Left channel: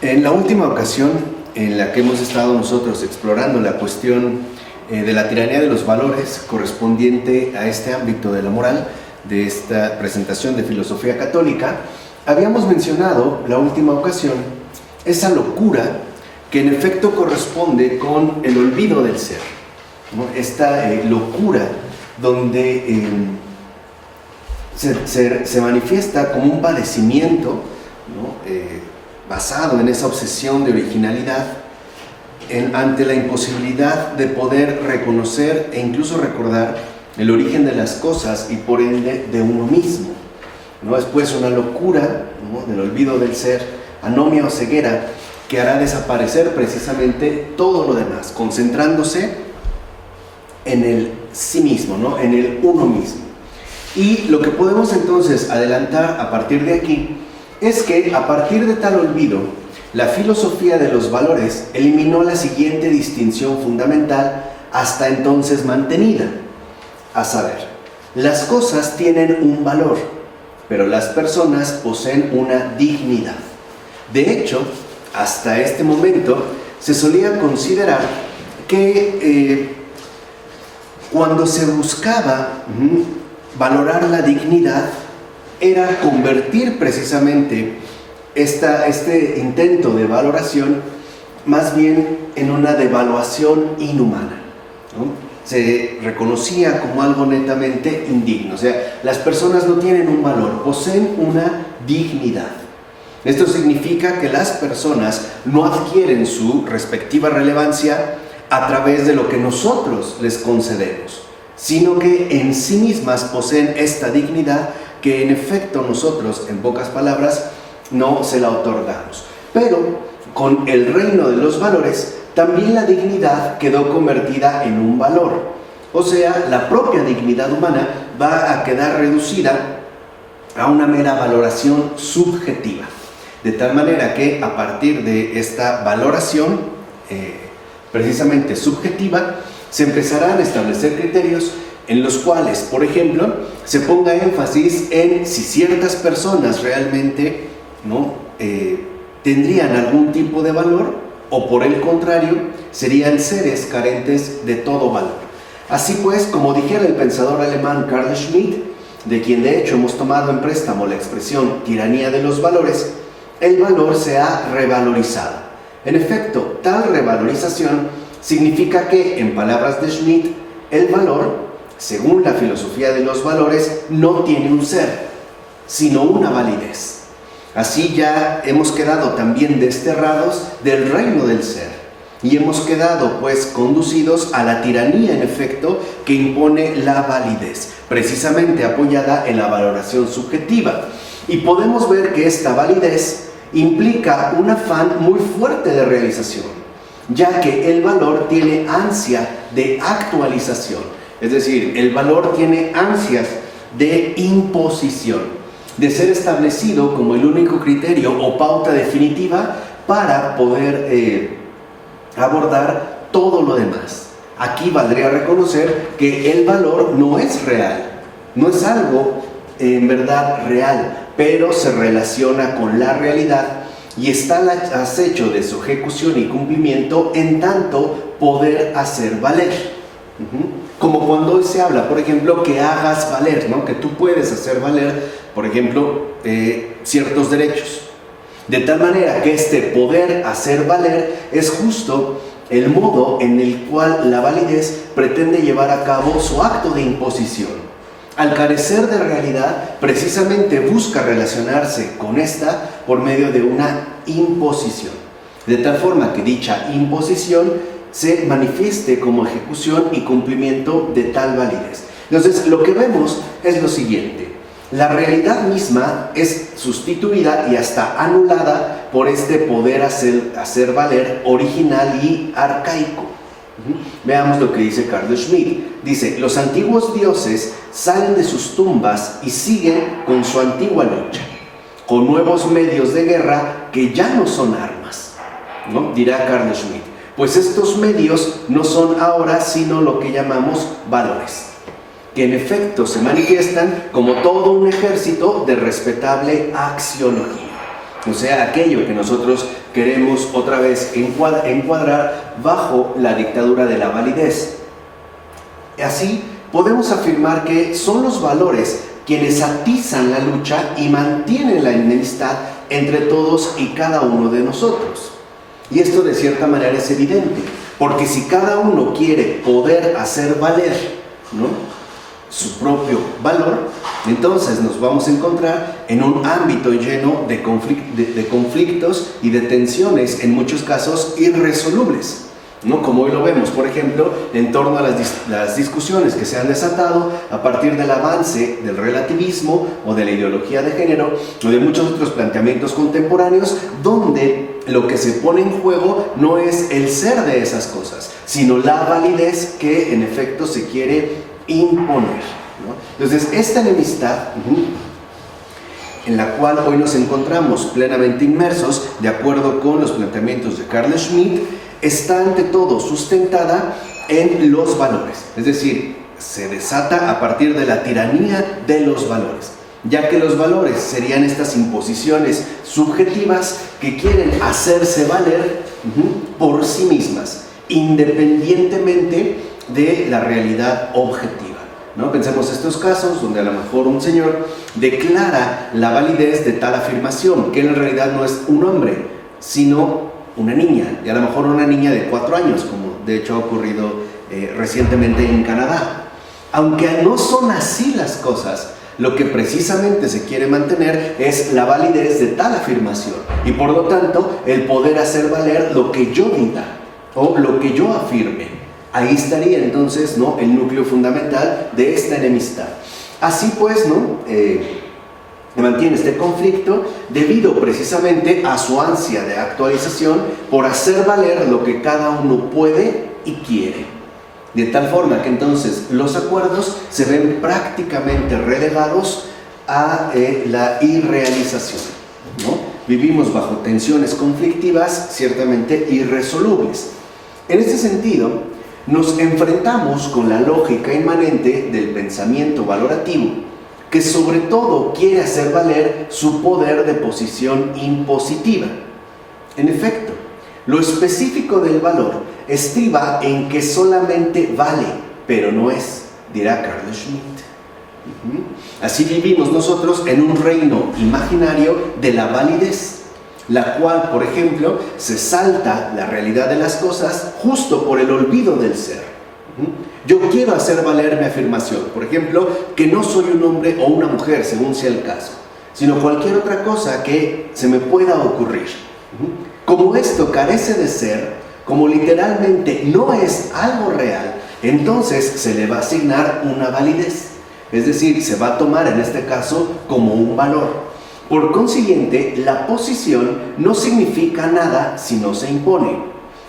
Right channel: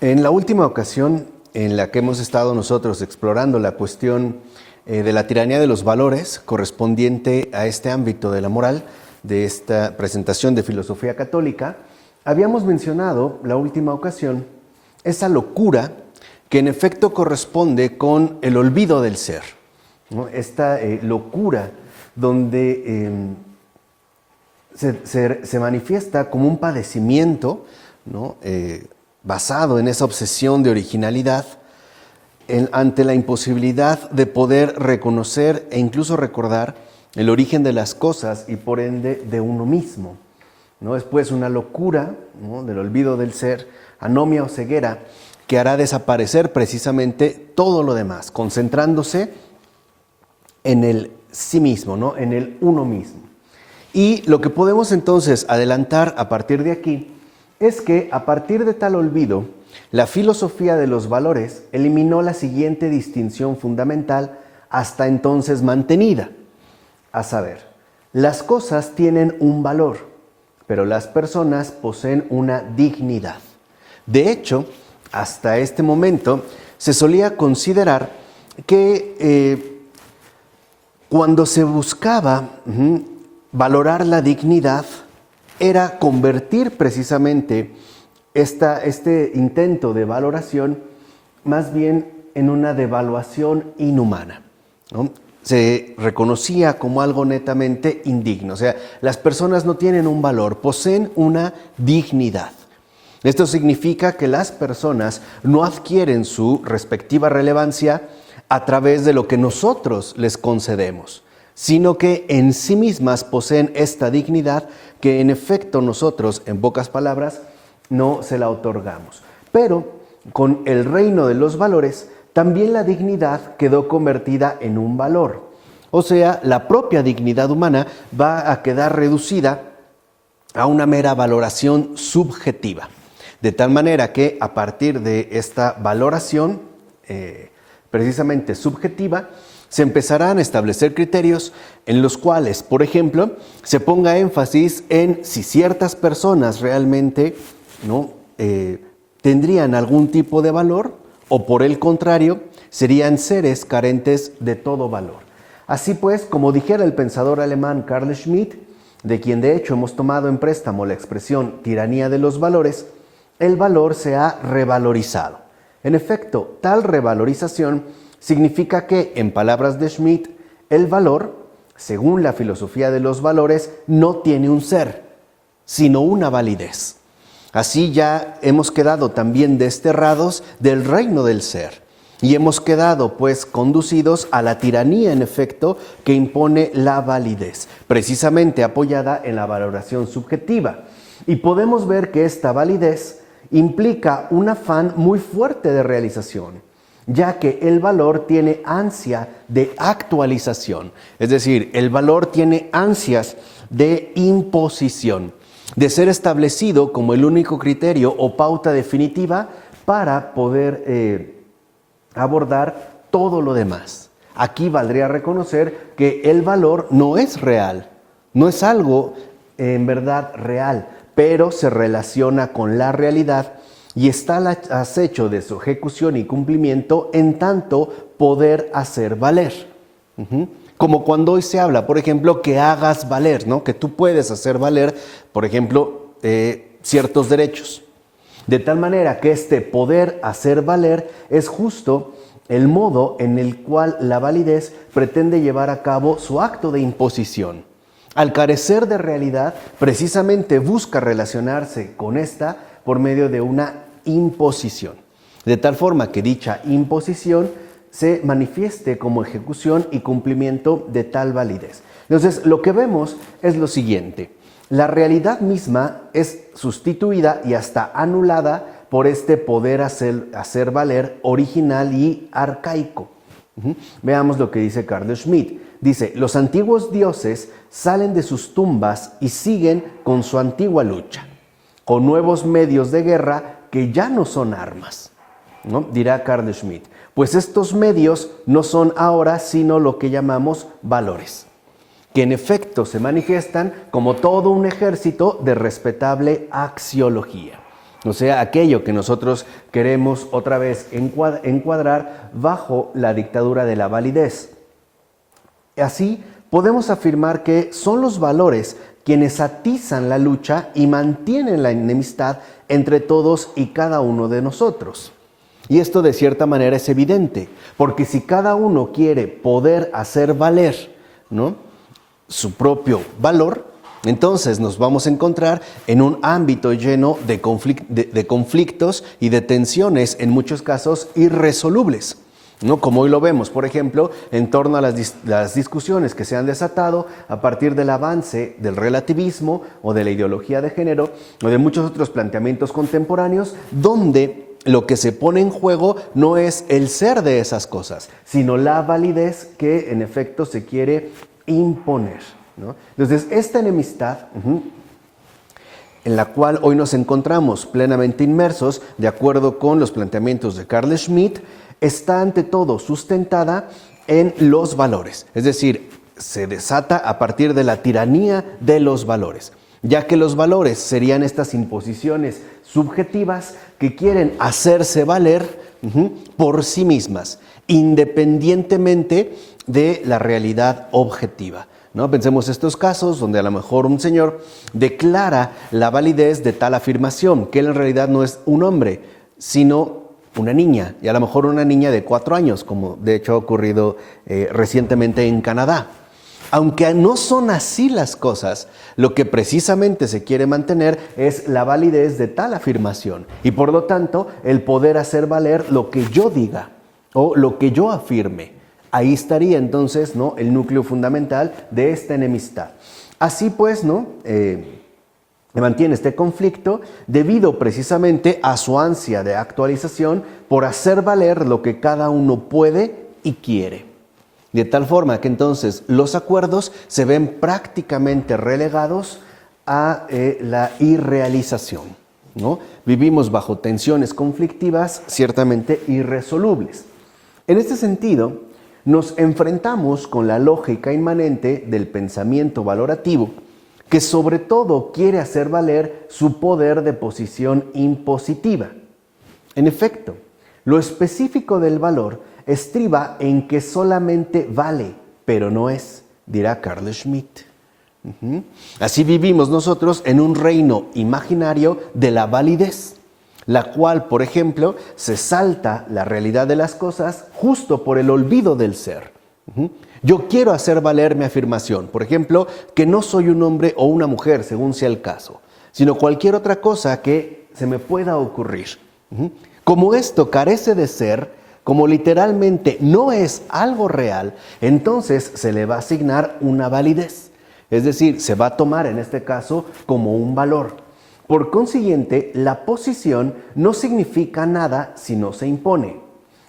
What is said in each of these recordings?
En la última ocasión en la que hemos estado nosotros explorando la cuestión de la tiranía de los valores correspondiente a este ámbito de la moral, de esta presentación de filosofía católica, habíamos mencionado la última ocasión esa locura que en efecto corresponde con el olvido del ser, ¿no? Esta locura donde se manifiesta como un padecimiento, ¿no? Basado en esa obsesión de originalidad, ante la imposibilidad de poder reconocer e incluso recordar el origen de las cosas y por ende de uno mismo, ¿no? Es pues una locura, ¿no? Del olvido del ser, anomia o ceguera, que hará desaparecer precisamente todo lo demás, concentrándose en el sí mismo, ¿no? En el uno mismo. Y lo que podemos entonces adelantar a partir de aquí es que a partir de tal olvido, la filosofía de los valores eliminó la siguiente distinción fundamental hasta entonces mantenida, a saber, las cosas tienen un valor, pero las personas poseen una dignidad. De hecho, hasta este momento se solía considerar que cuando se buscaba valorar la dignidad era convertir precisamente este intento de valoración más bien en una devaluación inhumana, ¿no? Se reconocía como algo netamente indigno, o sea, las personas no tienen un valor, poseen una dignidad. Esto significa que las personas no adquieren su respectiva relevancia a través de lo que nosotros les concedemos, sino que en sí mismas poseen esta dignidad que en efecto nosotros, en pocas palabras, no se la otorgamos. Pero con el reino de los valores, también la dignidad quedó convertida en un valor. O sea, la propia dignidad humana va a quedar reducida a una mera valoración subjetiva. De tal manera que a partir de esta valoración, precisamente subjetiva, se empezarán a establecer criterios en los cuales, por ejemplo, se ponga énfasis en si ciertas personas realmente, ¿no? Tendrían algún tipo de valor o por el contrario, serían seres carentes de todo valor. Así pues, como dijera el pensador alemán Carl Schmitt, de quien de hecho hemos tomado en préstamo la expresión tiranía de los valores, el valor se ha revalorizado. En efecto, tal revalorización significa que, en palabras de Schmitt, el valor, según la filosofía de los valores, no tiene un ser, sino una validez. Así ya hemos quedado también desterrados del reino del ser y hemos quedado pues conducidos a la tiranía en efecto que impone la validez, precisamente apoyada en la valoración subjetiva. Y podemos ver que esta validez implica un afán muy fuerte de realización, ya que el valor tiene ansia de actualización, es decir, el valor tiene ansias de imposición, de ser establecido como el único criterio o pauta definitiva para poder abordar todo lo demás. Aquí valdría reconocer que el valor no es real, no es algo en verdad real, pero se relaciona con la realidad y está al acecho de su ejecución y cumplimiento en tanto poder hacer valer. Como cuando hoy se habla, por ejemplo, que hagas valer, ¿no? Que tú puedes hacer valer, por ejemplo, ciertos derechos. De tal manera que este poder hacer valer es justo el modo en el cual la validez pretende llevar a cabo su acto de imposición. Al carecer de realidad, precisamente busca relacionarse con esta por medio de una imposición, de tal forma que dicha imposición se manifieste como ejecución y cumplimiento de tal validez. Entonces, lo que vemos es lo siguiente: la realidad misma es sustituida y hasta anulada por este poder hacer valer original y arcaico. Veamos lo que dice Carl Schmitt. Dice: los antiguos dioses salen de sus tumbas y siguen con su antigua lucha, con nuevos medios de guerra que ya no son armas, ¿no? Dirá Carl Schmitt. Pues estos medios no son ahora sino lo que llamamos valores, que en efecto se manifiestan como todo un ejército de respetable axiología. O sea, aquello que nosotros queremos otra vez encuadrar bajo la dictadura de la validez. Así, podemos afirmar que son los valores quienes atizan la lucha y mantienen la enemistad entre todos y cada uno de nosotros. Y esto de cierta manera es evidente, porque si cada uno quiere poder hacer valer, ¿no?, su propio valor, entonces nos vamos a encontrar en un ámbito lleno de conflictos y de tensiones, en muchos casos irresolubles, ¿no? Como hoy lo vemos, por ejemplo, en torno a las discusiones que se han desatado a partir del avance del relativismo o de la ideología de género o de muchos otros planteamientos contemporáneos, donde lo que se pone en juego no es el ser de esas cosas, sino la validez que en efecto se quiere imponer, ¿no? Entonces, esta enemistad en la cual hoy nos encontramos plenamente inmersos, de acuerdo con los planteamientos de Carl Schmitt, está ante todo sustentada en los valores, es decir, se desata a partir de la tiranía de los valores, ya que los valores serían estas imposiciones subjetivas que quieren hacerse valer por sí mismas, independientemente de la realidad objetiva, ¿no? Pensemos estos casos donde a lo mejor un señor declara la validez de tal afirmación, que en realidad no es un hombre, sino una niña, y a lo mejor una niña de 4 años, como de hecho ha ocurrido recientemente en Canadá. Aunque no son así las cosas, lo que precisamente se quiere mantener es la validez de tal afirmación, y por lo tanto el poder hacer valer lo que yo diga o lo que yo afirme. Ahí estaría entonces, ¿no?, el núcleo fundamental de esta enemistad. Así pues, ¿no?, mantiene este conflicto debido precisamente a su ansia de actualización por hacer valer lo que cada uno puede y quiere. De tal forma que entonces los acuerdos se ven prácticamente relegados a la irrealización, ¿no? Vivimos bajo tensiones conflictivas ciertamente irresolubles. En este sentido, nos enfrentamos con la lógica inmanente del pensamiento valorativo, que sobre todo quiere hacer valer su poder de posición impositiva. En efecto, lo específico del valor estriba en que solamente vale, pero no es, dirá Carl Schmitt. Así vivimos nosotros en un reino imaginario de la validez, la cual, por ejemplo, se salta la realidad de las cosas justo por el olvido del ser. Yo quiero hacer valer mi afirmación, por ejemplo, que no soy un hombre o una mujer, según sea el caso, sino cualquier otra cosa que se me pueda ocurrir. Como esto carece de ser, como literalmente no es algo real, entonces se le va a asignar una validez, es decir, se va a tomar en este caso como un valor. Por consiguiente, la posición no significa nada si no se impone.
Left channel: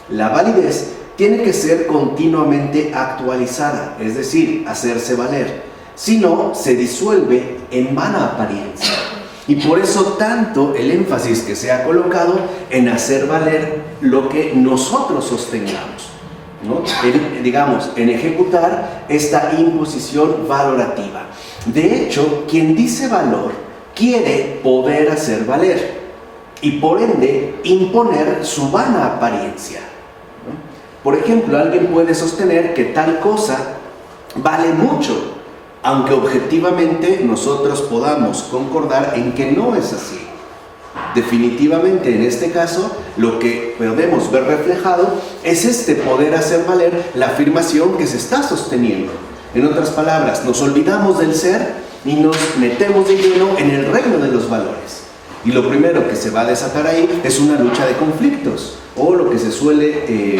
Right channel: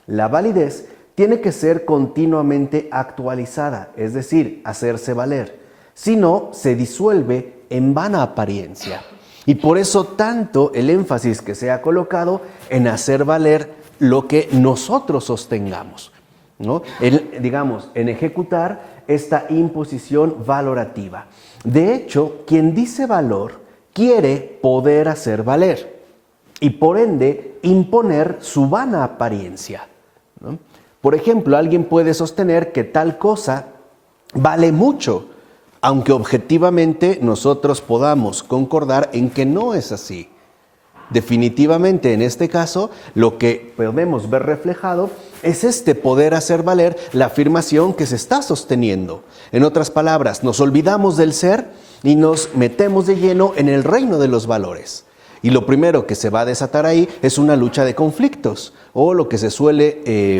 La validez tiene que ser continuamente actualizada, es decir, hacerse valer. Si no, se disuelve en vana apariencia. Y por eso tanto el énfasis que se ha colocado en hacer valer lo que nosotros sostengamos, ¿no? En ejecutar esta imposición valorativa. De hecho, quien dice valor quiere poder hacer valer y por ende imponer su vana apariencia, ¿no? Por ejemplo, alguien puede sostener que tal cosa vale mucho, aunque objetivamente nosotros podamos concordar en que no es así. Definitivamente en este caso lo que podemos ver reflejado es este poder hacer valer la afirmación que se está sosteniendo. En otras palabras, nos olvidamos del ser y nos metemos de lleno en el reino de los valores. Y lo primero que se va a desatar ahí es una lucha de conflictos, o lo que se suele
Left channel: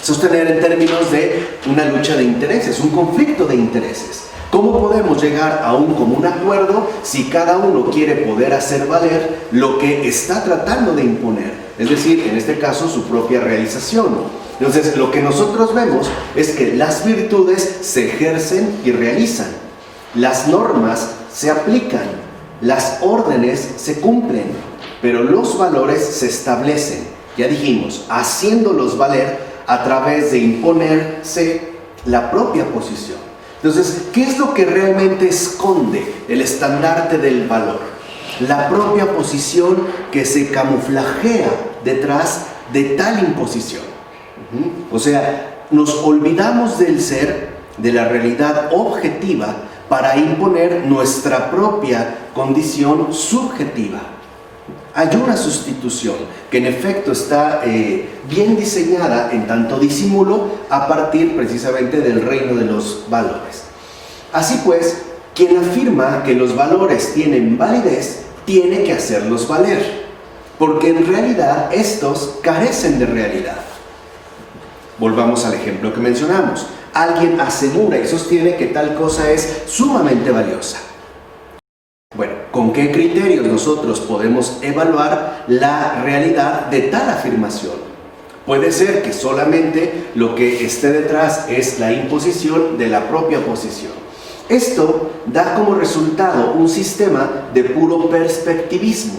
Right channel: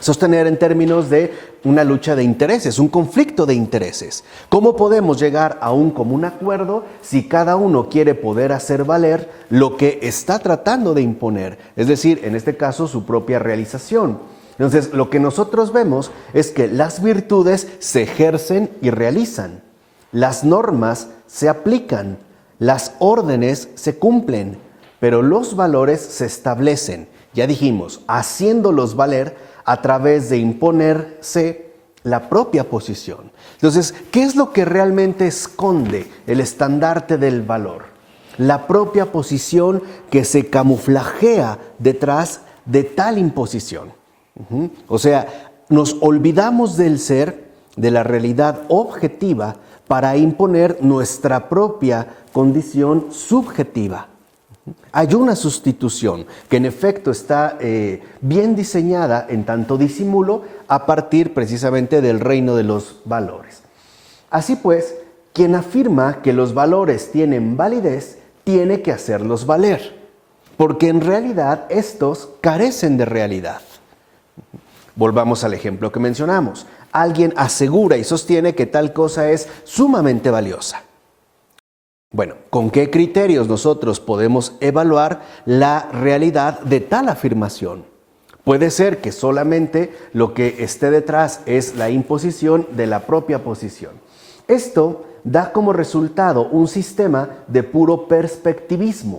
sostener en términos de una lucha de intereses, un conflicto de intereses. ¿Cómo podemos llegar a un común acuerdo si cada uno quiere poder hacer valer lo que está tratando de imponer? Es decir, en este caso, su propia realización. Entonces, lo que nosotros vemos es que las virtudes se ejercen y realizan. Las normas se aplican, las órdenes se cumplen, pero los valores se establecen, ya dijimos, haciéndolos valer a través de imponerse la propia posición. Entonces, ¿qué es lo que realmente esconde el estandarte del valor? la propia posición que se camuflajea detrás de tal imposición. O sea, nos olvidamos del ser, de la realidad objetiva, para imponer nuestra propia condición subjetiva. Hay una sustitución que en efecto está bien diseñada en tanto disimulo a partir precisamente del reino de los valores. Así pues, quien afirma que los valores tienen validez, tiene que hacerlos valer, porque en realidad estos carecen de realidad. Volvamos al ejemplo que mencionamos. Alguien asegura y sostiene que tal cosa es sumamente valiosa. Bueno, ¿con qué criterios nosotros podemos evaluar la realidad de tal afirmación? Puede ser que solamente lo que esté detrás es la imposición de la propia posición. Esto da como resultado un sistema de puro perspectivismo,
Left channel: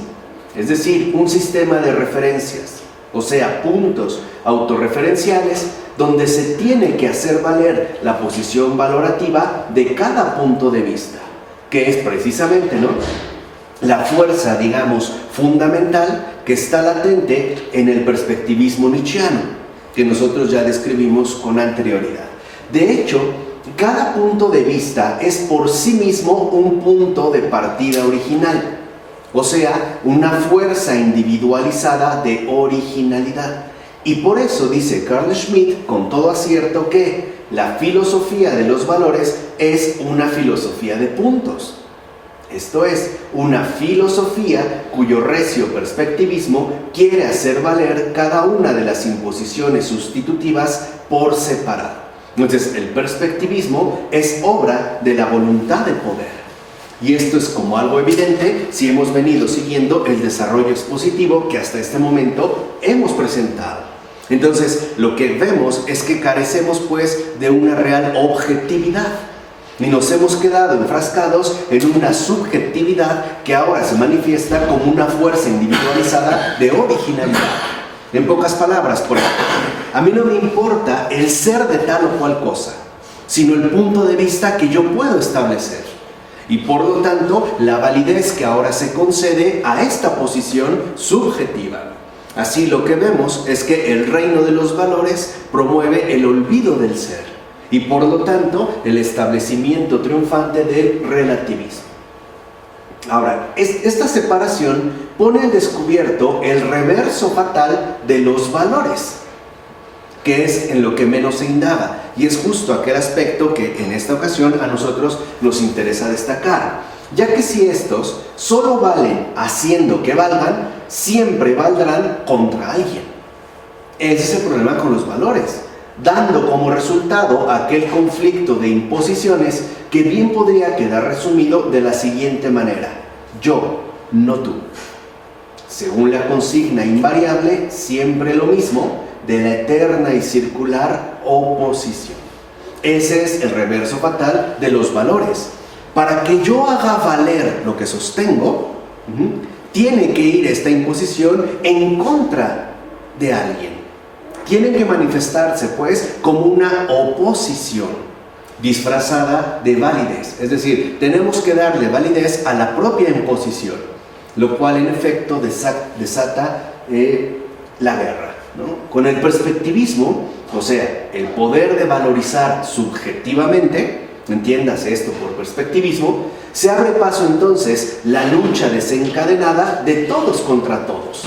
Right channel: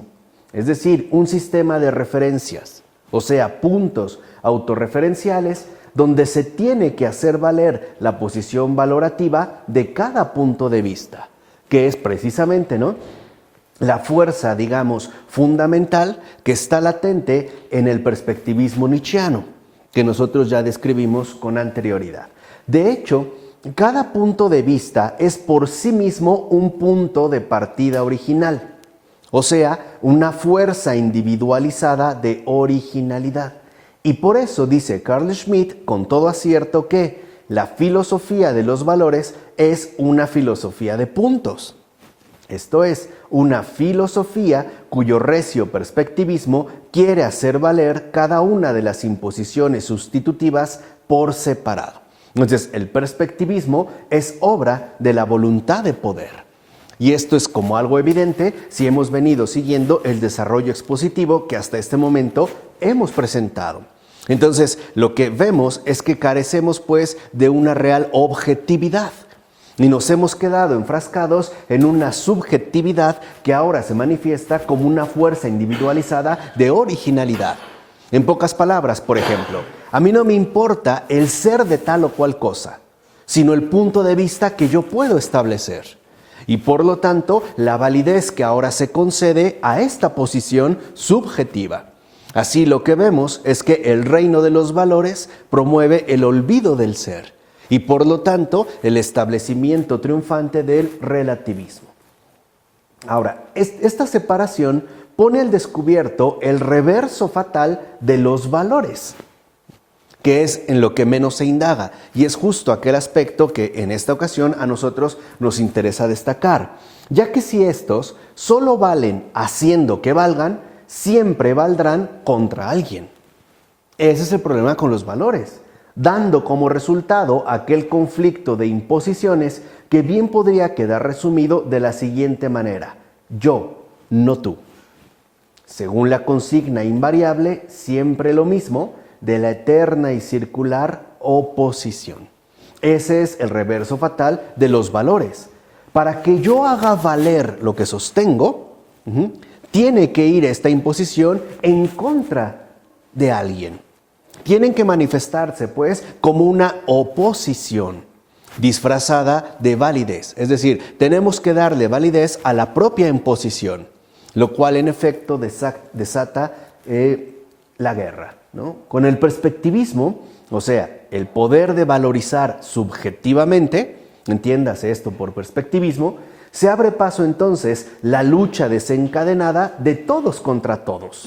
es decir, un sistema de referencias, o sea, puntos autorreferenciales donde se tiene que hacer valer la posición valorativa de cada punto de vista, que es precisamente, ¿no?, la fuerza, digamos, fundamental que está latente en el perspectivismo nietzscheano, que nosotros ya describimos con anterioridad. De hecho, cada punto de vista es por sí mismo un punto de partida original, o sea, una fuerza individualizada de originalidad. Y por eso dice Carl Schmitt con todo acierto que la filosofía de los valores es una filosofía de puntos. Esto es, una filosofía cuyo recio perspectivismo quiere hacer valer cada una de las imposiciones sustitutivas por separado. Entonces, el perspectivismo es obra de la voluntad de poder. Y esto es como algo evidente si hemos venido siguiendo el desarrollo expositivo que hasta este momento hemos presentado. Entonces, lo que vemos es que carecemos pues de una real objetividad y nos hemos quedado enfrascados en una subjetividad que ahora se manifiesta como una fuerza individualizada de originalidad. En pocas palabras, por ejemplo, a mí no me importa el ser de tal o cual cosa, sino el punto de vista que yo puedo establecer. Y por lo tanto, la validez que ahora se concede a esta posición subjetiva. Así lo que vemos es que el reino de los valores promueve el olvido del ser y por lo tanto el establecimiento triunfante del relativismo. Ahora, esta separación pone al descubierto el reverso fatal de los valores, que es en lo que menos se indaga, y es justo aquel aspecto que en esta ocasión a nosotros nos interesa destacar, ya que si estos solo valen haciendo que valgan, siempre valdrán contra alguien. Ese es el problema con los valores, dando como resultado aquel conflicto de imposiciones que bien podría quedar resumido de la siguiente manera: yo, no tú. Según la consigna invariable, siempre lo mismo, de la eterna y circular oposición. Ese es el reverso fatal de los valores. Para que yo haga valer lo que sostengo, tiene que ir esta imposición en contra de alguien. Tienen que manifestarse, pues, como una oposición disfrazada de validez. Es decir, tenemos que darle validez a la propia imposición, lo cual en efecto desata la guerra, ¿no? Con el perspectivismo, o sea, el poder de valorizar subjetivamente, entiéndase esto por perspectivismo, se abre paso entonces la lucha desencadenada de todos contra todos.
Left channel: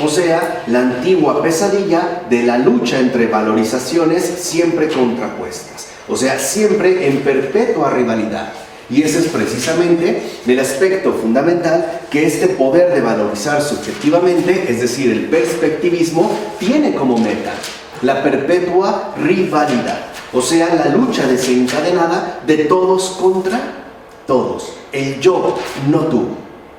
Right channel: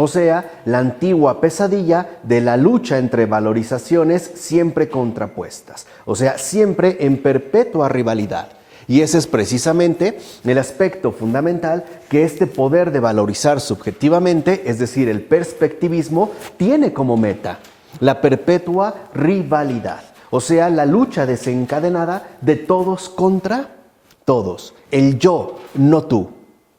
O sea, la antigua pesadilla de la lucha entre valorizaciones siempre contrapuestas. O sea, siempre en perpetua rivalidad. Y ese es precisamente el aspecto fundamental que este poder de valorizar subjetivamente, es decir, el perspectivismo, tiene como meta: la perpetua rivalidad. O sea, la lucha desencadenada de todos contra todos. El yo, no tú,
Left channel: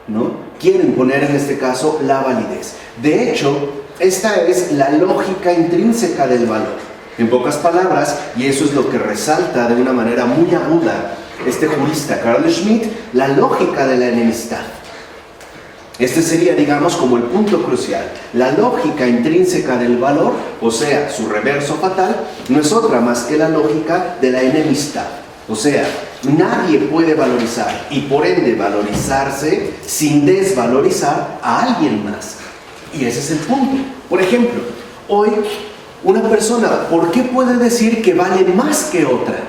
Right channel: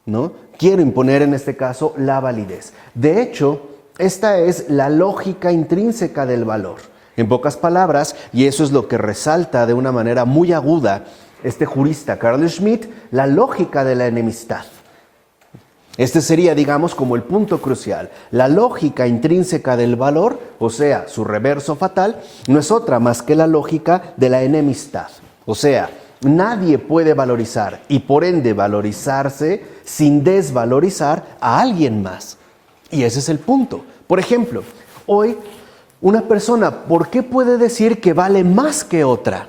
¿no? Quiero imponer en este caso la validez. De hecho, esta es la lógica intrínseca del valor. En pocas palabras, y eso es lo que resalta de una manera muy aguda este jurista Carl Schmitt, la lógica de la enemistad. Este sería, digamos, como el punto crucial. La lógica intrínseca del valor, o sea, su reverso fatal, no es otra más que la lógica de la enemistad. O sea, nadie puede valorizar y por ende valorizarse sin desvalorizar a alguien más. Y ese es el punto. Por ejemplo, hoy una persona, ¿por qué puede decir que vale más que otra?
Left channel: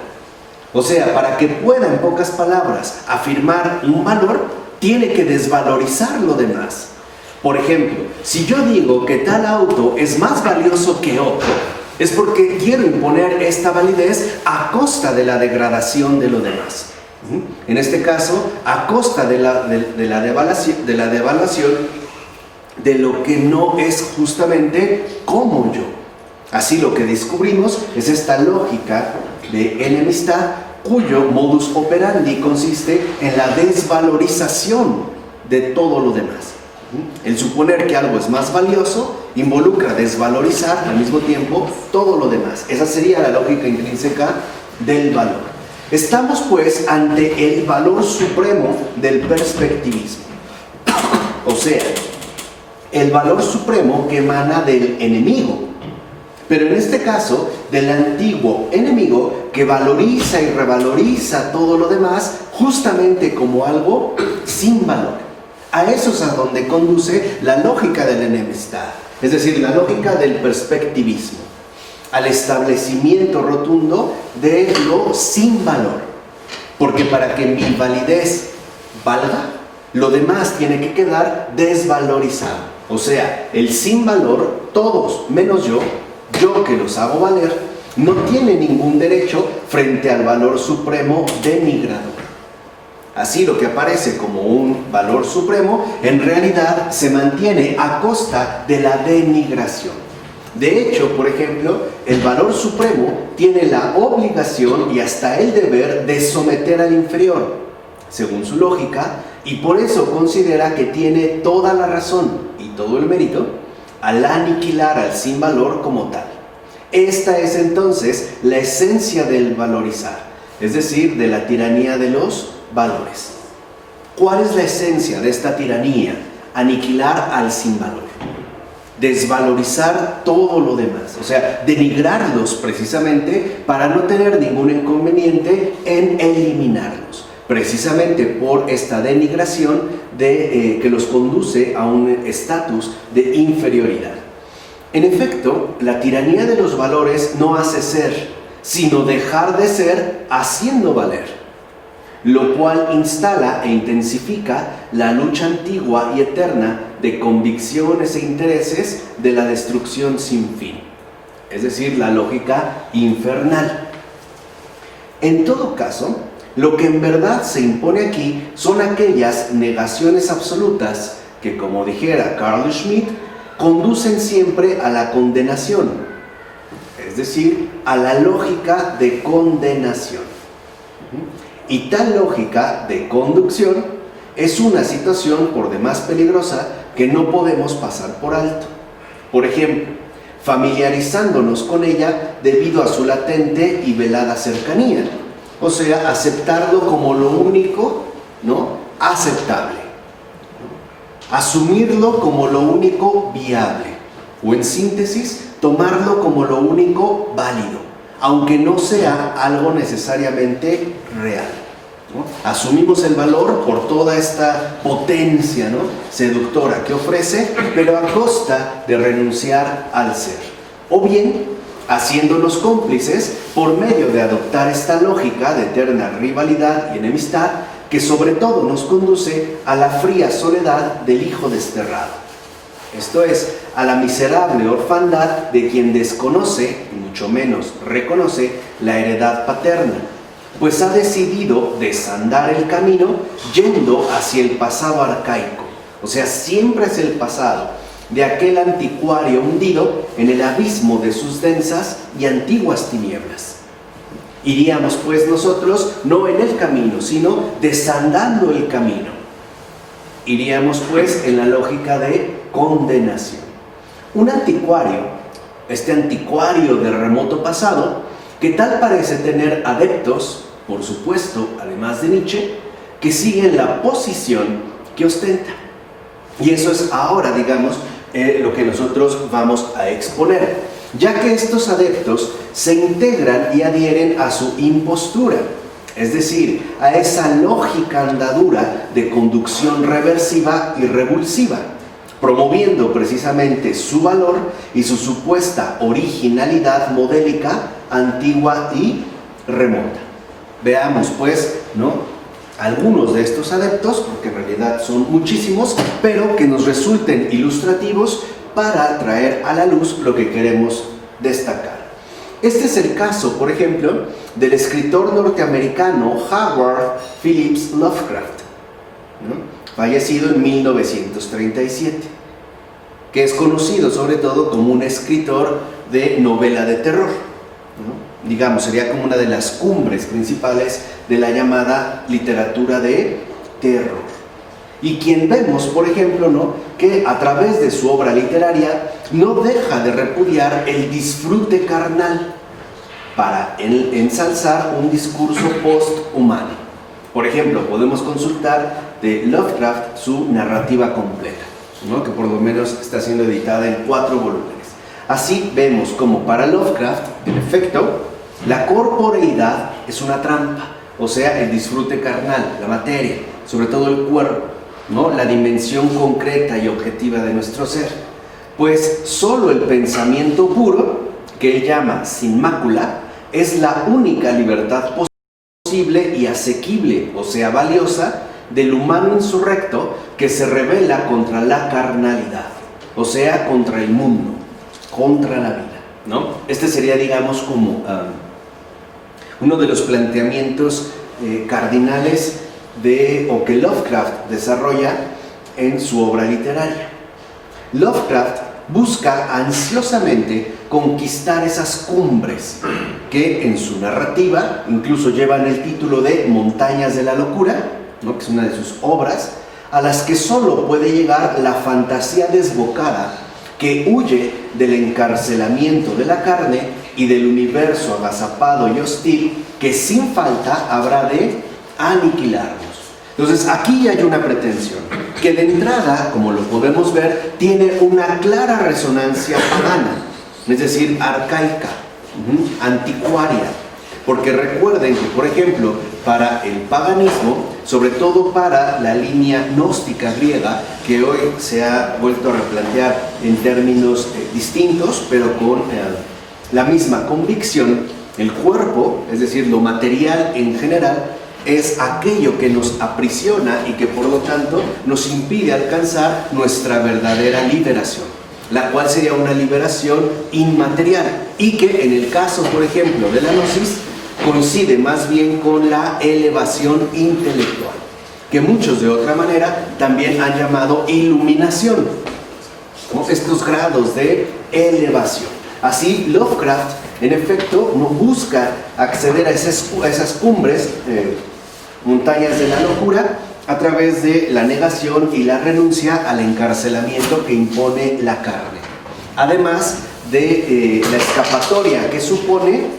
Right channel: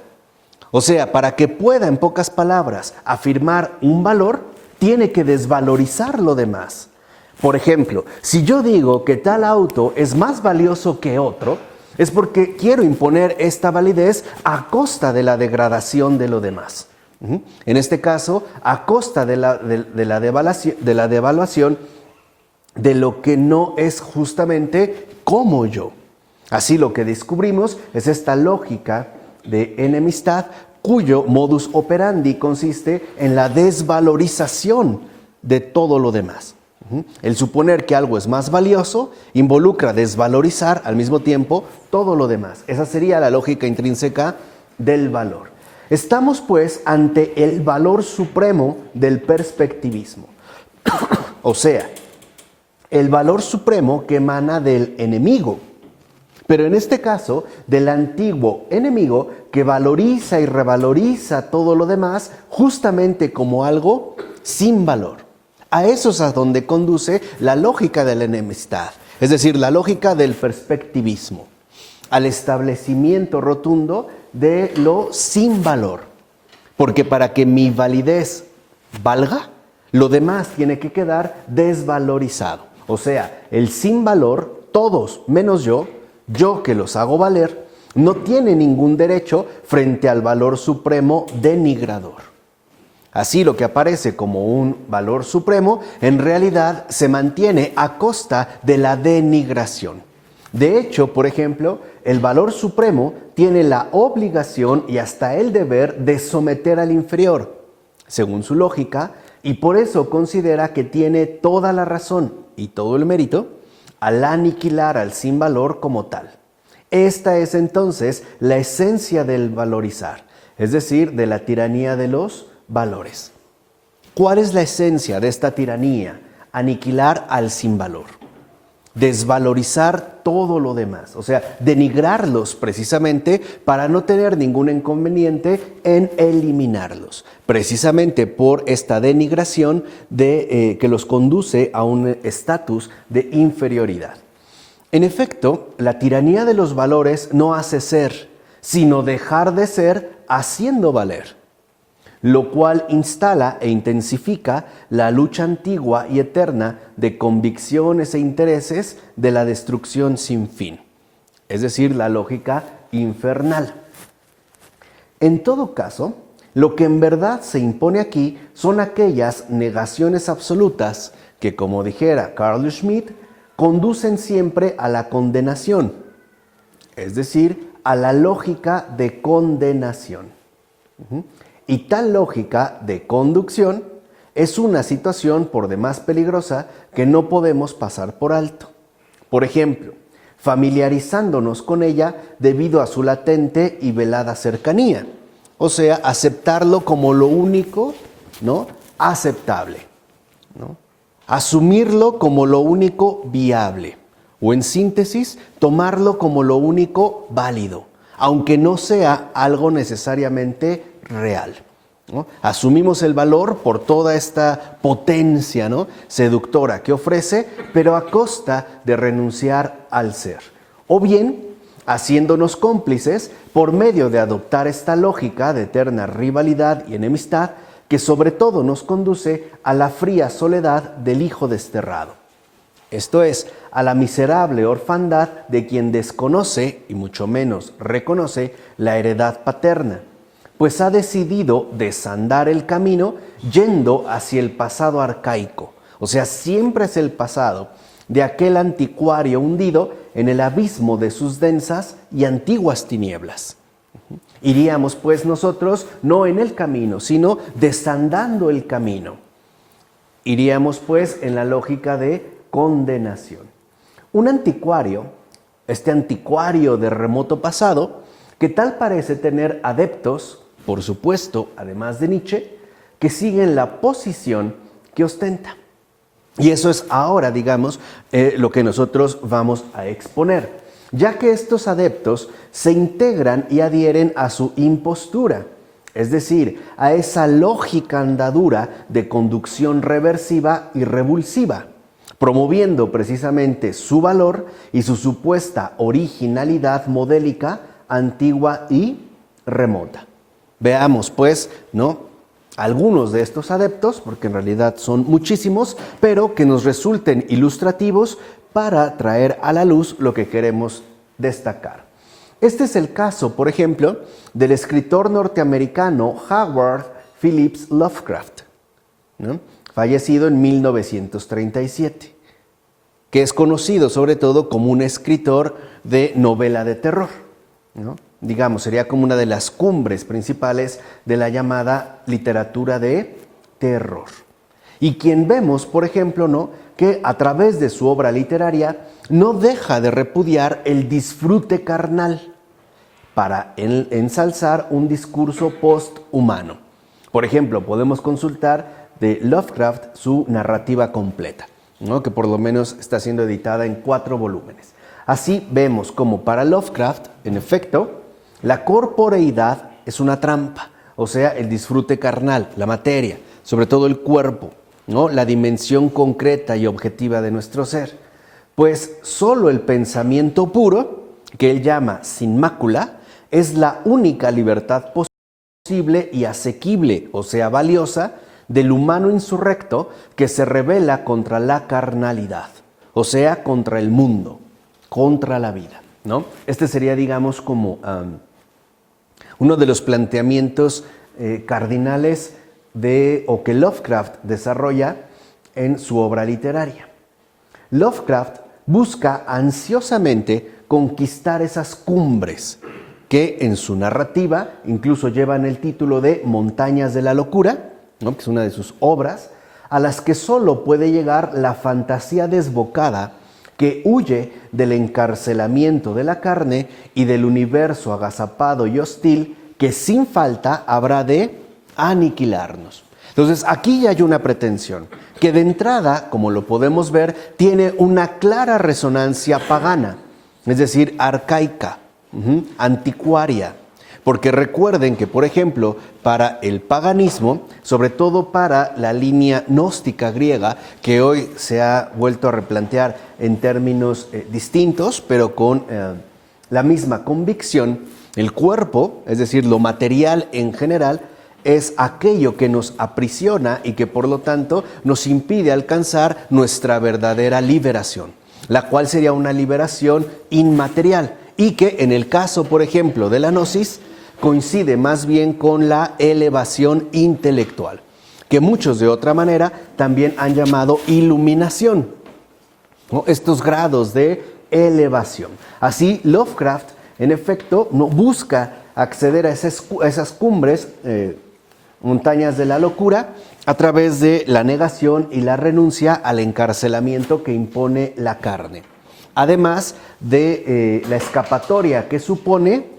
O sea, para que pueda, en pocas palabras, afirmar un valor, tiene que desvalorizar lo demás. Por ejemplo, si yo digo que tal auto es más valioso que otro, es porque quiero imponer esta validez a costa de la degradación de lo demás. En este caso, a costa de la devaluación de lo que no es justamente como yo. Así lo que descubrimos es esta lógica de enemistad cuyo modus operandi consiste en la desvalorización de todo lo demás. El suponer que algo es más valioso involucra desvalorizar al mismo tiempo todo lo demás. Esa sería la lógica intrínseca del valor. Estamos pues ante el valor supremo del perspectivismo. O sea, el valor supremo que emana del enemigo. Pero en este caso, del antiguo enemigo que valoriza y revaloriza todo lo demás justamente como algo sin valor. A eso es a donde conduce la lógica de la enemistad, es decir, la lógica del perspectivismo, al establecimiento rotundo de lo sin valor. Porque para que mi validez valga, lo demás tiene que quedar desvalorizado. O sea, el sin valor, todos menos yo que los hago valer, no tiene ningún derecho frente al valor supremo denigrador. Así lo que aparece como un valor supremo, en realidad se mantiene a costa de la denigración. De hecho, por ejemplo, el valor supremo tiene la obligación y hasta el deber de someter al inferior, según su lógica, y por eso considera que tiene toda la razón y todo el mérito al aniquilar al sin valor como tal. Esta es entonces la esencia del valorizar, es decir, de la tiranía de los valores. ¿Cuál es la esencia de esta tiranía? Aniquilar al sin valor, desvalorizar todo lo demás, o sea, denigrarlos precisamente para no tener ningún inconveniente en eliminarlos, precisamente por esta denigración que los conduce a un estatus de inferioridad. En efecto, la tiranía de los valores no hace ser, sino dejar de ser haciendo valer, lo cual instala e intensifica la lucha antigua y eterna de convicciones e intereses de la destrucción sin fin, es decir, la lógica infernal. En todo caso, lo que en verdad se impone aquí son aquellas negaciones absolutas que, como dijera Carl Schmitt, conducen siempre a la condenación, es decir, a la lógica de condenación. Y tal lógica de conducción es una situación por demás peligrosa que no podemos pasar por alto. Por ejemplo, familiarizándonos con ella debido a su latente y velada cercanía. O sea, aceptarlo como lo único, ¿no?, aceptable, ¿no? Asumirlo como lo único viable. O en síntesis, tomarlo como lo único válido, aunque no sea algo necesariamente real, ¿no? Asumimos el valor por toda esta potencia, ¿no?, seductora que ofrece, pero a costa de renunciar al ser. O bien, haciéndonos cómplices por medio de adoptar esta lógica de eterna rivalidad y enemistad que sobre todo nos conduce a la fría soledad del hijo desterrado. Esto es, a la miserable orfandad de quien desconoce y mucho menos reconoce la heredad paterna, pues ha decidido desandar el camino yendo hacia el pasado arcaico, o sea, siempre es el pasado de aquel anticuario hundido en el abismo de sus densas y antiguas tinieblas. Iríamos pues nosotros no en el camino, sino desandando el camino. Iríamos pues en la lógica de condenación. Un anticuario, este anticuario de remoto pasado, que tal parece tener adeptos, por supuesto, además de Nietzsche, que siguen la posición que ostenta. Y eso es ahora, digamos, lo que nosotros vamos a exponer, ya que estos adeptos se integran y adhieren a su impostura, es decir, a esa lógica andadura de conducción reversiva y revulsiva, promoviendo precisamente su valor y su supuesta originalidad modélica, antigua y remota. Veamos pues, algunos de estos adeptos, porque en realidad son muchísimos, pero que nos resulten ilustrativos para traer a la luz lo que queremos destacar. Este es el caso, por ejemplo, del escritor norteamericano Howard Phillips Lovecraft, fallecido en 1937, que es conocido sobre todo como un escritor de novela de terror, digamos, sería como una de las cumbres principales de la llamada literatura de terror. Y quien vemos, por ejemplo, que a través de su obra literaria no deja de repudiar el disfrute carnal para ensalzar un discurso posthumano. Por ejemplo, podemos consultar de Lovecraft su narrativa completa, que por lo menos está siendo editada en 4 volúmenes. Así vemos como para Lovecraft, en efecto, la corporeidad es una trampa, o sea, el disfrute carnal, la materia, sobre todo el cuerpo, la dimensión concreta y objetiva de nuestro ser. Pues solo el pensamiento puro, que él llama sin mácula, es la única libertad posible y asequible, o sea, valiosa, del humano insurrecto que se rebela contra la carnalidad, o sea, contra el mundo, contra la vida, Este sería, digamos, como uno de los planteamientos cardinales o que Lovecraft desarrolla en su obra literaria. Lovecraft busca ansiosamente conquistar esas cumbres que en su narrativa incluso llevan el título de Montañas de la Locura, que es una de sus obras, a las que solo puede llegar la fantasía desbocada que huye del encarcelamiento de la carne y del universo agazapado y hostil que sin falta habrá de aniquilarnos. Entonces aquí hay una pretensión que de entrada, como lo podemos ver, tiene una clara resonancia pagana, es decir, arcaica, anticuaria, porque recuerden que, por ejemplo, para el paganismo, sobre todo para la línea gnóstica griega, que hoy se ha vuelto a replantear en términos distintos, pero con la misma convicción, el cuerpo, es decir, lo material en general, es aquello que nos aprisiona y que por lo tanto nos impide alcanzar nuestra verdadera liberación, la cual sería una liberación inmaterial y que en el caso, por ejemplo, de la gnosis, coincide más bien con la elevación intelectual, que muchos de otra manera también han llamado iluminación, estos grados de elevación. Así, Lovecraft, en efecto, no busca acceder a esas cumbres, montañas de la locura, a través de la negación y la renuncia al encarcelamiento que impone la carne. Además de la escapatoria que supone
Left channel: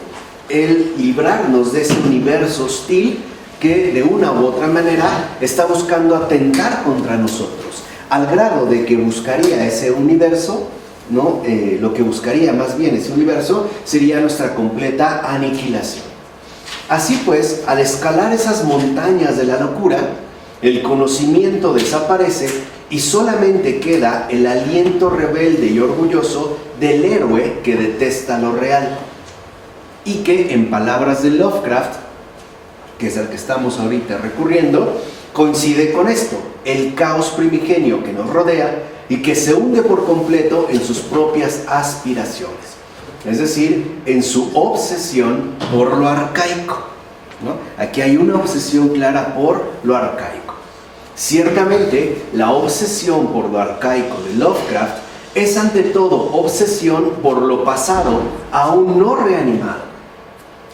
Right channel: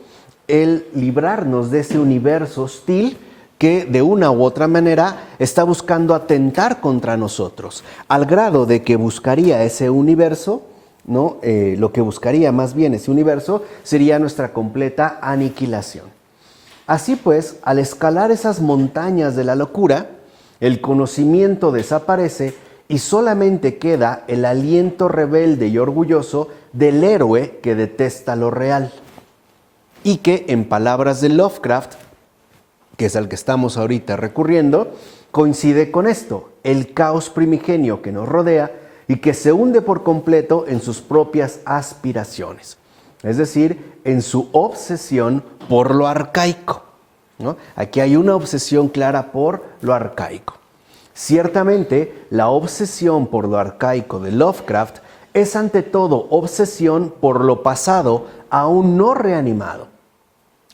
el librarnos de ese universo hostil que de una u otra manera está buscando atentar contra nosotros, al grado de que buscaría ese universo, lo que buscaría más bien ese universo sería nuestra completa aniquilación. Así pues, al escalar esas montañas de la locura, el conocimiento desaparece y solamente queda el aliento rebelde y orgulloso del héroe que detesta lo real y que, en palabras de Lovecraft, que es al que estamos ahorita recurriendo, coincide con esto, el caos primigenio que nos rodea y que se hunde por completo en sus propias aspiraciones, es decir, en su obsesión por lo arcaico, Aquí hay una obsesión clara por lo arcaico. Ciertamente, la obsesión por lo arcaico de Lovecraft es ante todo obsesión por lo pasado aún no reanimado,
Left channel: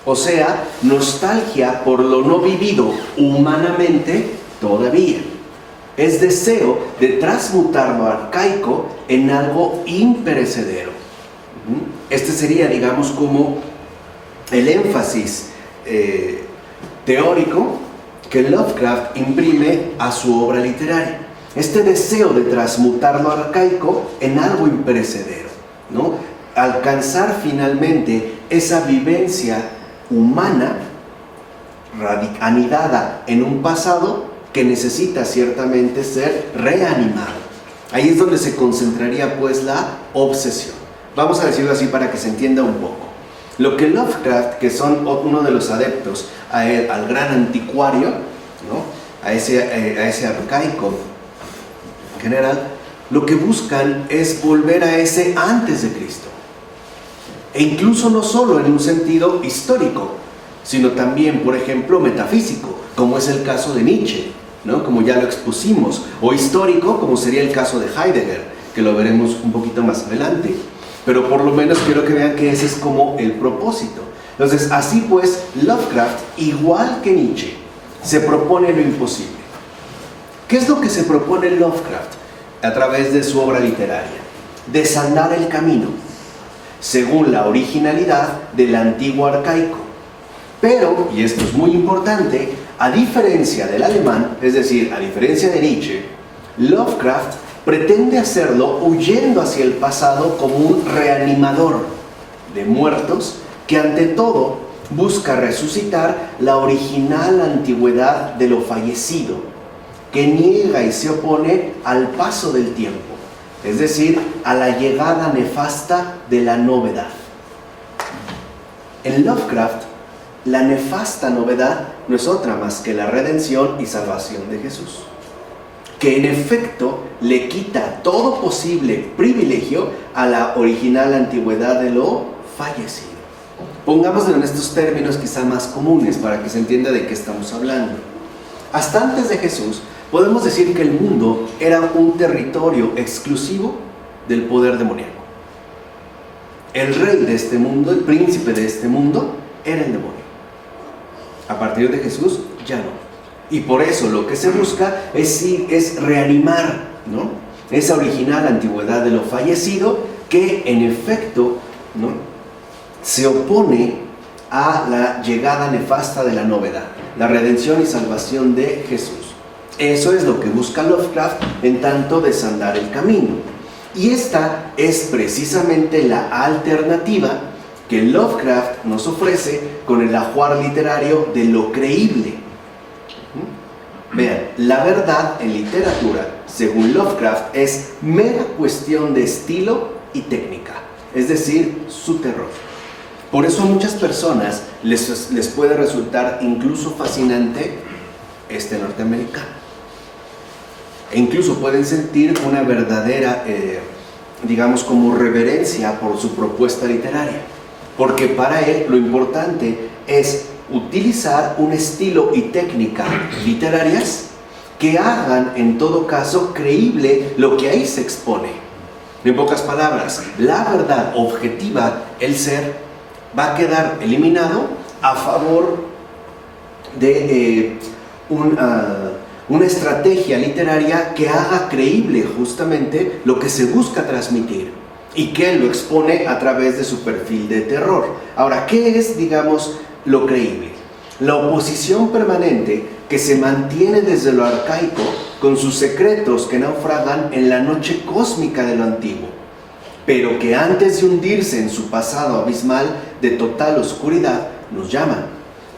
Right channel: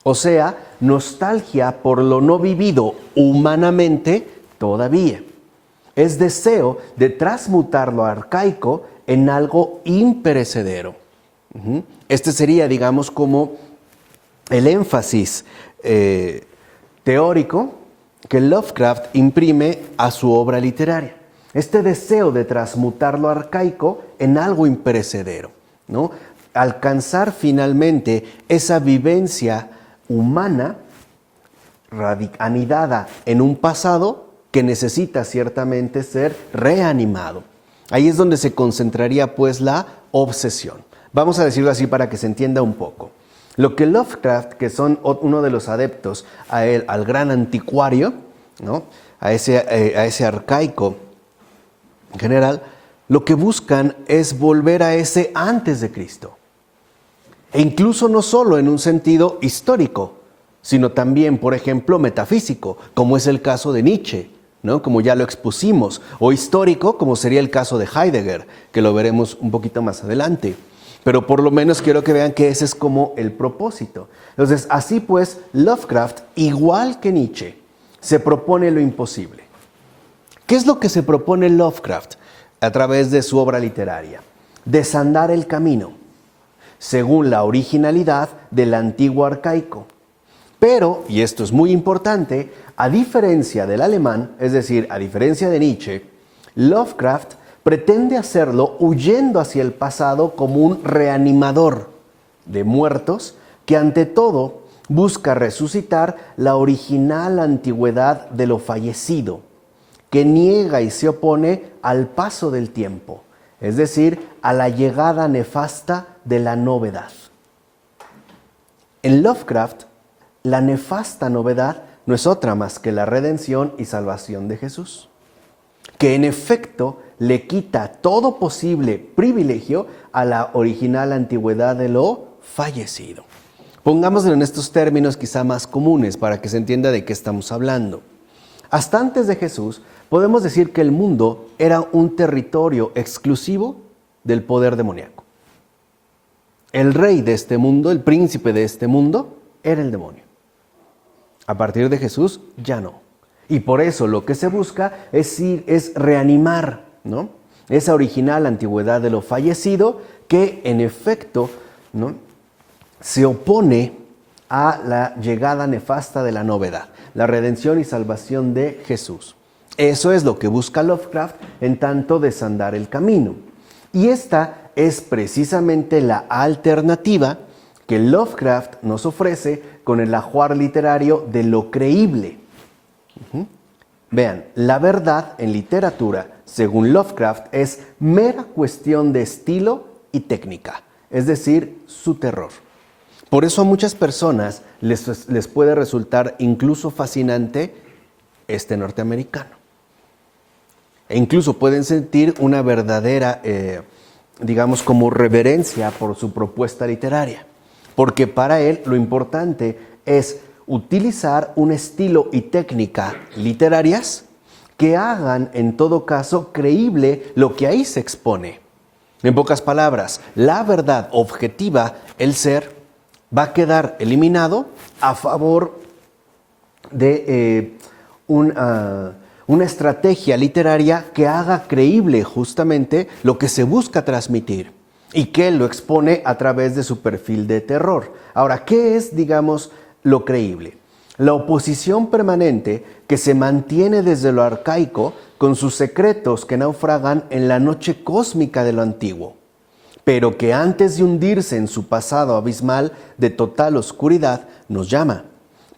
o sea, nostalgia por lo no vivido humanamente todavía. Es deseo de transmutar lo arcaico en algo imperecedero. Este sería, digamos, como el énfasis teórico que Lovecraft imprime a su obra literaria. Este deseo de transmutar lo arcaico en algo imperecedero, Alcanzar finalmente esa vivencia humana anidada en un pasado que necesita ciertamente ser reanimado. Ahí es donde se concentraría pues la obsesión. Vamos a decirlo así para que se entienda un poco. Lo que Lovecraft, que son uno de los adeptos al gran anticuario, ¿no? a ese arcaico general, lo que buscan es volver a ese antes de Cristo. E incluso no solo en un sentido histórico, sino también, por ejemplo, metafísico, como es el caso de Nietzsche, ¿no? Como ya lo expusimos, o histórico, como sería el caso de Heidegger, que lo veremos un poquito más adelante. Pero por lo menos quiero que vean que ese es como el propósito. Entonces, así pues, Lovecraft, igual que Nietzsche, se propone lo imposible. ¿Qué es lo que se propone Lovecraft a través de su obra literaria? Desandar el camino, según la originalidad del antiguo arcaico. Pero, y esto es muy importante, a diferencia del alemán, es decir, a diferencia de Nietzsche, Lovecraft pretende hacerlo huyendo hacia el pasado como un reanimador de muertos que ante todo busca resucitar la original antigüedad de lo fallecido, que niega y se opone al paso del tiempo, es decir, a la llegada nefasta de la novedad. En Lovecraft, la nefasta novedad no es otra más que la redención y salvación de Jesús, que en efecto le quita todo posible privilegio a la original antigüedad de lo fallecido. Pongámoslo en estos términos quizá más comunes para que se entienda de qué estamos hablando. Hasta antes de Jesús, podemos decir que el mundo era un territorio exclusivo del poder demoníaco. El rey de este mundo, el príncipe de este mundo, era el demonio. A partir de Jesús, ya no. Y por eso lo que se busca es reanimar, ¿no? Esa original antigüedad de lo fallecido que en efecto, ¿no?, se opone a la llegada nefasta de la novedad, la redención y salvación de Jesús. Eso es lo que busca Lovecraft en tanto desandar el camino. Y esta es precisamente la alternativa que Lovecraft nos ofrece con el ajuar literario de lo creíble. Vean, la verdad en literatura, según Lovecraft, es mera cuestión de estilo y técnica, es decir, su terror. Por eso a muchas personas les puede resultar incluso fascinante este norteamericano. E incluso pueden sentir una verdadera, digamos, como reverencia por su propuesta literaria. Porque para él lo importante es utilizar un estilo y técnica literarias que hagan en todo caso creíble lo que ahí se expone. En pocas palabras, la verdad objetiva, el ser, va a quedar eliminado a favor de una estrategia literaria que haga creíble justamente lo que se busca transmitir y que lo expone a través de su perfil de terror. Ahora, ¿qué es, digamos, lo creíble? La oposición permanente que se mantiene desde lo arcaico con sus secretos que naufragan en la noche cósmica de lo antiguo, pero que antes de hundirse en su pasado abismal de total oscuridad, nos llama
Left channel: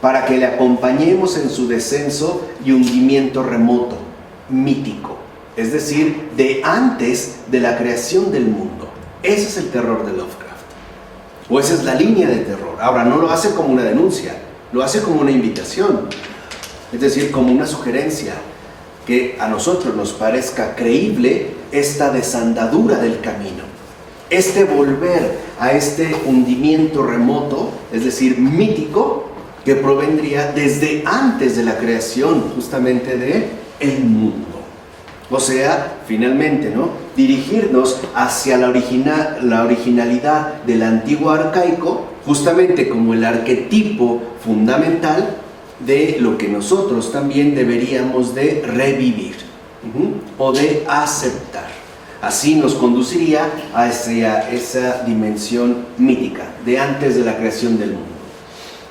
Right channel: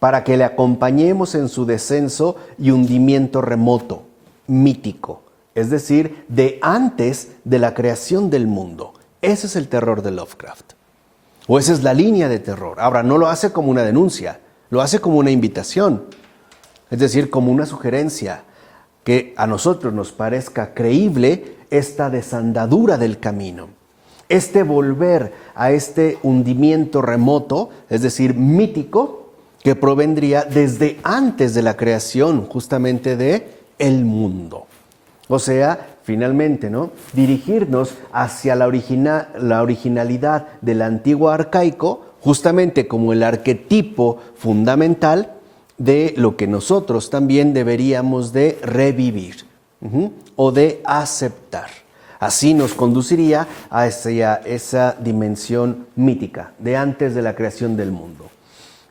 para que le acompañemos en su descenso y hundimiento remoto, mítico, es decir, de antes de la creación del mundo. Ese es el terror de Lovecraft, o esa es la línea de terror. Ahora, no lo hace como una denuncia, lo hace como una invitación, es decir, como una sugerencia, que a nosotros nos parezca creíble esta desandadura del camino, este volver a este hundimiento remoto, es decir, mítico, que provendría desde antes de la creación justamente de el mundo. O sea, finalmente, ¿no?, dirigirnos hacia la originalidad del antiguo arcaico, justamente como el arquetipo fundamental de lo que nosotros también deberíamos de revivir o de aceptar. Así nos conduciría hacia esa dimensión mítica de antes de la creación del mundo.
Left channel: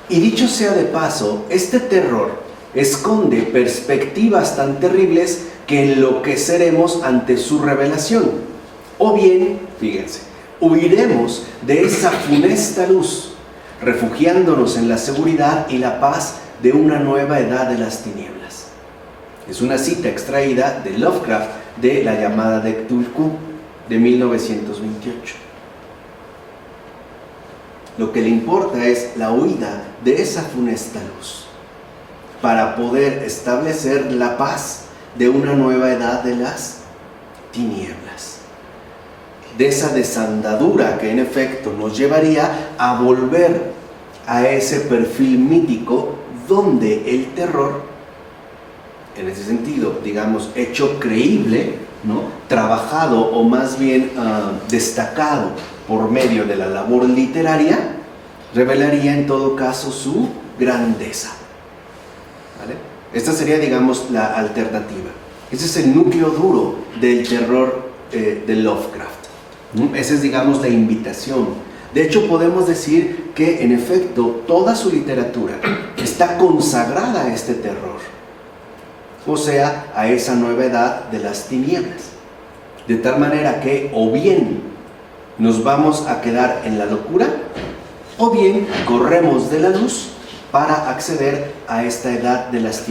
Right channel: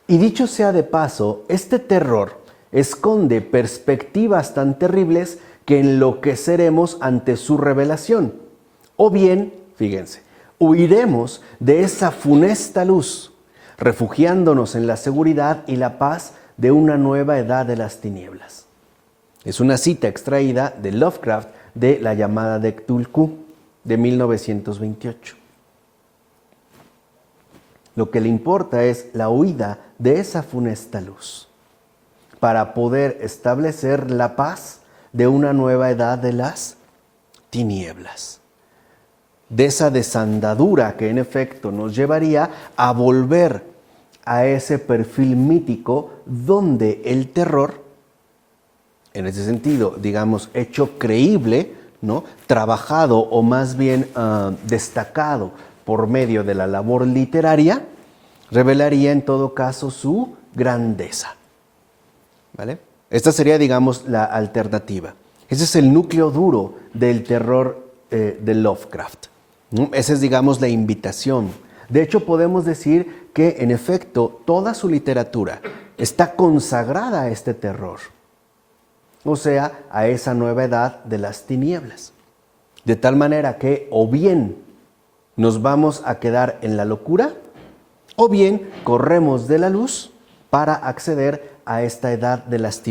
Y dicho sea de paso, este terror esconde perspectivas tan terribles que enloqueceremos ante su revelación. O bien, fíjense, huiremos de esa funesta luz, refugiándonos en la seguridad y la paz de una nueva edad de las tinieblas. Es una cita extraída de Lovecraft de La llamada de Cthulhu de 1928. Lo que le importa es la huida de esa funesta luz para poder establecer la paz de una nueva edad de las tinieblas. De esa desandadura que en efecto nos llevaría a volver a ese perfil mítico donde el terror, en ese sentido, digamos, hecho creíble, ¿no?, trabajado o más bien destacado por medio de la labor literaria, revelaría en todo caso su grandeza. ¿Vale? Esta sería, digamos, la alternativa. Ese es el núcleo duro del terror de Lovecraft, ¿no? Esa es, digamos, la invitación. De hecho, podemos decir que, en efecto, toda su literatura está consagrada a este terror, o sea, a esa nueva edad de las tinieblas. De tal manera que o bien nos vamos a quedar en la locura, o bien corremos de la luz para acceder a esta edad de las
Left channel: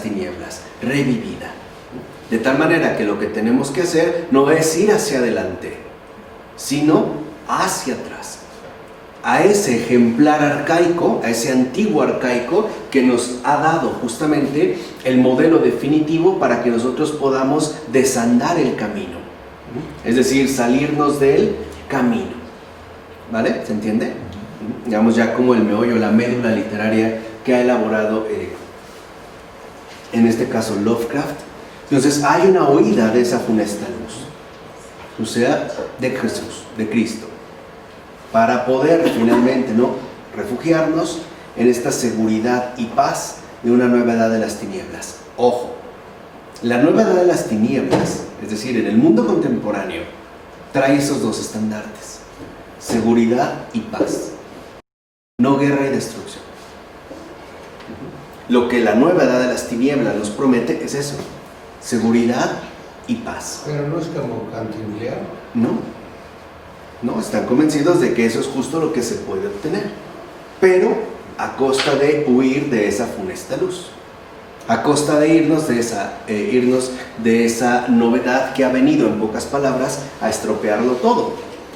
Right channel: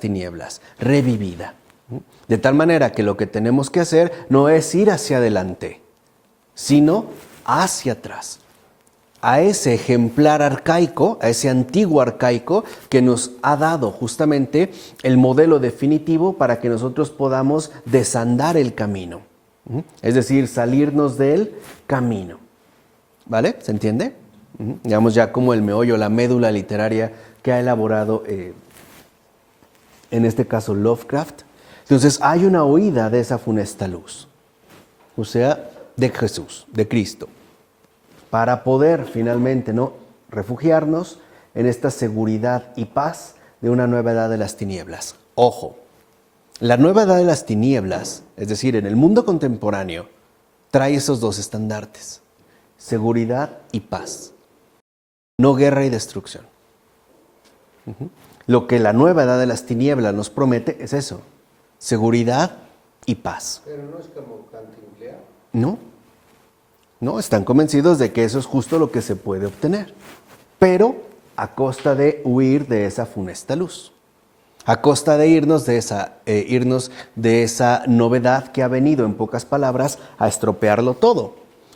tinieblas, revivida. De tal manera que lo que tenemos que hacer no es ir hacia adelante, sino hacia atrás, a ese ejemplar arcaico, a ese antiguo arcaico que nos ha dado justamente el modelo definitivo para que nosotros podamos desandar el camino, es decir, salirnos del camino. ¿Vale? ¿Se entiende? Digamos ya como el meollo, la médula literaria que ha elaborado, en este caso, Lovecraft. Entonces hay una huida de esa funesta luz, o sea, de Jesús, de Cristo, para poder finalmente, ¿no?, refugiarnos en esta seguridad y paz de una nueva edad de las tinieblas. Ojo, la nueva edad de las tinieblas, es decir, en el mundo contemporáneo, trae esos dos estandartes: seguridad y paz, no guerra y destrucción. Lo que la nueva edad de las tinieblas nos promete es eso: seguridad y paz. Pero no es como cantinflear. No, están convencidos de que eso es justo lo que se puede obtener, pero a costa de huir de esa funesta luz, a costa de irnos de esa novedad que ha venido, en pocas palabras, a estropearlo todo.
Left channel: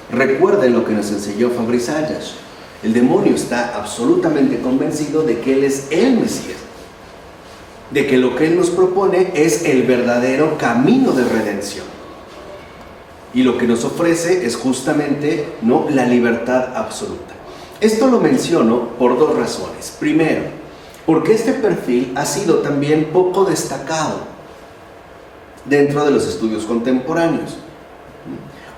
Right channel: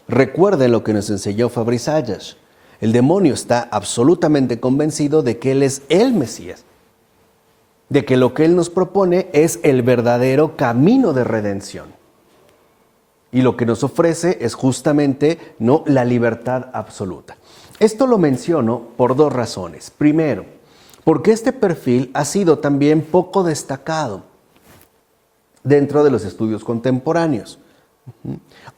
Recuerden lo que nos enseñó Fabrice Ayash: el demonio está absolutamente convencido de que él es el Mesías, de que lo que él nos propone es el verdadero camino de redención. Y lo que nos ofrece es justamente, ¿no?, la libertad absoluta. Esto lo menciono por dos razones. Primero, porque este perfil ha sido también poco destacado dentro de los estudios contemporáneos.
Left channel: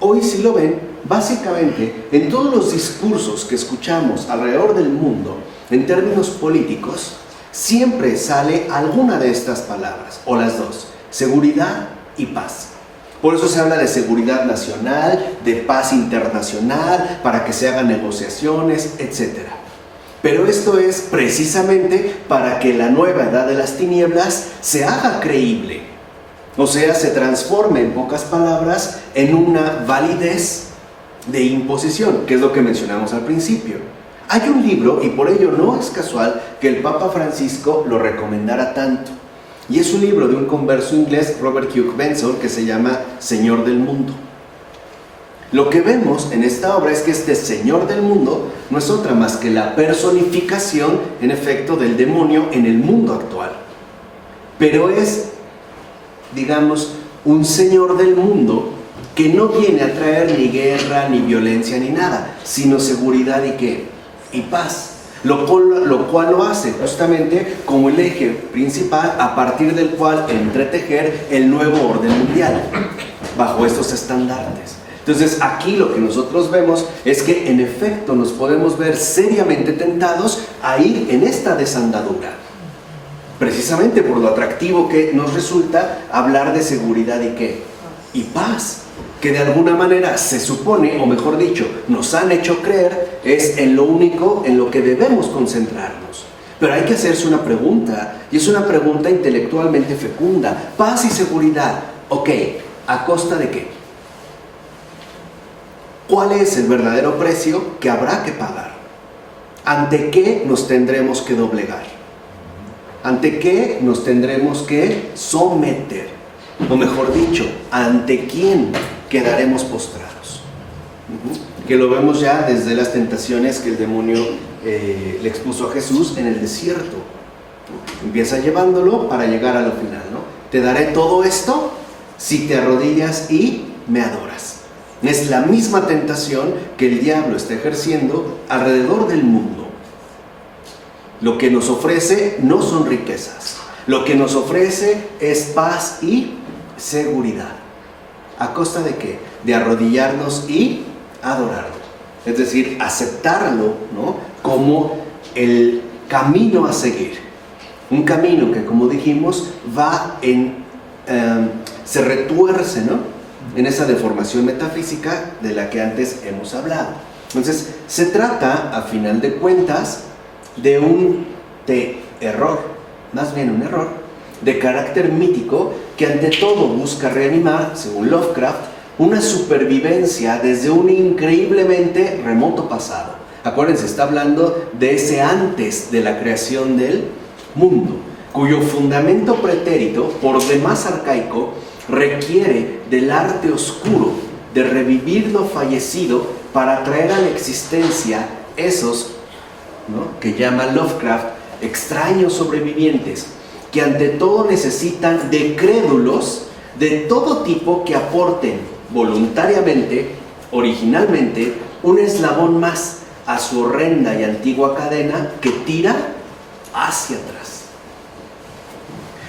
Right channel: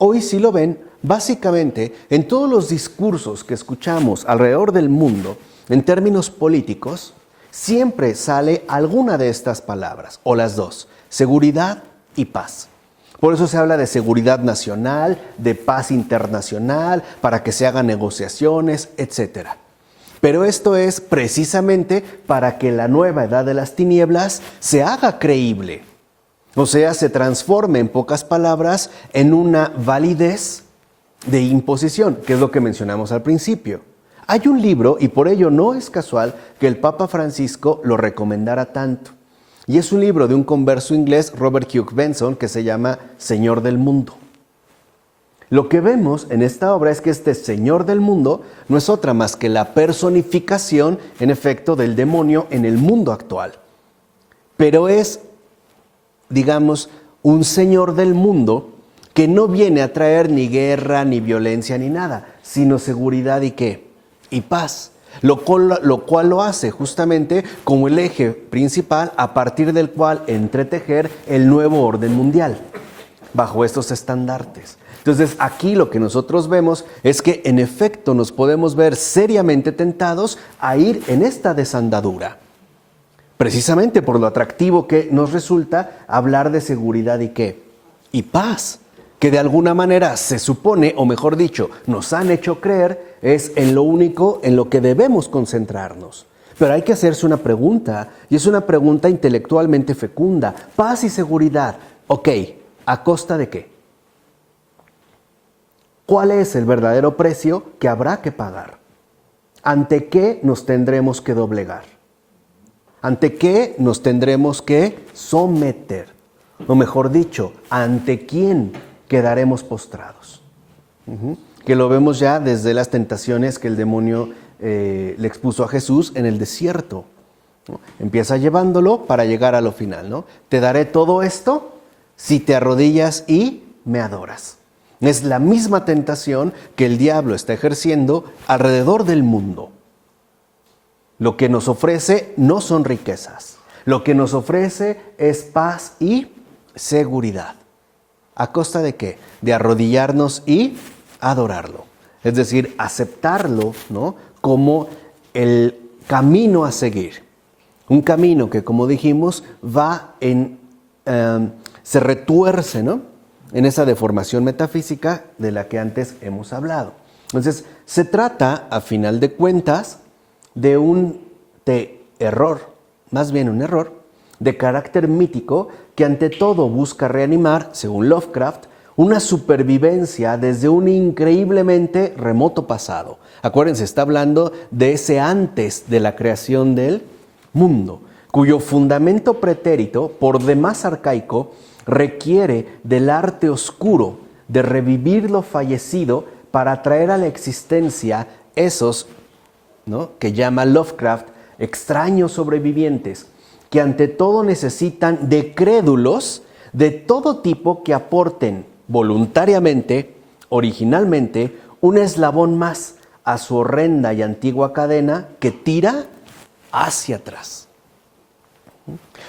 Hoy, si lo ven, básicamente en todos los discursos que escuchamos alrededor del mundo, en términos políticos, siempre sale alguna de estas palabras, o las dos: seguridad y paz. Por eso se habla de seguridad nacional, de paz internacional, para que se hagan negociaciones, etc. Pero esto es precisamente para que la nueva edad de las tinieblas se haga creíble. O sea, se transforme, en pocas palabras, en una validez de imposición, que es lo que mencionamos al principio. Hay un libro, y por ello no es casual que el Papa Francisco lo recomendara tanto. Y es un libro de un converso inglés, Robert Hugh Benson, que se llama Señor del Mundo. Lo que vemos en esta obra es que este Señor del Mundo no es otra más que la personificación, en efecto, del demonio en el mundo actual. Pero es, digamos, un Señor del Mundo que no viene a traer ni guerra, ni violencia, ni nada, sino seguridad y ¿qué? Y paz. Lo cual lo hace justamente como el eje principal a partir del cual entretejer el nuevo orden mundial bajo estos estandartes. Entonces aquí lo que nosotros vemos es que en efecto nos podemos ver seriamente tentados a ir en esta desandadura, precisamente por lo atractivo que nos resulta hablar de seguridad y ¿qué? Y paz, que de alguna manera se supone, o mejor dicho, nos han hecho creer, es en lo único en lo que debemos concentrarnos. Pero hay que hacerse una pregunta, y es una pregunta intelectualmente fecunda: paz y seguridad, ok, ¿a costa de qué? ¿Cuál es el verdadero precio que habrá que pagar? ¿Ante qué nos tendremos que doblegar? ¿Ante qué nos tendremos que someter? O mejor dicho, ¿ante quién quedaremos postrados? Que lo vemos ya desde las tentaciones que el demonio le expuso a Jesús en el desierto. Empieza llevándolo para llegar a lo final, ¿no? Te daré todo esto si te arrodillas y me adoras. Es la misma tentación que el diablo está ejerciendo alrededor del mundo. Lo que nos ofrece no son riquezas. Lo que nos ofrece es paz y seguridad. ¿A costa de qué? De arrodillarnos y adorarlo. Es decir, aceptarlo, ¿no?, como el camino a seguir. Un camino que, como dijimos, se retuerce, ¿no?, en esa deformación metafísica de la que antes hemos hablado. Entonces, se trata, a final de cuentas, de un error, más bien un error, de carácter mítico que ante todo busca reanimar, según Lovecraft, una supervivencia desde un increíblemente remoto pasado. Acuérdense, está hablando de ese antes de la creación del mundo, cuyo fundamento pretérito, por demás arcaico, requiere del arte oscuro de revivir lo fallecido para traer a la existencia esos, ¿no?, que llama Lovecraft extraños sobrevivientes, que ante todo necesitan de crédulos de todo tipo que aporten voluntariamente, originalmente, un eslabón más a su horrenda y antigua cadena que tira hacia atrás.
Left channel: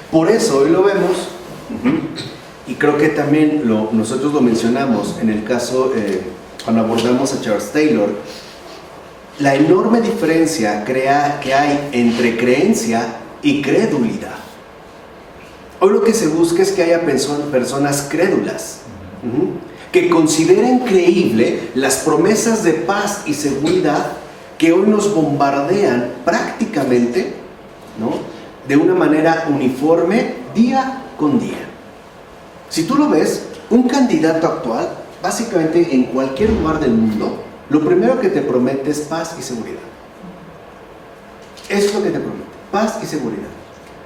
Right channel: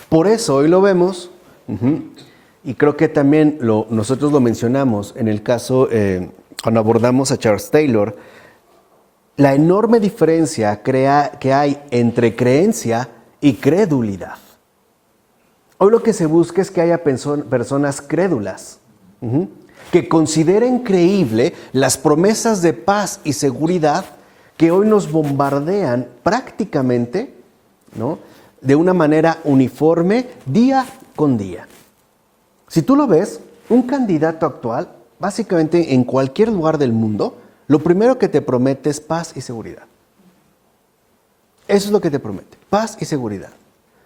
Por eso hoy lo vemos, y creo que también nosotros lo mencionamos en el caso, cuando abordamos a Charles Taylor, la enorme diferencia que hay entre creencia y credulidad. Hoy lo que se busca es que haya personas crédulas, que consideren creíble las promesas de paz y seguridad que hoy nos bombardean prácticamente, ¿no?, de una manera uniforme día con día. Si tú lo ves, un candidato actual, básicamente en cualquier lugar del mundo, lo primero que te promete es paz y seguridad. Eso es lo que te promete, paz y seguridad.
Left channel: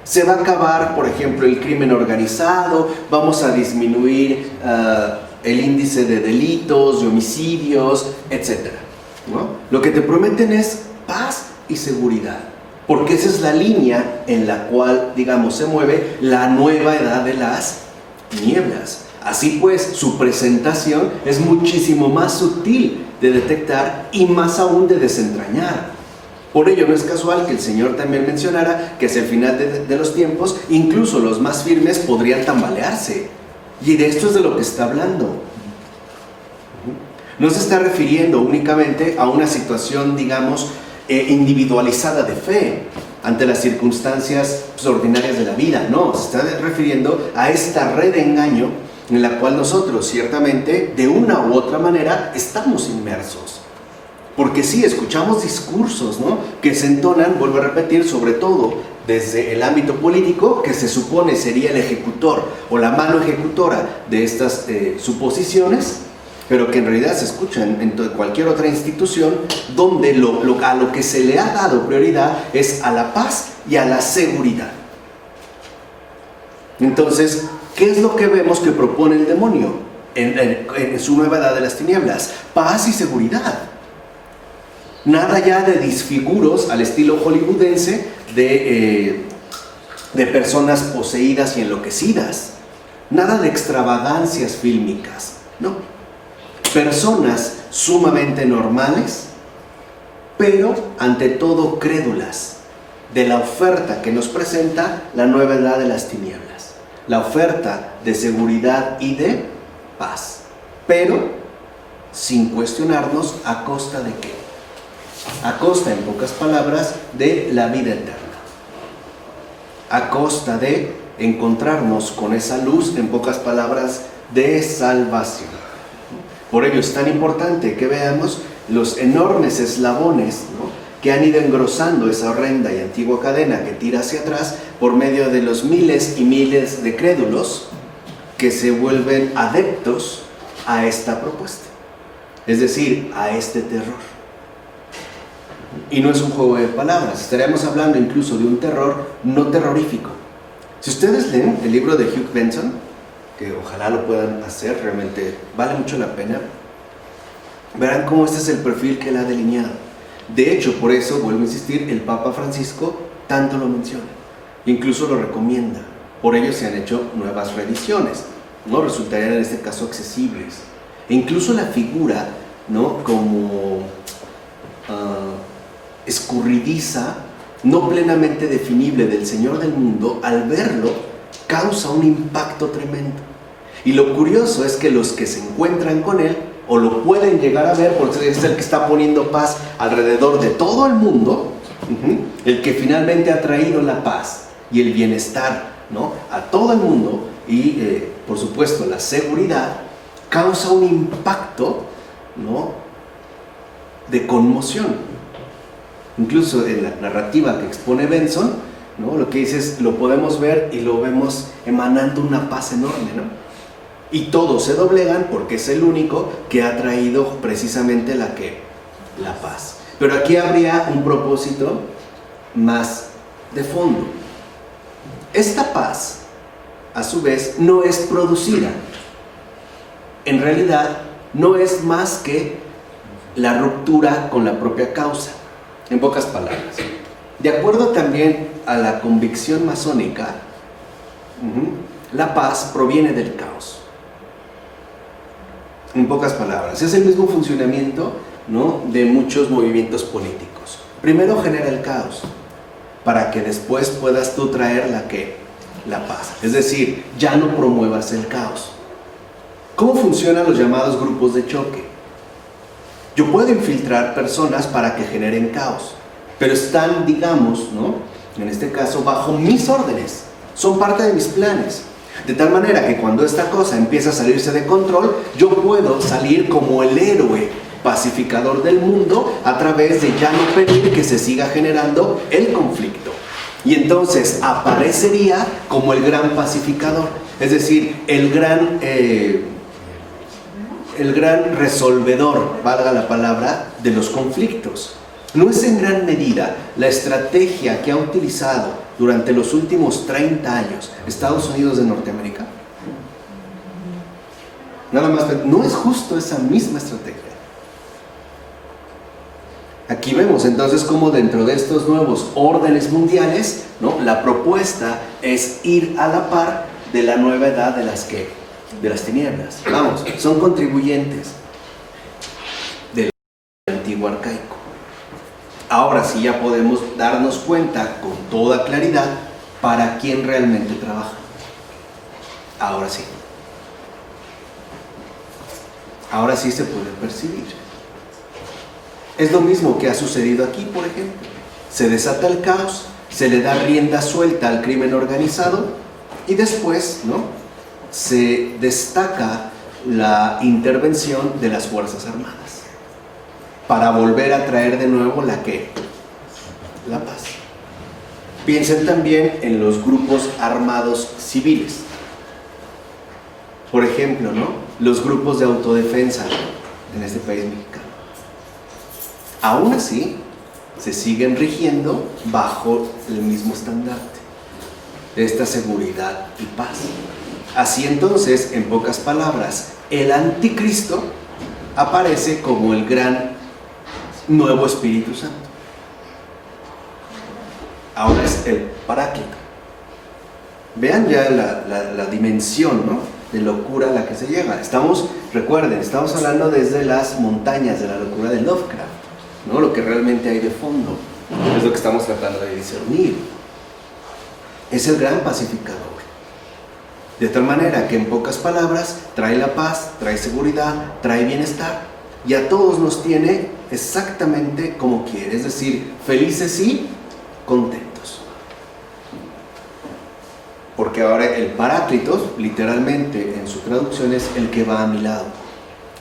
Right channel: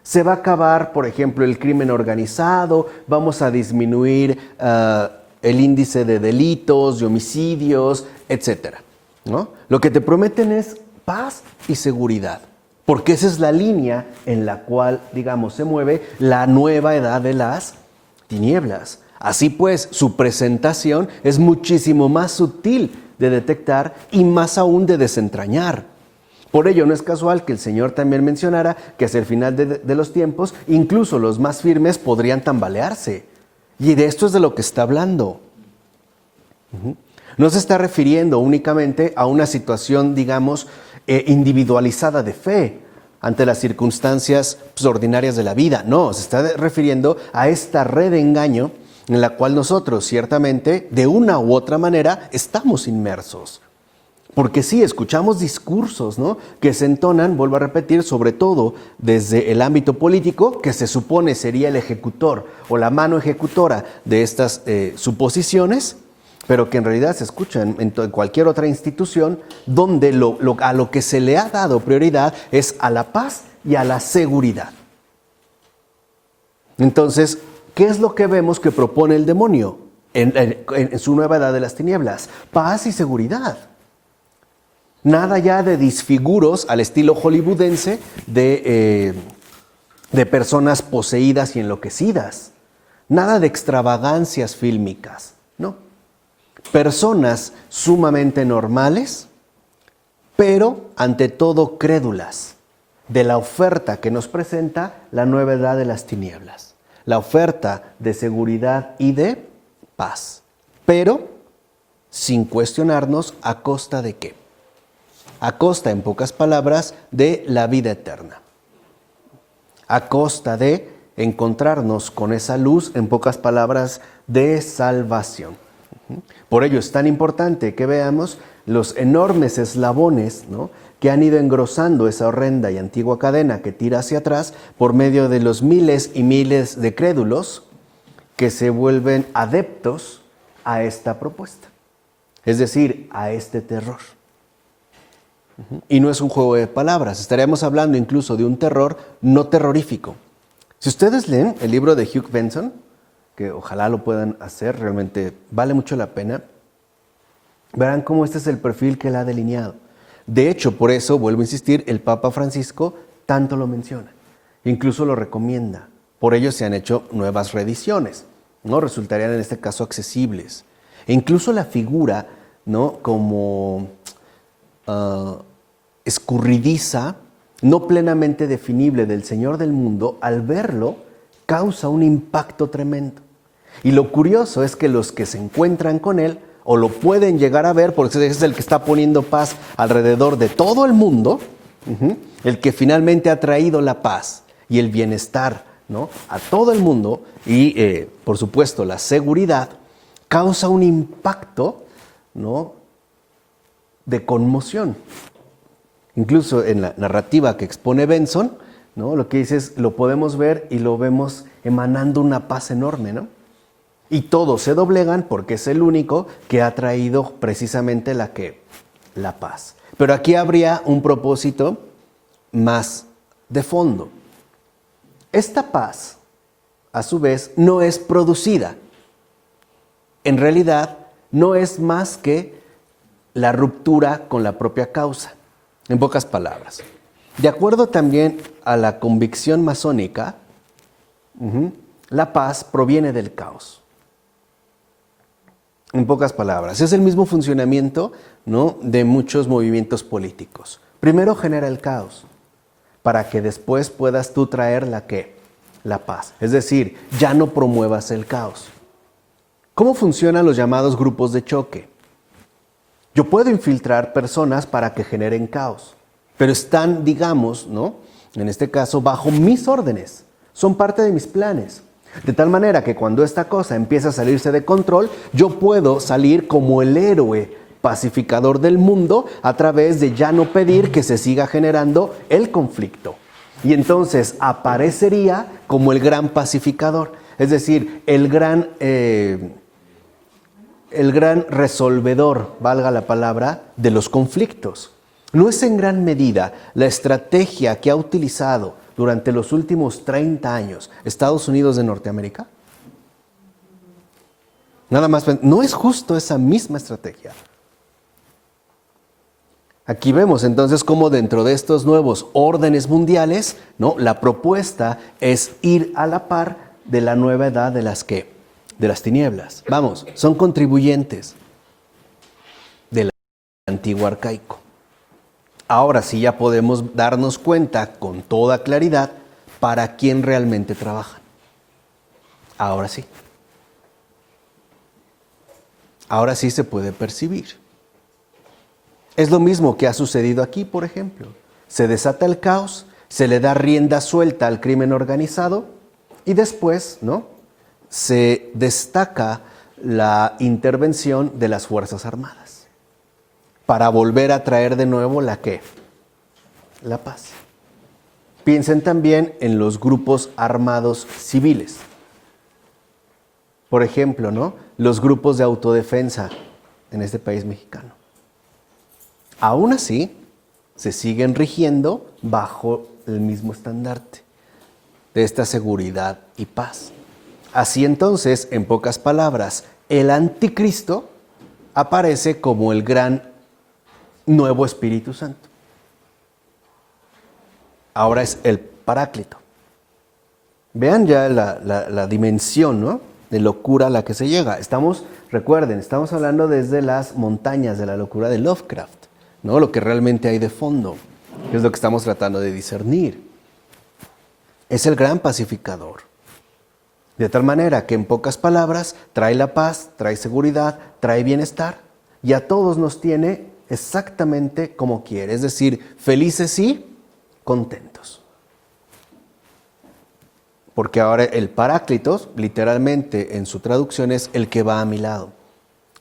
Se va a acabar, por ejemplo, el crimen organizado, vamos a disminuir el índice de delitos, de homicidios, etc., ¿no? Lo que te prometen es paz y seguridad, porque esa es la línea en la cual, digamos, se mueve la nueva edad de las tinieblas. Así pues, su presentación es muchísimo más sutil de detectar y más aún de desentrañar. Por ello no es casual que el Señor también mencionara que hacia el final de los tiempos, incluso los más firmes podrían tambalearse. Y de esto es de lo que está hablando. No se está refiriendo únicamente a una situación, digamos, individualizada de fe ante las circunstancias ordinarias de la vida. No, se está refiriendo a esta red de engaño en la cual nosotros, ciertamente, de una u otra manera, estamos inmersos. Porque sí, escuchamos discursos, ¿no?, que se entonan, vuelvo a repetir, sobre todo desde el ámbito político, que se supone sería el ejecutor o la mano ejecutora de estas suposiciones, pero que en realidad se escuchan en cualquier otra institución donde a lo que se le ha dado prioridad es a la paz y a la seguridad. Entonces, ¿qué es lo que vemos que propone el demonio en su nueva edad de las tinieblas? Paz y seguridad. Nada ya de disfiguros al estilo hollywoodense de personas poseídas y enloquecidas. Nada de extravagancias fílmicas, no. Personas sumamente normales, pero ante todo crédulas de la oferta que nos presenta la nueva edad de las tinieblas. La oferta de seguridad y de paz, pero sin cuestionarnos a costa de qué. A costa, en pocas palabras, de la vida eterna. A costa de encontrarnos con esa luz, en pocas palabras, de salvación. Por ello es tan importante que veamos los enormes eslabones, ¿no?, que han ido engrosando esa horrenda y antigua cadena que tira hacia atrás por medio de los miles y miles de crédulos que se vuelven adeptos a esta propuesta. Es decir, a este terror. Y no es un juego de palabras, estaríamos hablando incluso de un terror no terrorífico. Si ustedes leen el libro de Hugh Benson, que ojalá lo puedan hacer, realmente vale mucho la pena, verán cómo este es el perfil que él ha delineado. De hecho, por eso, vuelvo a insistir, el Papa Francisco tanto lo menciona, incluso lo recomienda. Por ello se han hecho nuevas reediciones, ¿no? Resultarían en este caso accesibles. E incluso la figura, ¿no? Como escurridiza, no plenamente definible del Señor del mundo, al verlo, causa un impacto tremendo. Y lo curioso es que los que se encuentran con él, o lo pueden llegar a ver, porque es el que está poniendo paz alrededor de todo el mundo, el que finalmente ha traído la paz y el bienestar, ¿no? A todo el mundo, y por supuesto la seguridad, causa un impacto, ¿no? De conmoción. Incluso en la narrativa que expone Benson, ¿no? Lo que dice es, lo podemos ver y lo vemos emanando una paz enorme, ¿no? Y todos se doblegan porque es el único que ha traído precisamente la paz. Pero aquí habría un propósito más de fondo. Esta paz, a su vez, no es producida. En realidad, no es más que la ruptura con la propia causa. En pocas palabras. De acuerdo también a la convicción masónica, la paz proviene del caos. En pocas palabras, es el mismo funcionamiento, ¿no? De muchos movimientos políticos. Primero genera el caos, para que después puedas tú traer la paz. Es decir, ya no promuevas el caos. ¿Cómo funcionan los llamados grupos de choque? Yo puedo infiltrar personas para que generen caos, pero están, digamos, ¿no? En este caso, bajo mis órdenes. Son parte de mis planes. De tal manera que cuando esta cosa empieza a salirse de control, yo puedo salir como el héroe pacificador del mundo a través de ya no pedir que se siga generando el conflicto. Y entonces aparecería como el gran pacificador, es decir, el gran resolvedor, valga la palabra, de los conflictos. ¿No es en gran medida la estrategia que ha utilizado durante los últimos 30 años Estados Unidos de Norteamérica? Nada más, ¿no es justo esa misma estrategia? Aquí vemos entonces cómo dentro de estos nuevos órdenes mundiales, ¿no? La propuesta es ir a la par de la nueva edad de las tinieblas. Vamos, son contribuyentes del antiguo arcaico. Ahora sí ya podemos darnos cuenta con toda claridad para quién realmente trabaja. Ahora sí. Ahora sí se puede percibir. Es lo mismo que ha sucedido aquí, por ejemplo. Se desata el caos, se le da rienda suelta al crimen organizado y después, ¿no? Se destaca la intervención de las Fuerzas Armadas para volver a traer de nuevo la paz. Piensen también en los grupos armados civiles. Por ejemplo, ¿no? Los grupos de autodefensa en este país mexicano. Aún así, se siguen rigiendo bajo el mismo estandarte de esta seguridad y paz. Así entonces, en pocas palabras, el anticristo aparece como el gran nuevo Espíritu Santo. Ahora es el Paráclito. Vean ya la dimensión, ¿no? De locura a la que se llega. Recuerden, estamos hablando desde las montañas de la locura de Lovecraft, ¿no? Lo que realmente hay de fondo es lo que estamos tratando de discernir. Es el gran pacificador. De tal manera que en pocas palabras trae la paz, trae seguridad, trae bienestar y a todos nos tiene exactamente como quiere, es decir, felices y contentos. Porque ahora el Paráclitos, literalmente en su traducción, es el que va a mi lado.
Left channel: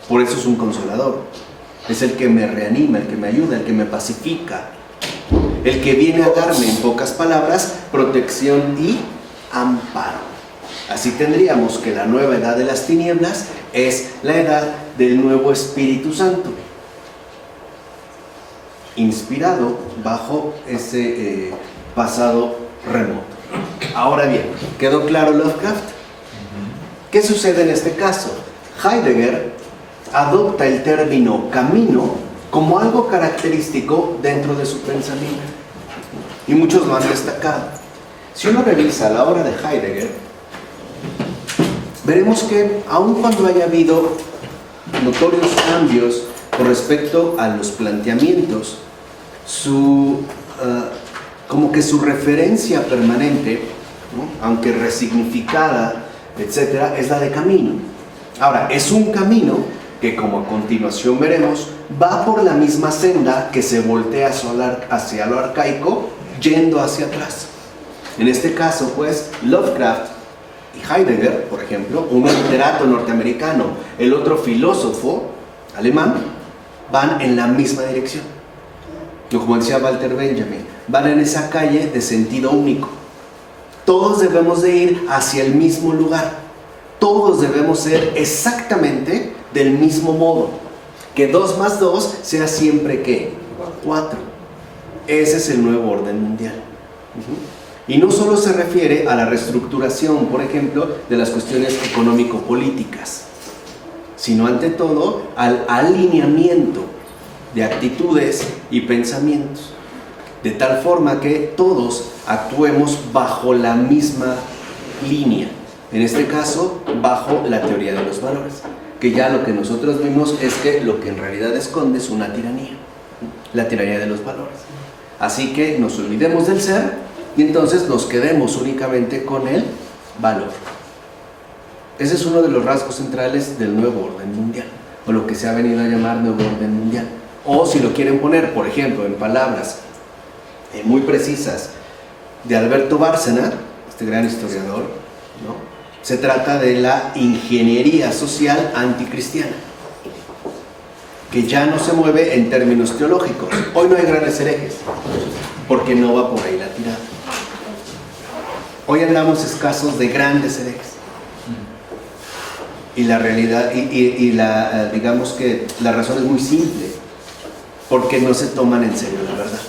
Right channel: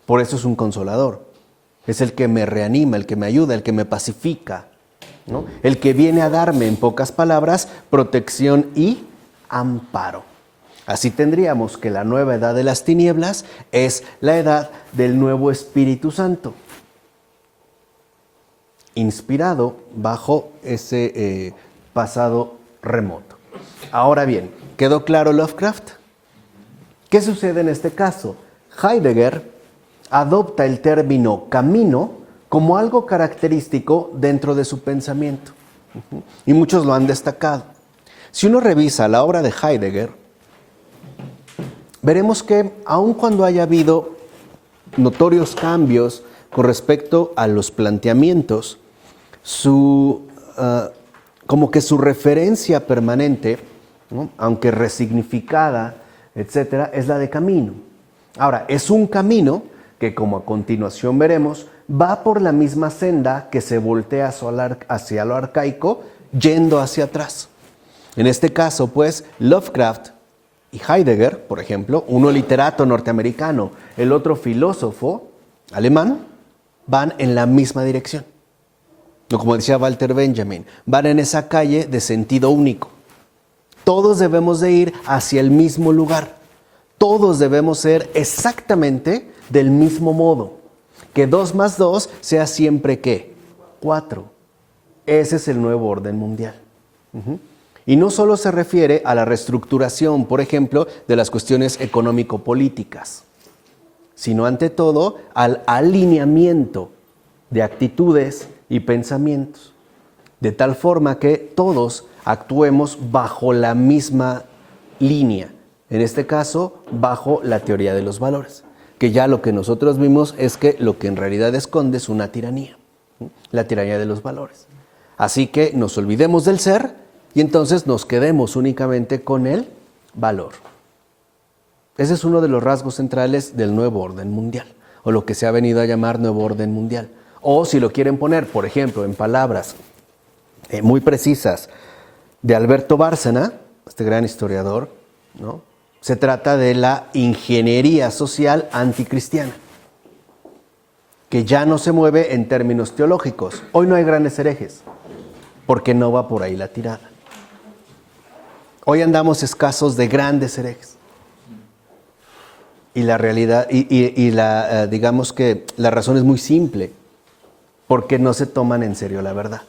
Por eso es un consolador. Es el que me reanima, el que me ayuda, el que me pacifica. El que viene a darme, en pocas palabras, protección y amparo. Así tendríamos que la nueva edad de las tinieblas es la edad del nuevo Espíritu Santo. inspirado bajo ese pasado remoto. Ahora bien, ¿quedó claro Lovecraft? ¿Qué sucede en este caso? Heidegger adopta el término camino como algo característico dentro de su pensamiento. Y muchos lo han destacado. Si uno revisa la obra de Heidegger, veremos que aun cuando haya habido notorios cambios con respecto a los planteamientos, como que su referencia permanente, ¿no?, aunque resignificada, etcétera, es la de camino. Ahora, es un camino que, como a continuación veremos, va por la misma senda que se voltea hacia lo arcaico, yendo hacia atrás. En este caso, pues, Lovecraft y Heidegger, por ejemplo, uno literato norteamericano, el otro filósofo alemán, van en la misma dirección. O como decía Walter Benjamin, van en esa calle de sentido único. Todos debemos de ir hacia el mismo lugar. Todos debemos ser exactamente del mismo modo. Que 2 más 2 sea siempre, ¿qué? 4. Ese es el nuevo orden mundial. Y no solo se refiere a la reestructuración, por ejemplo, de las cuestiones económico-políticas, sino ante todo al alineamiento de actitudes y pensamientos, de tal forma que todos actuemos bajo la misma línea, en este caso bajo la teoría de los valores, que ya lo que nosotros vimos es que lo que en realidad esconde es una tiranía, la tiranía de los valores. Así que nos olvidemos del ser y entonces nos quedemos únicamente con el valor. Ese es uno de los rasgos centrales del nuevo orden mundial, o lo que se ha venido a llamar nuevo orden mundial. O si lo quieren poner, por ejemplo, en palabras muy precisas de Alberto Bárcena, este gran historiador, ¿no?, se trata de la ingeniería social anticristiana, que ya no se mueve en términos teológicos. Hoy no hay grandes herejes, porque no va por ahí la tirada. Hoy andamos escasos de grandes herejes. Y la realidad, digamos que la razón es muy simple, porque no se toman en serio la verdad.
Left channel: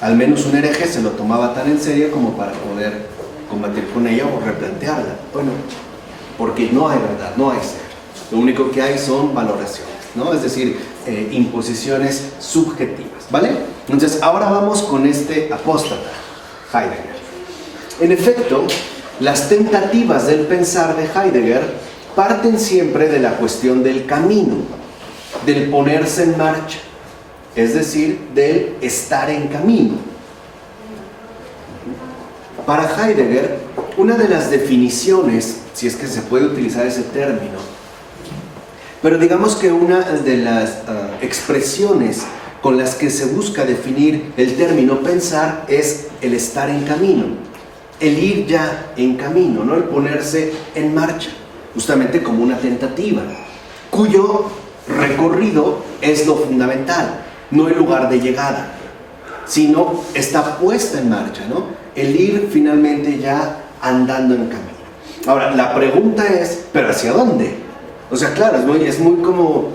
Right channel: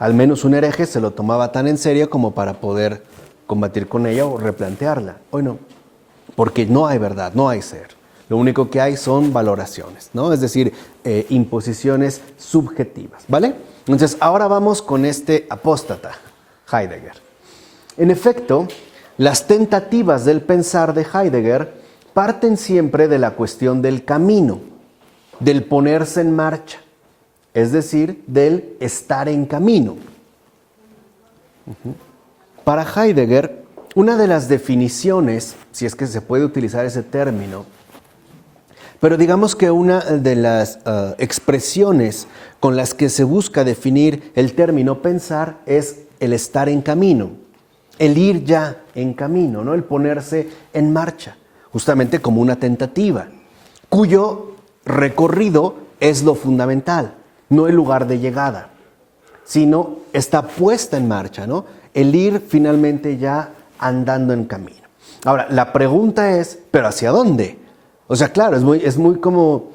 Al menos un hereje se lo tomaba tan en serio como para poder combatir con ella o replantearla. Hoy no, porque no hay verdad, no hay ser. Lo único que hay son valoraciones, ¿no? Es decir, imposiciones subjetivas, ¿vale? Entonces, ahora vamos con este apóstata, Heidegger. En efecto, las tentativas del pensar de Heidegger parten siempre de la cuestión del camino, del ponerse en marcha, es decir, del estar en camino. Para Heidegger, una de las definiciones, si es que se puede utilizar ese término, pero digamos que una de las expresiones con las que se busca definir el término pensar es el estar en camino, el ir ya en camino, ¿no?, el ponerse en marcha, justamente como una tentativa, cuyo recorrido es lo fundamental, no el lugar de llegada, sino está puesta en marcha, ¿no?, el ir finalmente ya andando en camino. Ahora, la pregunta es, ¿pero hacia dónde? O sea, claro, es muy como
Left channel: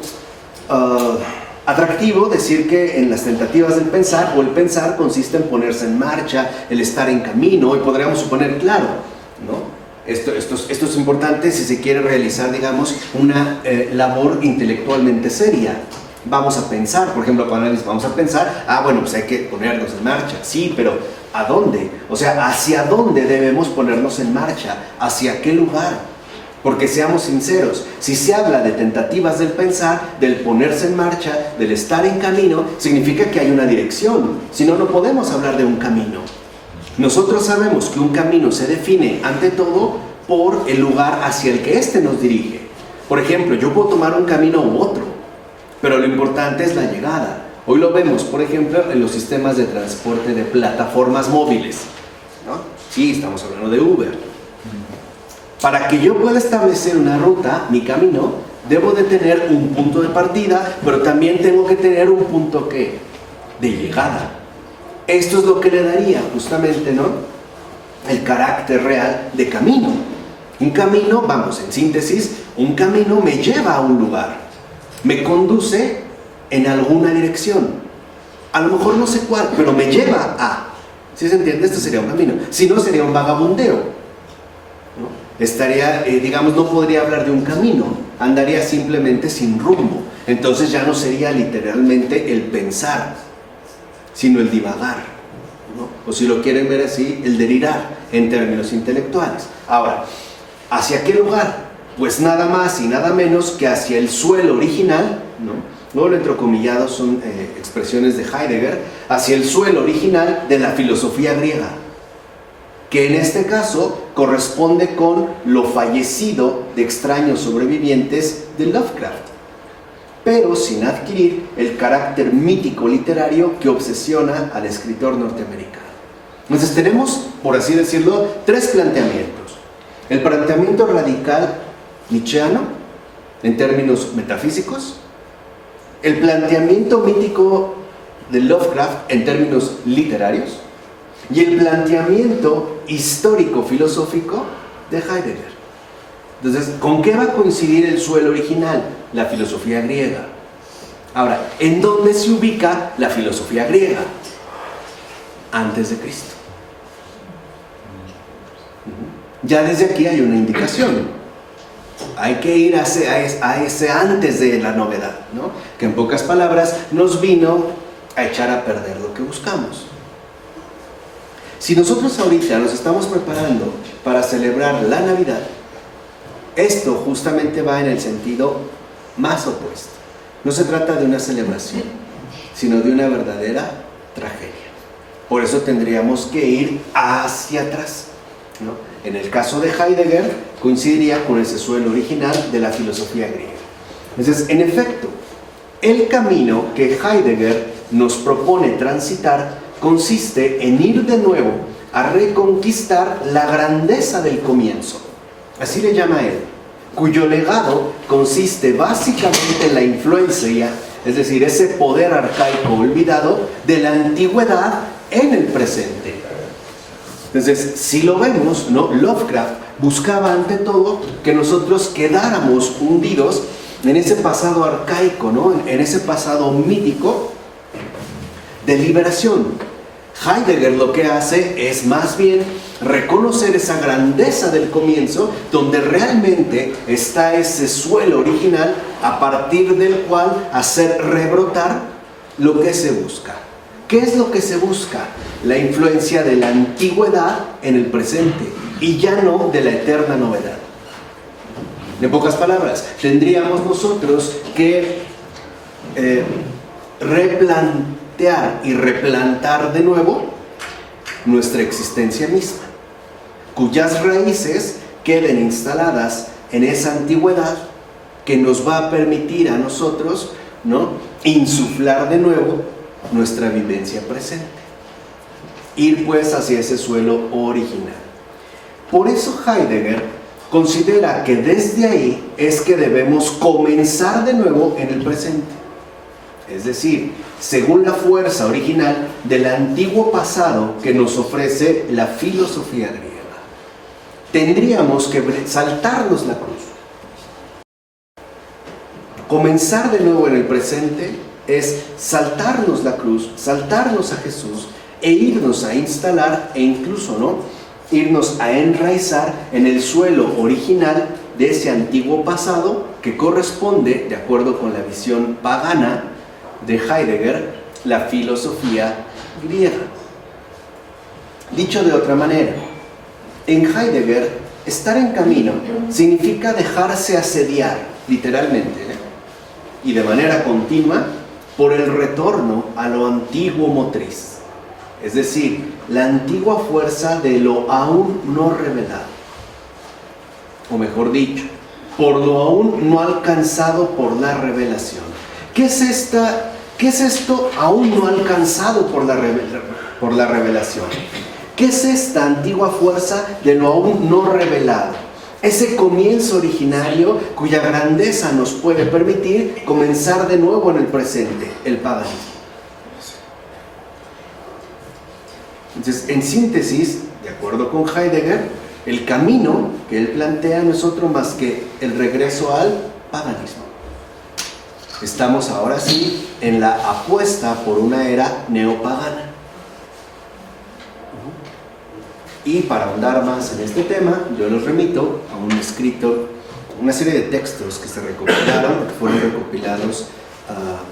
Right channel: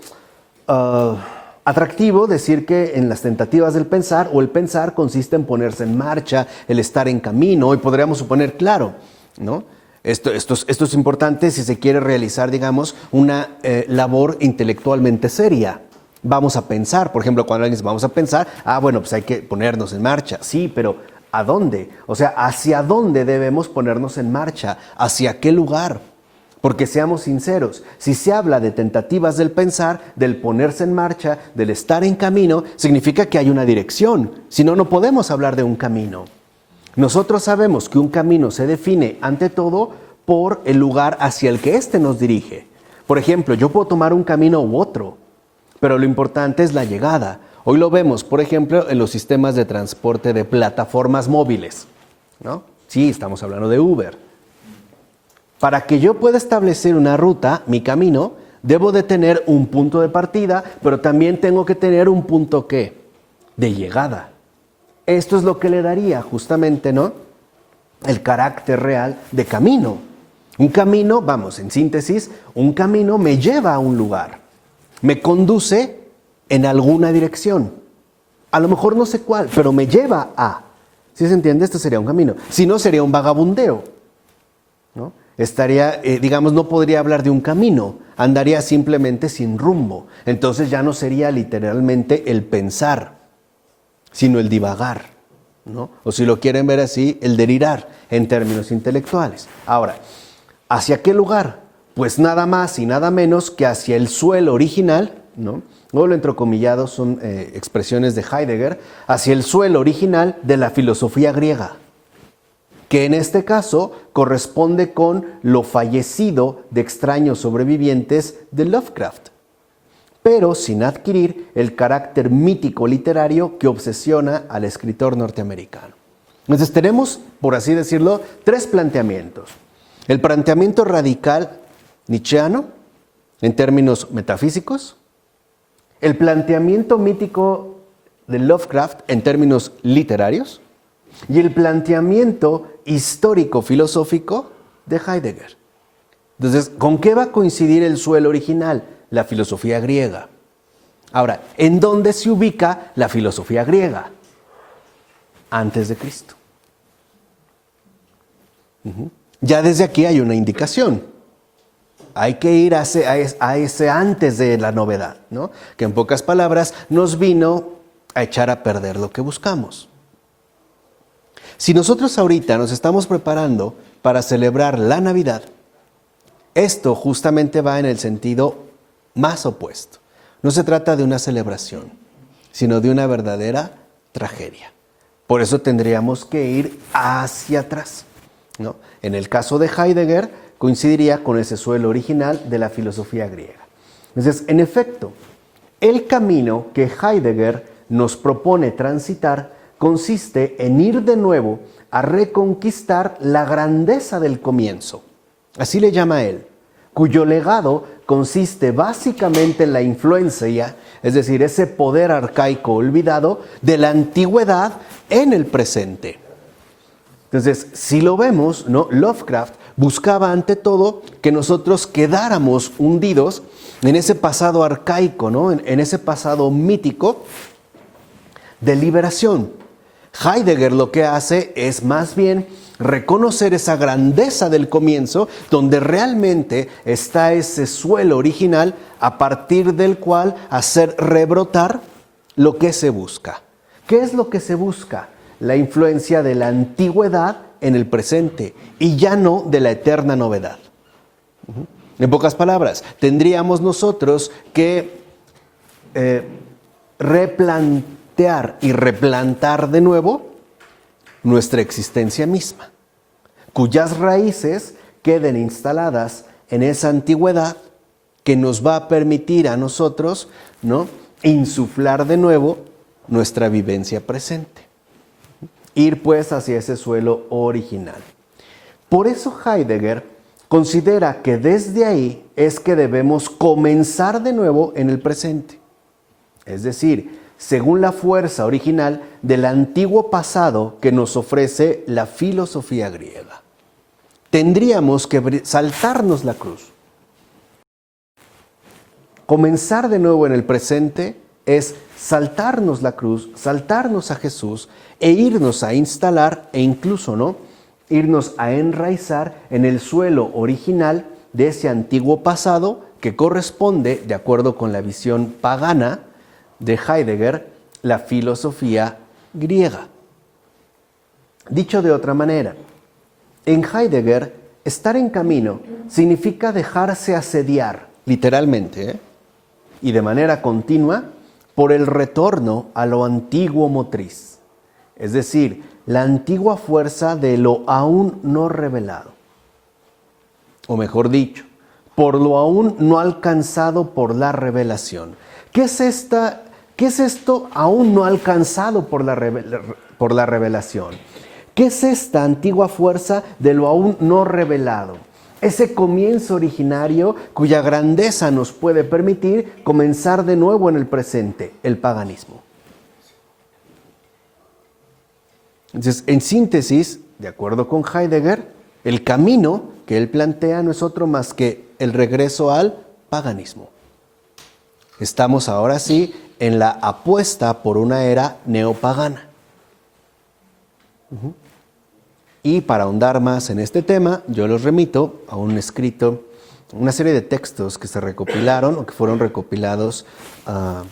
atractivo decir que en las tentativas del pensar o el pensar consiste en ponerse en marcha, el estar en camino, y podríamos suponer, claro, ¿no?, esto es importante si se quiere realizar, digamos, una labor intelectualmente seria. Vamos a pensar, por ejemplo, cuando alguien dice vamos a pensar, bueno, pues hay que ponernos en marcha. Sí, pero ¿a dónde? O sea, ¿hacia dónde debemos ponernos en marcha? ¿Hacia qué lugar? Porque seamos sinceros, si se habla de tentativas del pensar, del ponerse en marcha, del estar en camino, significa que hay una dirección. Si no, no podemos hablar de un camino. Nosotros sabemos que un camino se define, ante todo, por el lugar hacia el que éste nos dirige. Por ejemplo, yo puedo tomar un camino u otro, pero lo importante es la llegada. Hoy lo vemos, por ejemplo, en los sistemas de transporte de plataformas móviles, ¿no? Sí, estamos hablando de Uber. Para que yo pueda establecer una ruta, mi camino, debo de tener un punto de partida, pero también tengo que tener un punto, ¿qué?, de llegada. Esto es lo que le daría justamente, ¿no?, el carácter real de camino. Un camino, vamos, en síntesis, un camino me lleva a un lugar, me conduce en alguna dirección. A lo mejor no sé cuál, pero me lleva a. ¿Sí se entiende? Este sería un camino. Si no, sería un vagabundeo, ¿no? Estaría, digamos, no podría hablar de un camino, andaría simplemente sin rumbo. Entonces ya no sería literalmente el pensar, sino el divagar, ¿no? O si lo quieren ver así, el delirar en términos intelectuales. Ahora, ¿hacia qué lugar? Pues nada más y nada menos que hacia el suelo original, ¿no? Luego lo entrecomillado son expresiones de Heidegger, hacia el suelo original de la filosofía griega, que en este caso corresponde con lo fallecido de extraños sobrevivientes de Lovecraft, pero sin adquirir el carácter mítico literario que obsesiona al escritor norteamericano. Entonces tenemos, por así decirlo, tres planteamientos. El planteamiento radical nietzscheano, en términos metafísicos, el planteamiento mítico de Lovecraft en términos literarios y el planteamiento histórico-filosófico de Heidegger. Entonces, ¿con qué va a coincidir el suelo original? La filosofía griega. Ahora, ¿en dónde se ubica la filosofía griega? Antes de Cristo. Ya desde aquí hay una indicación. Hay que ir a ese antes de la novedad, ¿no? Que en pocas palabras nos vino a echar a perder lo que buscamos. Si nosotros ahorita nos estamos preparando para celebrar la Navidad, esto justamente va en el sentido más opuesto. No se trata de una celebración, sino de una verdadera tragedia. Por eso tendríamos que ir hacia atrás, ¿no? En el caso de Heidegger, coincidiría con ese suelo original de la filosofía griega. Entonces, en efecto, el camino que Heidegger nos propone transitar consiste en ir de nuevo a reconquistar la grandeza del comienzo. Así le llama él, cuyo legado consiste básicamente en la influencia, es decir, ese poder arcaico olvidado de la antigüedad en el presente. Entonces, si lo vemos, ¿no? Lovecraft buscaba ante todo que nosotros quedáramos hundidos en ese pasado arcaico, ¿no? En ese pasado mítico de liberación. Heidegger lo que hace es más bien reconocer esa grandeza del comienzo, donde realmente está ese suelo original a partir del cual hacer rebrotar lo que se busca. ¿Qué es lo que se busca? La influencia de la antigüedad en el presente y ya no de la eterna novedad. En pocas palabras, tendríamos nosotros que replantear y replantar de nuevo nuestra existencia misma, cuyas raíces queden instaladas en esa antigüedad que nos va a permitir a nosotros, ¿no?, insuflar de nuevo nuestra vivencia presente. Ir pues hacia ese suelo original. Por eso Heidegger considera que desde ahí es que debemos comenzar de nuevo en el presente. Es decir, según la fuerza original del antiguo pasado que nos ofrece la filosofía griega. Tendríamos que saltarnos la cruz. Comenzar de nuevo en el presente es saltarnos la cruz, saltarnos a Jesús e irnos a instalar e incluso, ¿no?, irnos a enraizar en el suelo original de ese antiguo pasado que corresponde, de acuerdo con la visión pagana de Heidegger, la filosofía griega. Dicho de otra manera, en Heidegger, estar en camino significa dejarse asediar, literalmente, y de manera continua, por el retorno a lo antiguo motriz. Es decir, la antigua fuerza de lo aún no revelado. O mejor dicho, por lo aún no alcanzado por la revelación. ¿Qué es esto aún no alcanzado por la revelación? ¿Qué es esta antigua fuerza de lo aún no revelado? Ese comienzo originario cuya grandeza nos puede permitir comenzar de nuevo en el presente, el paganismo. Entonces, en síntesis, de acuerdo con Heidegger, el camino que él plantea no es otro más que el regreso al paganismo. Estamos ahora sí en la apuesta por una era neopagana. Y para ahondar más en este tema, yo los remito a un escrito, una serie de textos que se recopilaron, o que fueron recopilados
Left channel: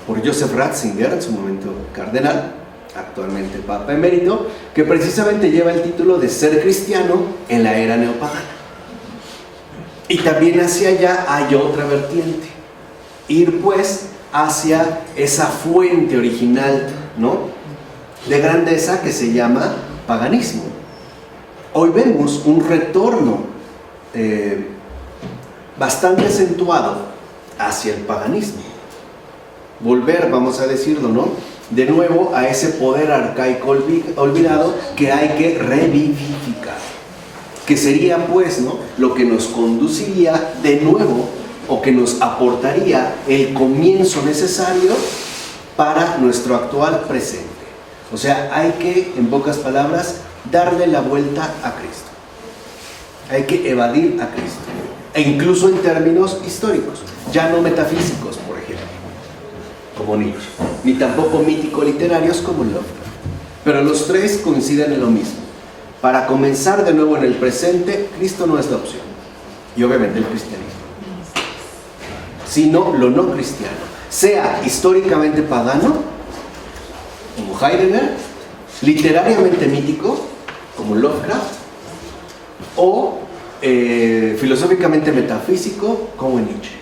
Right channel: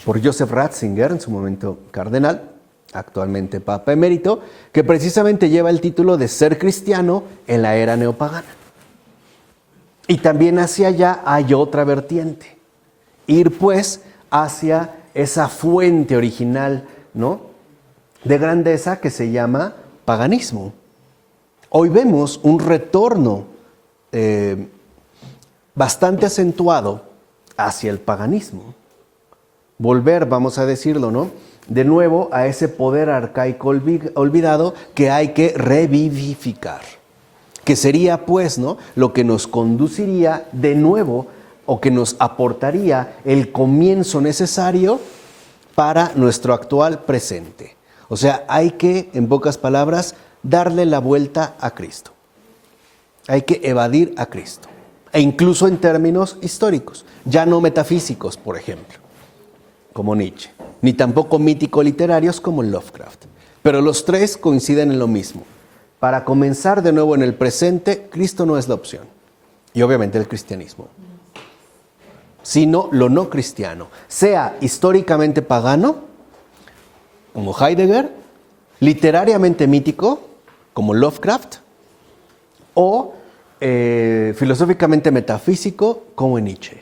por Joseph Ratzinger, en su momento cardenal, actualmente Papa Emérito, que precisamente lleva el título de Ser cristiano en la era neopagana. Y también hacia allá hay otra vertiente. Ir pues hacia esa fuente original, ¿no?, de grandeza que se llama paganismo. Hoy vemos un retorno bastante acentuado hacia el paganismo. Volver, vamos a decirlo, ¿no?, de nuevo a ese poder arcaico olvidado que hay que revivificar. Que sería, pues, ¿no?, lo que nos conduciría de nuevo, o que nos aportaría el comienzo necesario para nuestro actual presente. O sea, hay que, en pocas palabras, darle la vuelta a Cristo. Hay que evadir a Cristo. E incluso en términos históricos, ya no metafísicos, por ejemplo, como Nietzsche, ni tampoco mítico-literarios como Lovecraft. Pero los tres coinciden en lo mismo. Para comenzar de nuevo en el presente, Cristo no es la opción. Y obviamente el cristianismo. Sino lo no cristiano. Sea históricamente pagano, como Heidegger, literariamente mítico, como Lovecraft, o filosóficamente metafísico, como Nietzsche.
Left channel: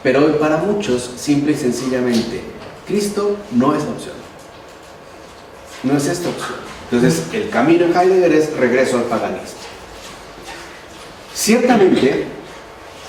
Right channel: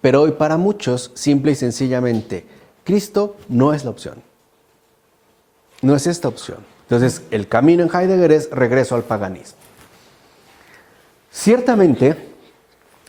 Pero hoy para muchos, simple y sencillamente, Cristo no es la opción. No es esta opción. Entonces, el camino en Heidegger es regreso al paganismo. Ciertamente,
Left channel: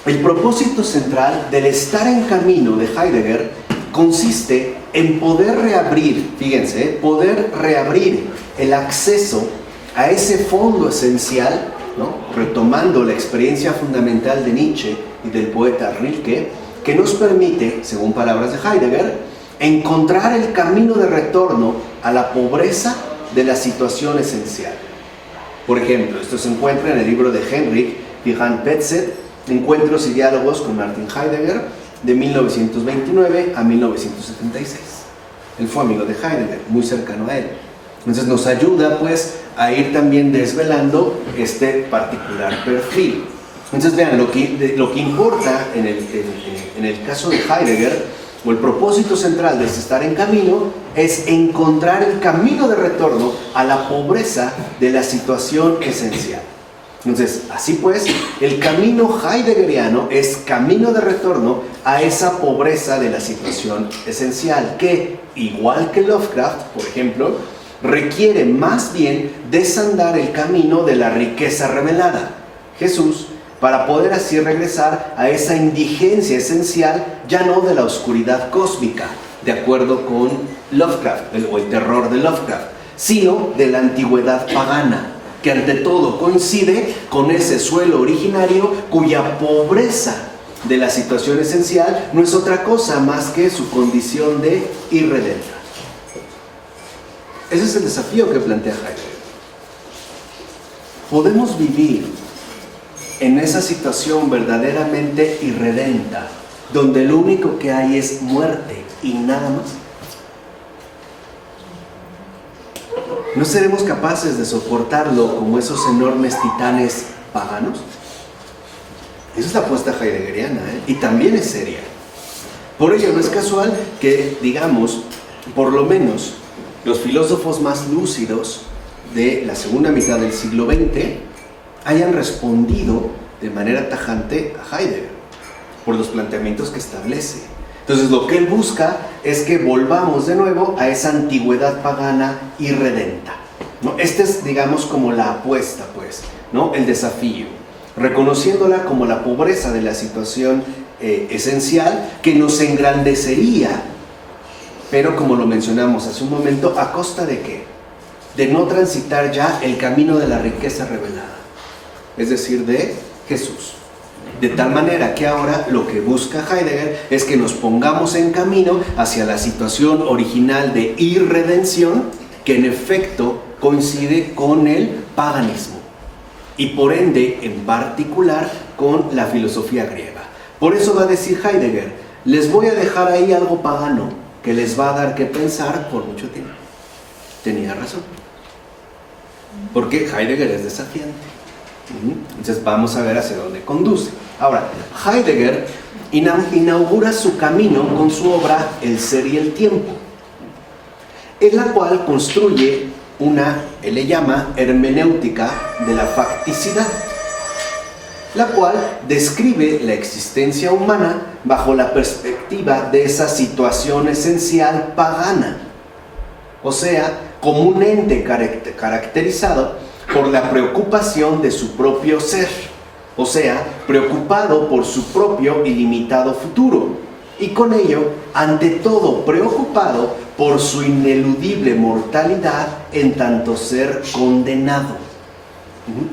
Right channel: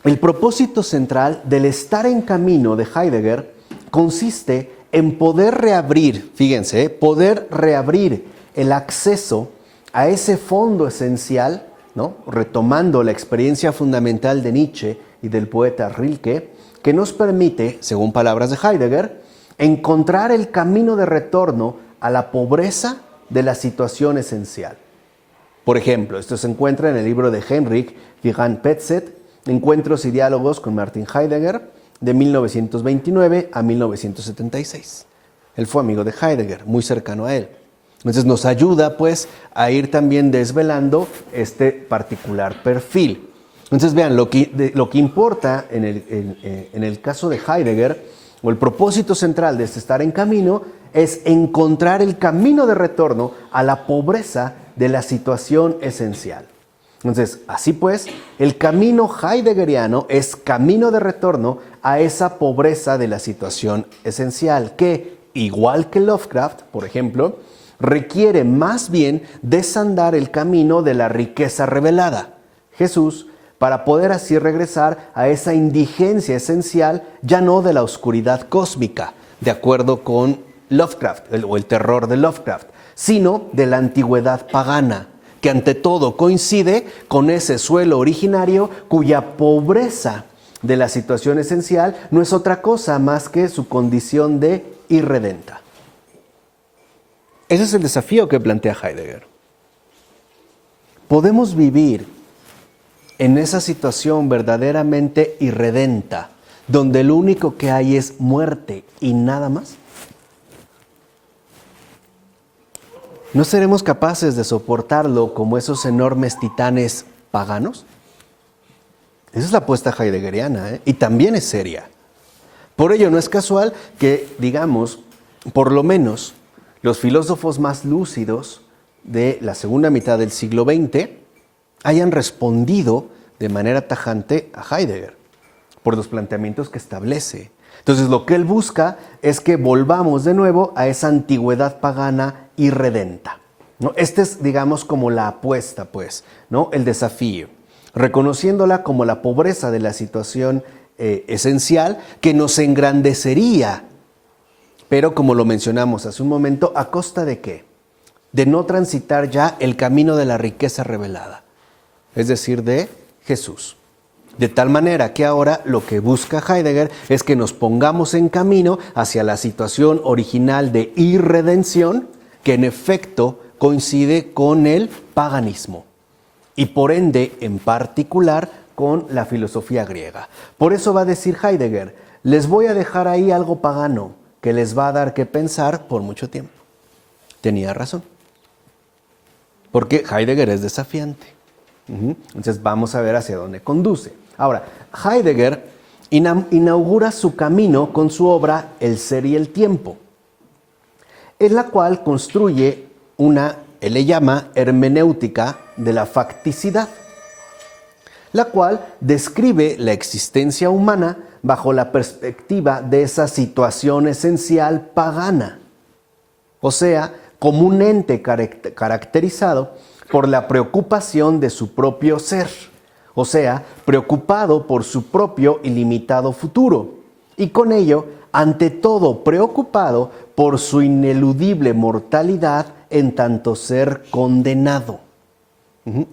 el propósito central del estar en camino de Heidegger consiste en poder reabrir, fíjense, poder reabrir el acceso a ese fondo esencial, ¿no?, retomando la experiencia fundamental de Nietzsche y del poeta Rilke, que nos permite, según palabras de Heidegger, encontrar el camino de retorno a la pobreza de la situación esencial. Por ejemplo, esto se encuentra en el libro de Henrik Johann Petzet, Encuentros y diálogos con Martin Heidegger, de 1929 a 1976. Él fue amigo de Heidegger, muy cercano a él. Entonces nos ayuda pues a ir también desvelando este particular perfil. Entonces vean, lo que importa en el caso de Heidegger, o el propósito central de este estar en camino, es encontrar el camino de retorno a la pobreza de la situación esencial. Entonces, así pues, el camino heideggeriano es camino de retorno a esa pobreza de la situación esencial, que, igual que Lovecraft, por ejemplo, requiere más bien desandar el camino de la riqueza revelada, Jesús, para poder así regresar a esa indigencia esencial, ya no de la oscuridad cósmica, de acuerdo con Lovecraft, o el terror de Lovecraft, sino de la antigüedad pagana, que ante todo coincide con ese suelo originario cuya pobreza de la situación esencial no es otra cosa más que su condición de irredenta. Ese es el desafío que plantea Heidegger. Podemos vivir en esa situación verdaderamente irredenta, donde lo único que hay es muerte y nada más. ¿No seremos capaces de soportarlo como esos enormes titanes paganos? Esa es la apuesta heideggeriana, y también es seria. Por ello no es casual que, digamos, por lo menos los filósofos más lúcidos de la segunda mitad del siglo XX hayan respondido de manera tajante a Heidegger por los planteamientos que establece. Entonces lo que él busca es que volvamos de nuevo a esa antigüedad pagana irredenta, ¿no? Esta es, digamos, como la apuesta, pues, ¿no?, el desafío, reconociéndola como la pobreza de la situación esencial que nos engrandecería, pero como lo mencionamos hace un momento, ¿a costa de qué? De no transitar ya el camino de la riqueza revelada, es decir, de Jesús. De tal manera que ahora lo que busca Heidegger es que nos pongamos en camino hacia la situación original de irredención, que en efecto coincide con el paganismo y por ende en particular con la filosofía griega. Por eso va a decir Heidegger, les voy a dejar ahí algo pagano que les va a dar que pensar por mucho tiempo. Tenía razón. Porque Heidegger es desafiante. Entonces vamos a ver hacia dónde conduce. Ahora, Heidegger inaugura su camino con su obra El ser y el tiempo, en la cual construye él le llama hermenéutica de la facticidad, la cual describe la existencia humana bajo la perspectiva de esa situación esencial pagana, o sea, como un ente caracterizado por la preocupación de su propio ser, o sea, preocupado por su propio ilimitado futuro, y con ello, ante todo, preocupado por su ineludible mortalidad en tanto ser condenado.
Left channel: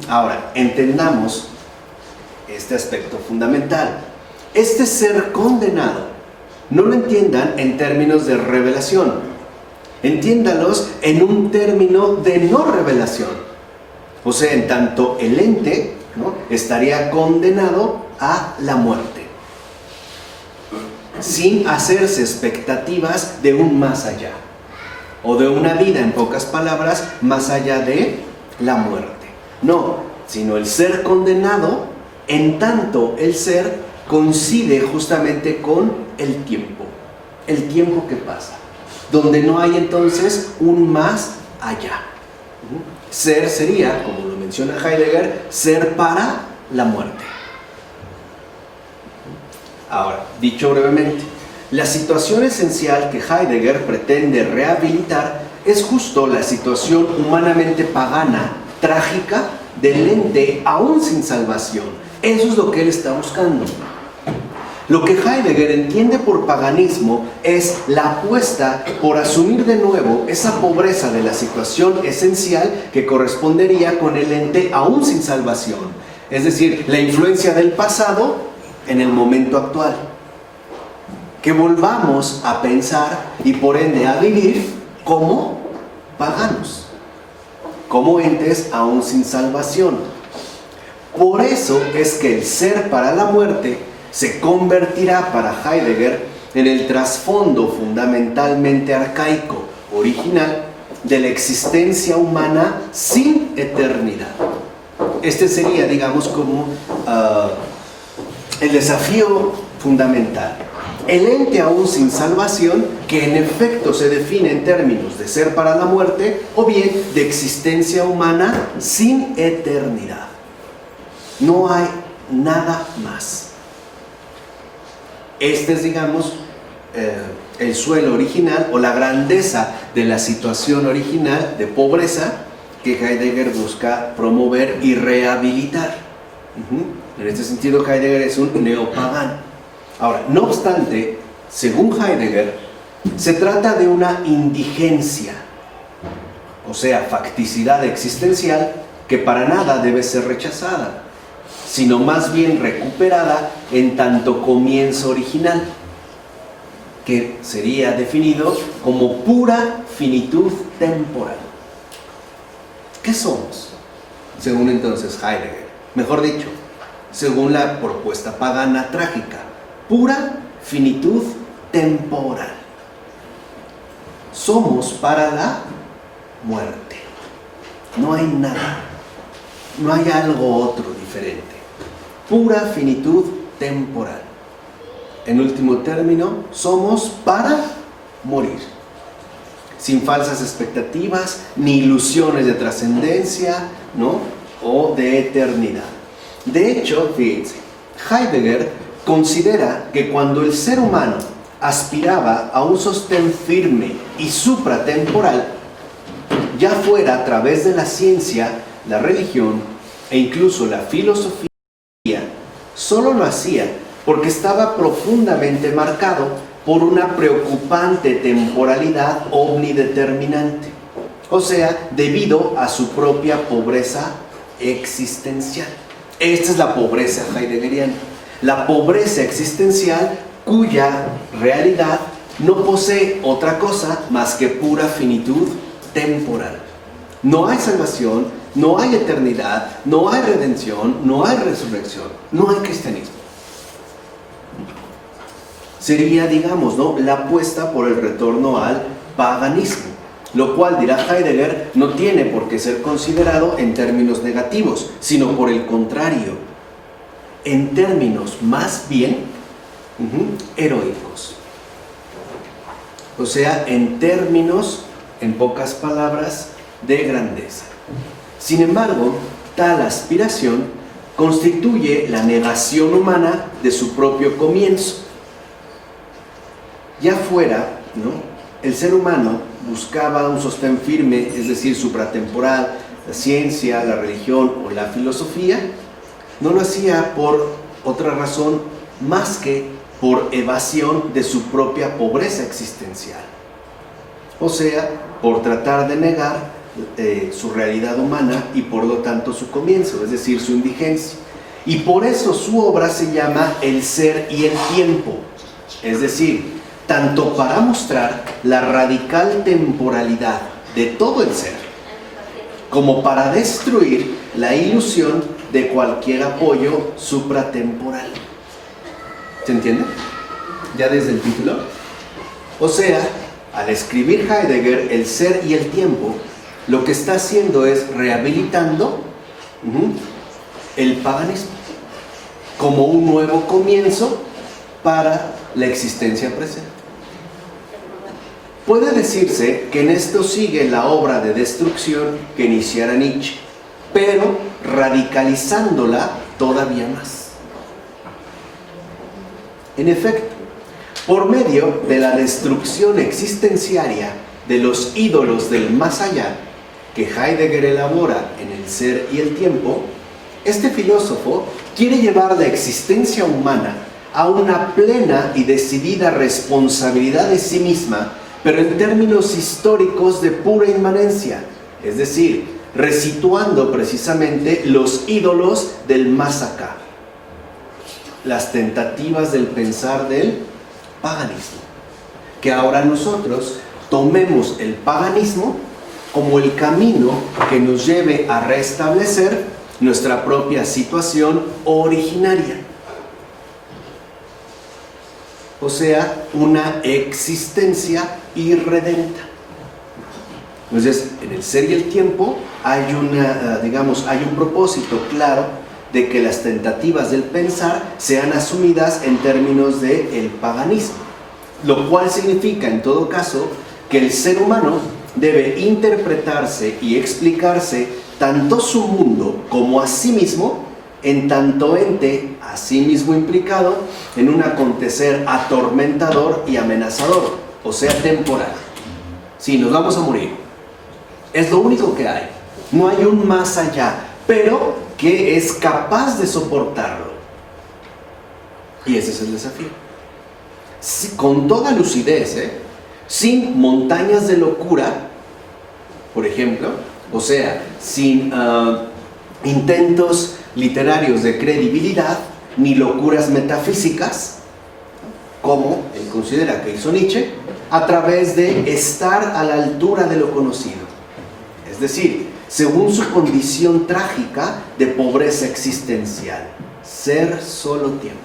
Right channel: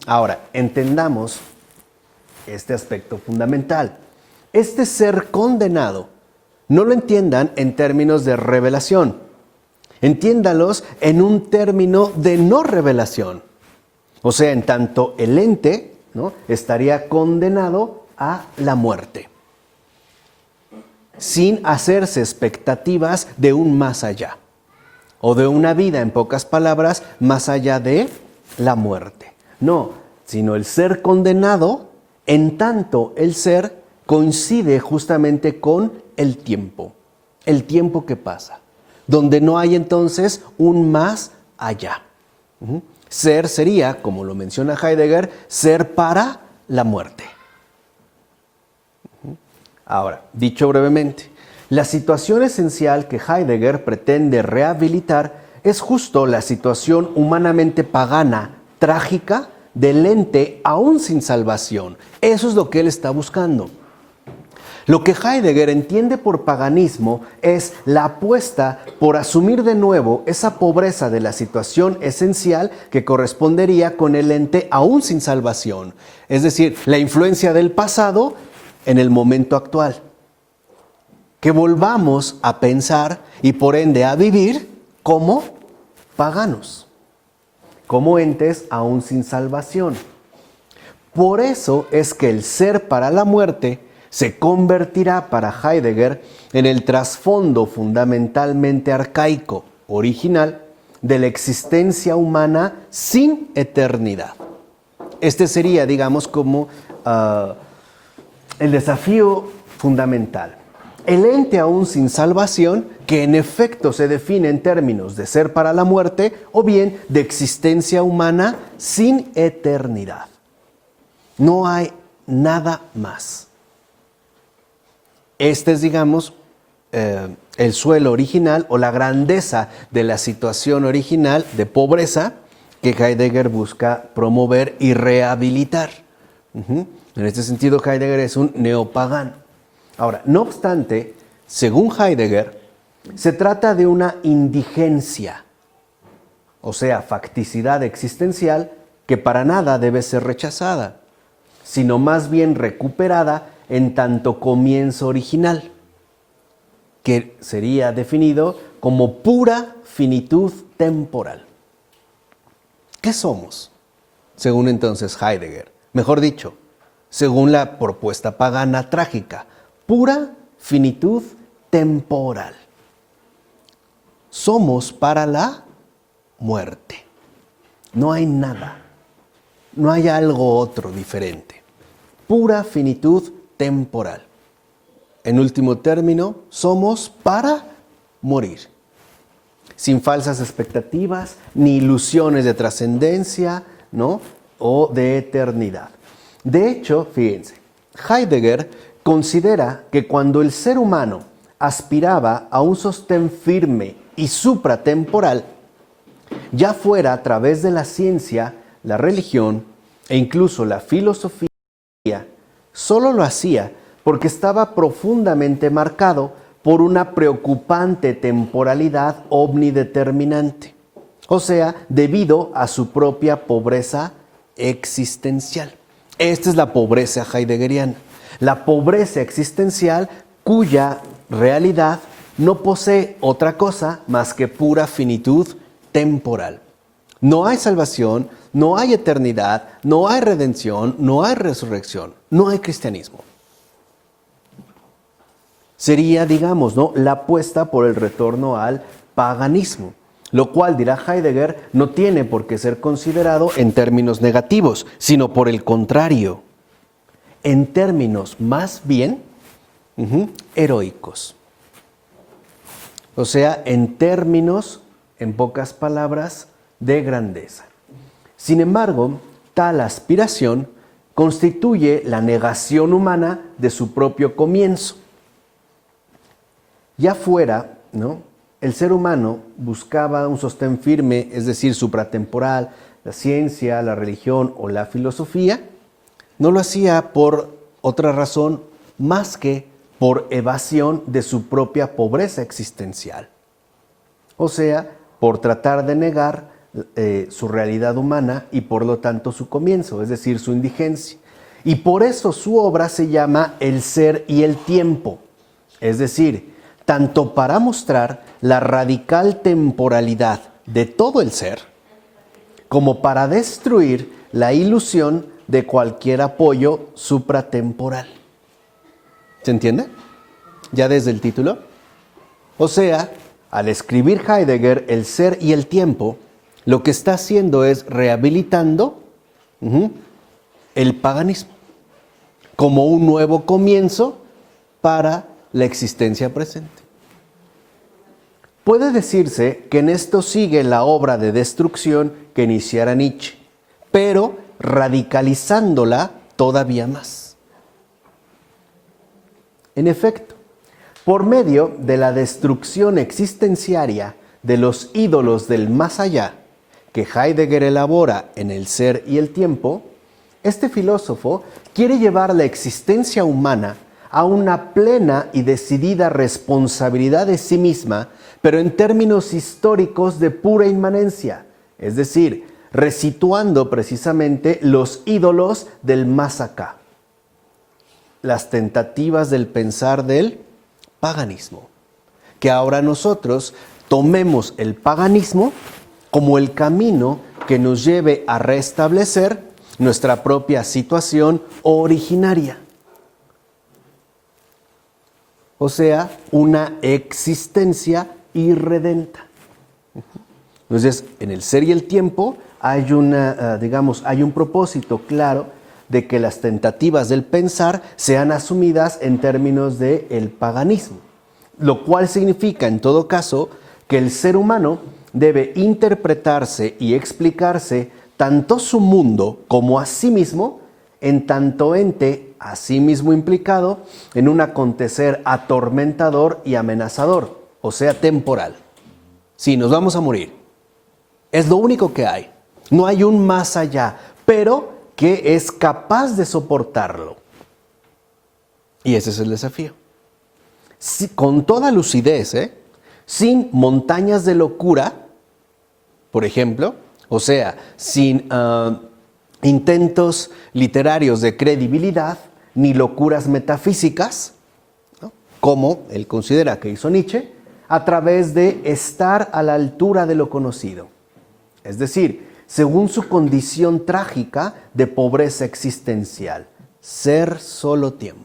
Ahora, entendamos este aspecto fundamental. Este ser condenado, no lo entiendan en términos de revelación, entiéndalos en un término de no revelación. O sea, en tanto el ente, ¿no?, estaría condenado a la muerte, sin hacerse expectativas de un más allá, o de una vida, en pocas palabras, más allá de la muerte. No, sino el ser condenado, en tanto el ser coincide justamente con el tiempo que pasa, donde no hay entonces un más allá. Ser sería, como lo menciona Heidegger, ser para la muerte. Ahora, dicho brevemente, la situación esencial que Heidegger pretende rehabilitar es justo la situación humanamente pagana, trágica, del ente aún sin salvación. Eso es lo que él está buscando. Lo que Heidegger entiende por paganismo es la apuesta por asumir de nuevo esa pobreza de la situación esencial que correspondería con el ente aún sin salvación. Es decir, la influencia del pasado en el momento actual. Que volvamos a pensar y por ende a vivir como paganos, como entes aún sin salvación. Por eso es que el ser para la muerte se convertirá para Heidegger en el trasfondo fundamentalmente arcaico, original, de la existencia humana sin eternidad. Este sería, digamos, como el desafío fundamental. El ente aún sin salvación, que en efecto se define en términos de ser para la muerte, o bien de existencia humana sin eternidad. No hay nada más. Este es, digamos, el suelo original o la grandeza de la situación original de pobreza que Heidegger busca promover y rehabilitar. En este sentido, Heidegger es un neopagano. Ahora, no obstante, según Heidegger, se trata de una indigencia, o sea, facticidad existencial que para nada debe ser rechazada, sino más bien recuperada en tanto comienzo original, que sería definido como pura finitud temporal. ¿Qué somos? Según entonces Heidegger, mejor dicho, según la propuesta pagana trágica, pura finitud temporal. Somos para la muerte. No hay nada. No hay algo otro diferente. Pura finitud temporal. En último término, somos para morir. Sin falsas expectativas, ni ilusiones de trascendencia, ¿no?, o de eternidad. De hecho, fíjense, Heidegger considera que cuando el ser humano aspiraba a un sostén firme y supratemporal, ya fuera a través de la ciencia, la religión e incluso la filosofía, solo lo hacía porque estaba profundamente marcado por una preocupante temporalidad omnideterminante, o sea, debido a su propia pobreza existencial. Esta es la pobreza heideggeriana. La pobreza existencial cuya realidad no posee otra cosa más que pura finitud temporal. No hay salvación, no hay eternidad, no hay redención, no hay resurrección, no hay cristianismo. sería, digamos, ¿no?, la apuesta por el retorno al paganismo, lo cual, dirá Heidegger, no tiene por qué ser considerado en términos negativos, sino por el contrario, en términos más bien heroicos. O sea, en términos, en pocas palabras, de grandeza. Sin embargo, tal aspiración constituye la negación humana de su propio comienzo. Ya fuera, ¿no?, el ser humano buscaba un sostén firme, es decir, supratemporal, la ciencia, la religión o la filosofía, no lo hacía por otra razón más que por evasión de su propia pobreza existencial. O sea, por tratar de negar su realidad humana y por lo tanto su comienzo, es decir, su indigencia. Y por eso su obra se llama El ser y el tiempo, es decir, tanto para mostrar la radical temporalidad de todo el ser, como para destruir la ilusión de cualquier apoyo supratemporal. ¿Se entiende? Ya desde el título. O sea, al escribir Heidegger El ser y el tiempo, lo que está haciendo es rehabilitando el paganismo como un nuevo comienzo para la existencia presente. Puede decirse que en esto sigue la obra de destrucción que iniciara Nietzsche, pero radicalizándola todavía más. En efecto, por medio de la destrucción existenciaria de los ídolos del más allá, que Heidegger elabora en El ser y el tiempo, este filósofo quiere llevar la existencia humana a una plena y decidida responsabilidad de sí misma, pero en términos históricos de pura inmanencia, es decir, resituando precisamente los ídolos del más acá, las tentativas del pensar del paganismo. Que ahora nosotros tomemos el paganismo como el camino que nos lleve a restablecer nuestra propia situación originaria. O sea, una existencia irredenta. Entonces, en El ser y el tiempo hay hay un propósito claro de que las tentativas del pensar sean asumidas en términos del paganismo, lo cual significa, en todo caso, que el ser humano debe interpretarse y explicarse tanto su mundo como a sí mismo, en tanto ente a sí mismo implicado en un acontecer atormentador y amenazador, o sea, temporal. Sí, nos vamos a morir. Es lo único que hay. No hay un más allá, pero que es capaz de soportarlo. Y ese es el desafío. Sí, con toda lucidez, sin montañas de locura, por ejemplo, o sea, sin intentos literarios de credibilidad, ni locuras metafísicas, como él considera que hizo Nietzsche, a través de estar a la altura de lo conocido. Es decir, según su condición trágica de pobreza existencial, ser solo tiempo.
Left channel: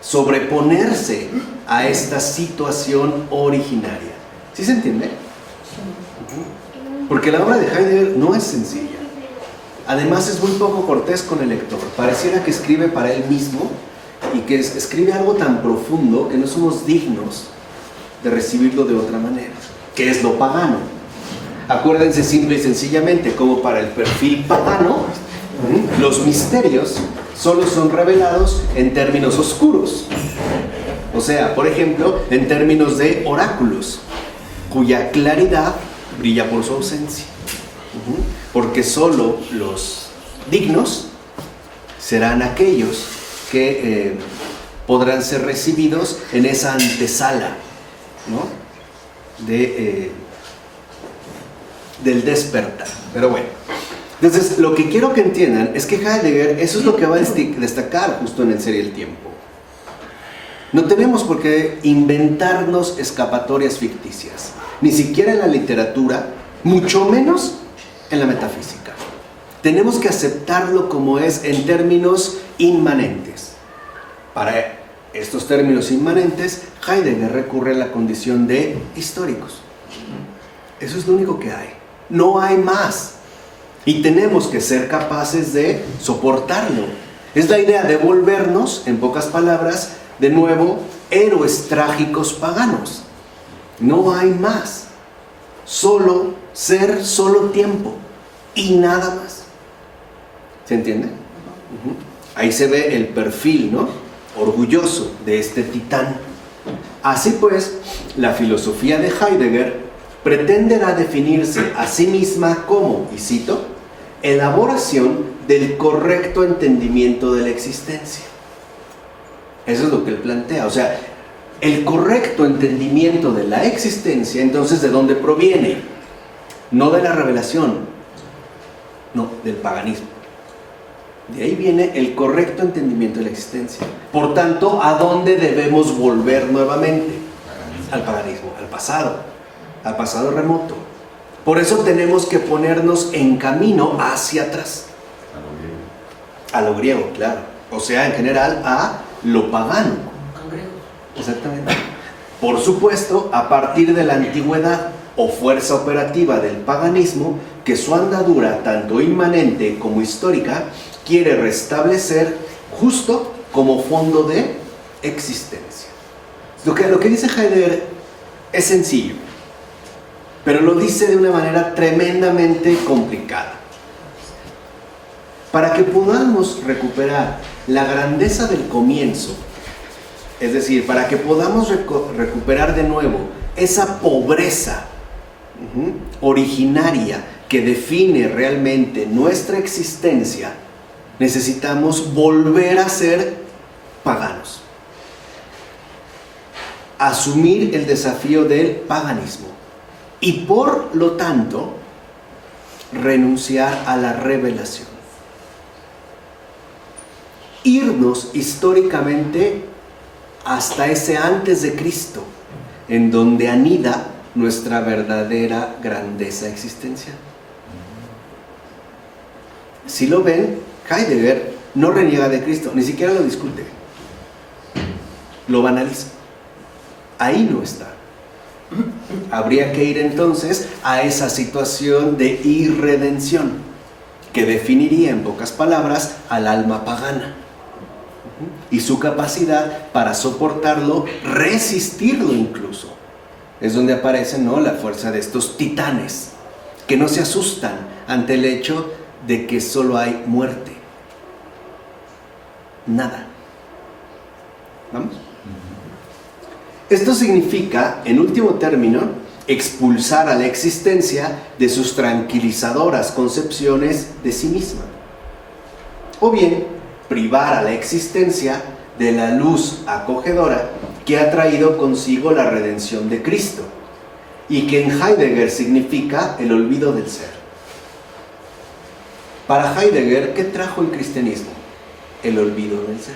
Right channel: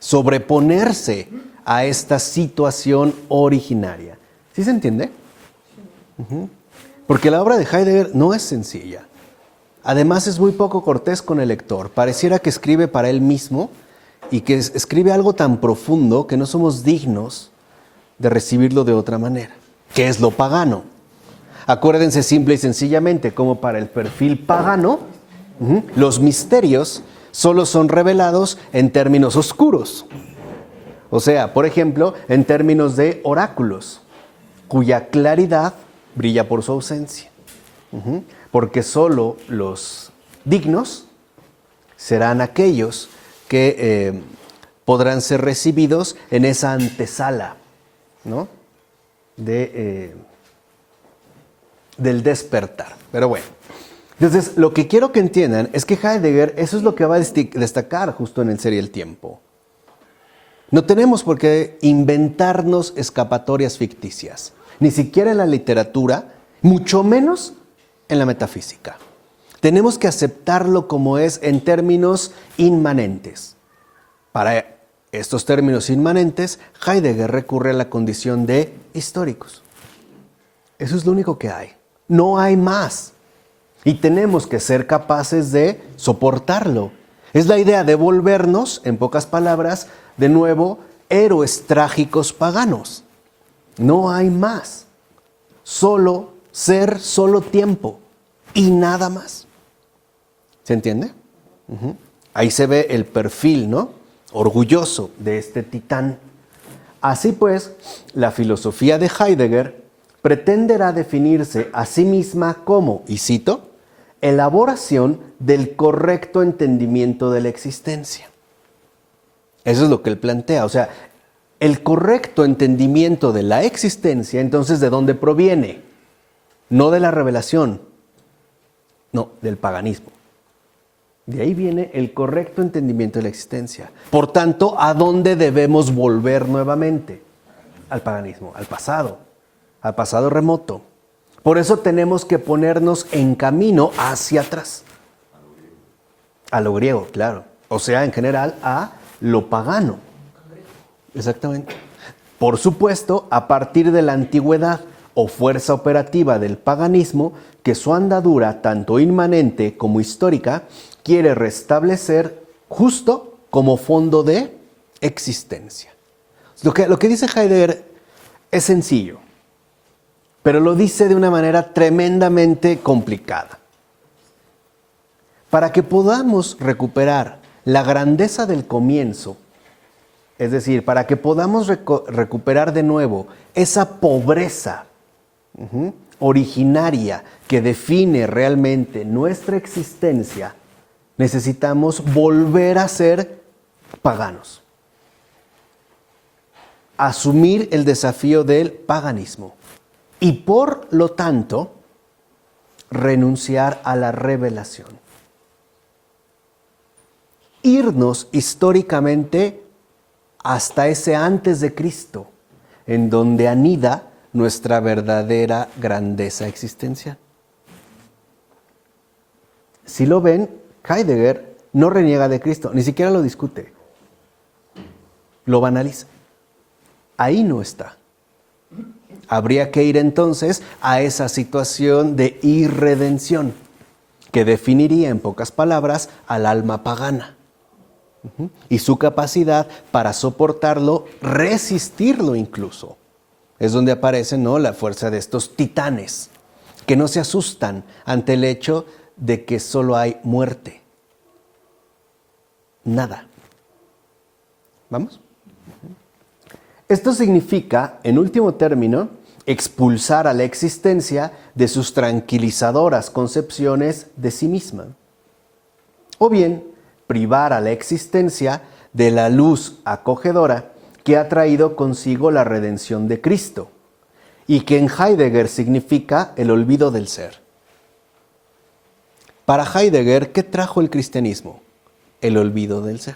Sobreponerse a esta situación originaria. ¿Sí se entiende? Porque la obra de Heidegger no es sencilla. Además es muy poco cortés con el lector. Pareciera que escribe para él mismo y que escribe algo tan profundo que no somos dignos de recibirlo de otra manera. ¿Qué es lo pagano? Acuérdense simple y sencillamente como para el perfil pagano, los misterios solo son revelados en términos oscuros. O sea, por ejemplo, en términos de oráculos, cuya claridad brilla por su ausencia. Porque solo los dignos serán aquellos que podrán ser recibidos en esa antesala, ¿no?, del despertar. Pero bueno, entonces lo que quiero que entiendan es que Heidegger, eso es lo que va a destacar justo en El ser y el tiempo. No tenemos por qué inventarnos escapatorias ficticias, ni siquiera en la literatura, mucho menos en la metafísica. Tenemos que aceptarlo como es en términos inmanentes. Para estos términos inmanentes, Heidegger recurre a la condición de históricos. Eso es lo único que hay. No hay más. Y tenemos que ser capaces de soportarlo. Es la idea de volvernos, en pocas palabras, de nuevo, héroes trágicos paganos. No hay más. Solo ser, solo tiempo. Y nada más. ¿Se entiende? Ahí se ve el perfil, ¿no?, orgulloso de este titán. Así pues, la filosofía de Heidegger pretenderá definirse a sí misma como, y cito, elaboración del correcto entendimiento de la existencia. Eso es lo que él plantea. O sea, el correcto entendimiento de la existencia, entonces, ¿de dónde proviene? No de la revelación, no, del paganismo. De ahí viene el correcto entendimiento de la existencia. Por tanto, ¿a dónde debemos volver nuevamente? Al paganismo, al pasado remoto. Por eso tenemos que ponernos en camino hacia atrás. A lo griego, claro. O sea, en general, a lo pagano. Exactamente. Por supuesto, a partir de la antigüedad o fuerza operativa del paganismo, que su andadura, tanto inmanente como histórica, quiere restablecer justo como fondo de existencia. Lo que dice Heidegger es sencillo, pero lo dice de una manera tremendamente complicada. Para que podamos recuperar la grandeza del comienzo, es decir, para que podamos recuperar de nuevo esa pobreza originaria que define realmente nuestra existencia, necesitamos volver a ser paganos. Asumir el desafío del paganismo. Y por lo tanto, renunciar a la revelación. Irnos históricamente hasta ese antes de Cristo, en donde anida nuestra verdadera grandeza existencial. Si lo ven, Heidegger no reniega de Cristo, ni siquiera lo discute. Lo banaliza. Ahí no está. Habría que ir entonces a esa situación de irredención, que definiría en pocas palabras al alma pagana. Y su capacidad para soportarlo, resistirlo incluso. Es donde aparece, ¿no?, la fuerza de estos titanes, que no se asustan ante el hecho de que solo hay muerte. Nada. ¿Vamos? Esto significa, en último término, expulsar a la existencia de sus tranquilizadoras concepciones de sí misma. O bien, privar a la existencia de la luz acogedora que ha traído consigo la redención de Cristo y que en Heidegger significa el olvido del ser. Para Heidegger, ¿qué trajo el cristianismo? El olvido del ser.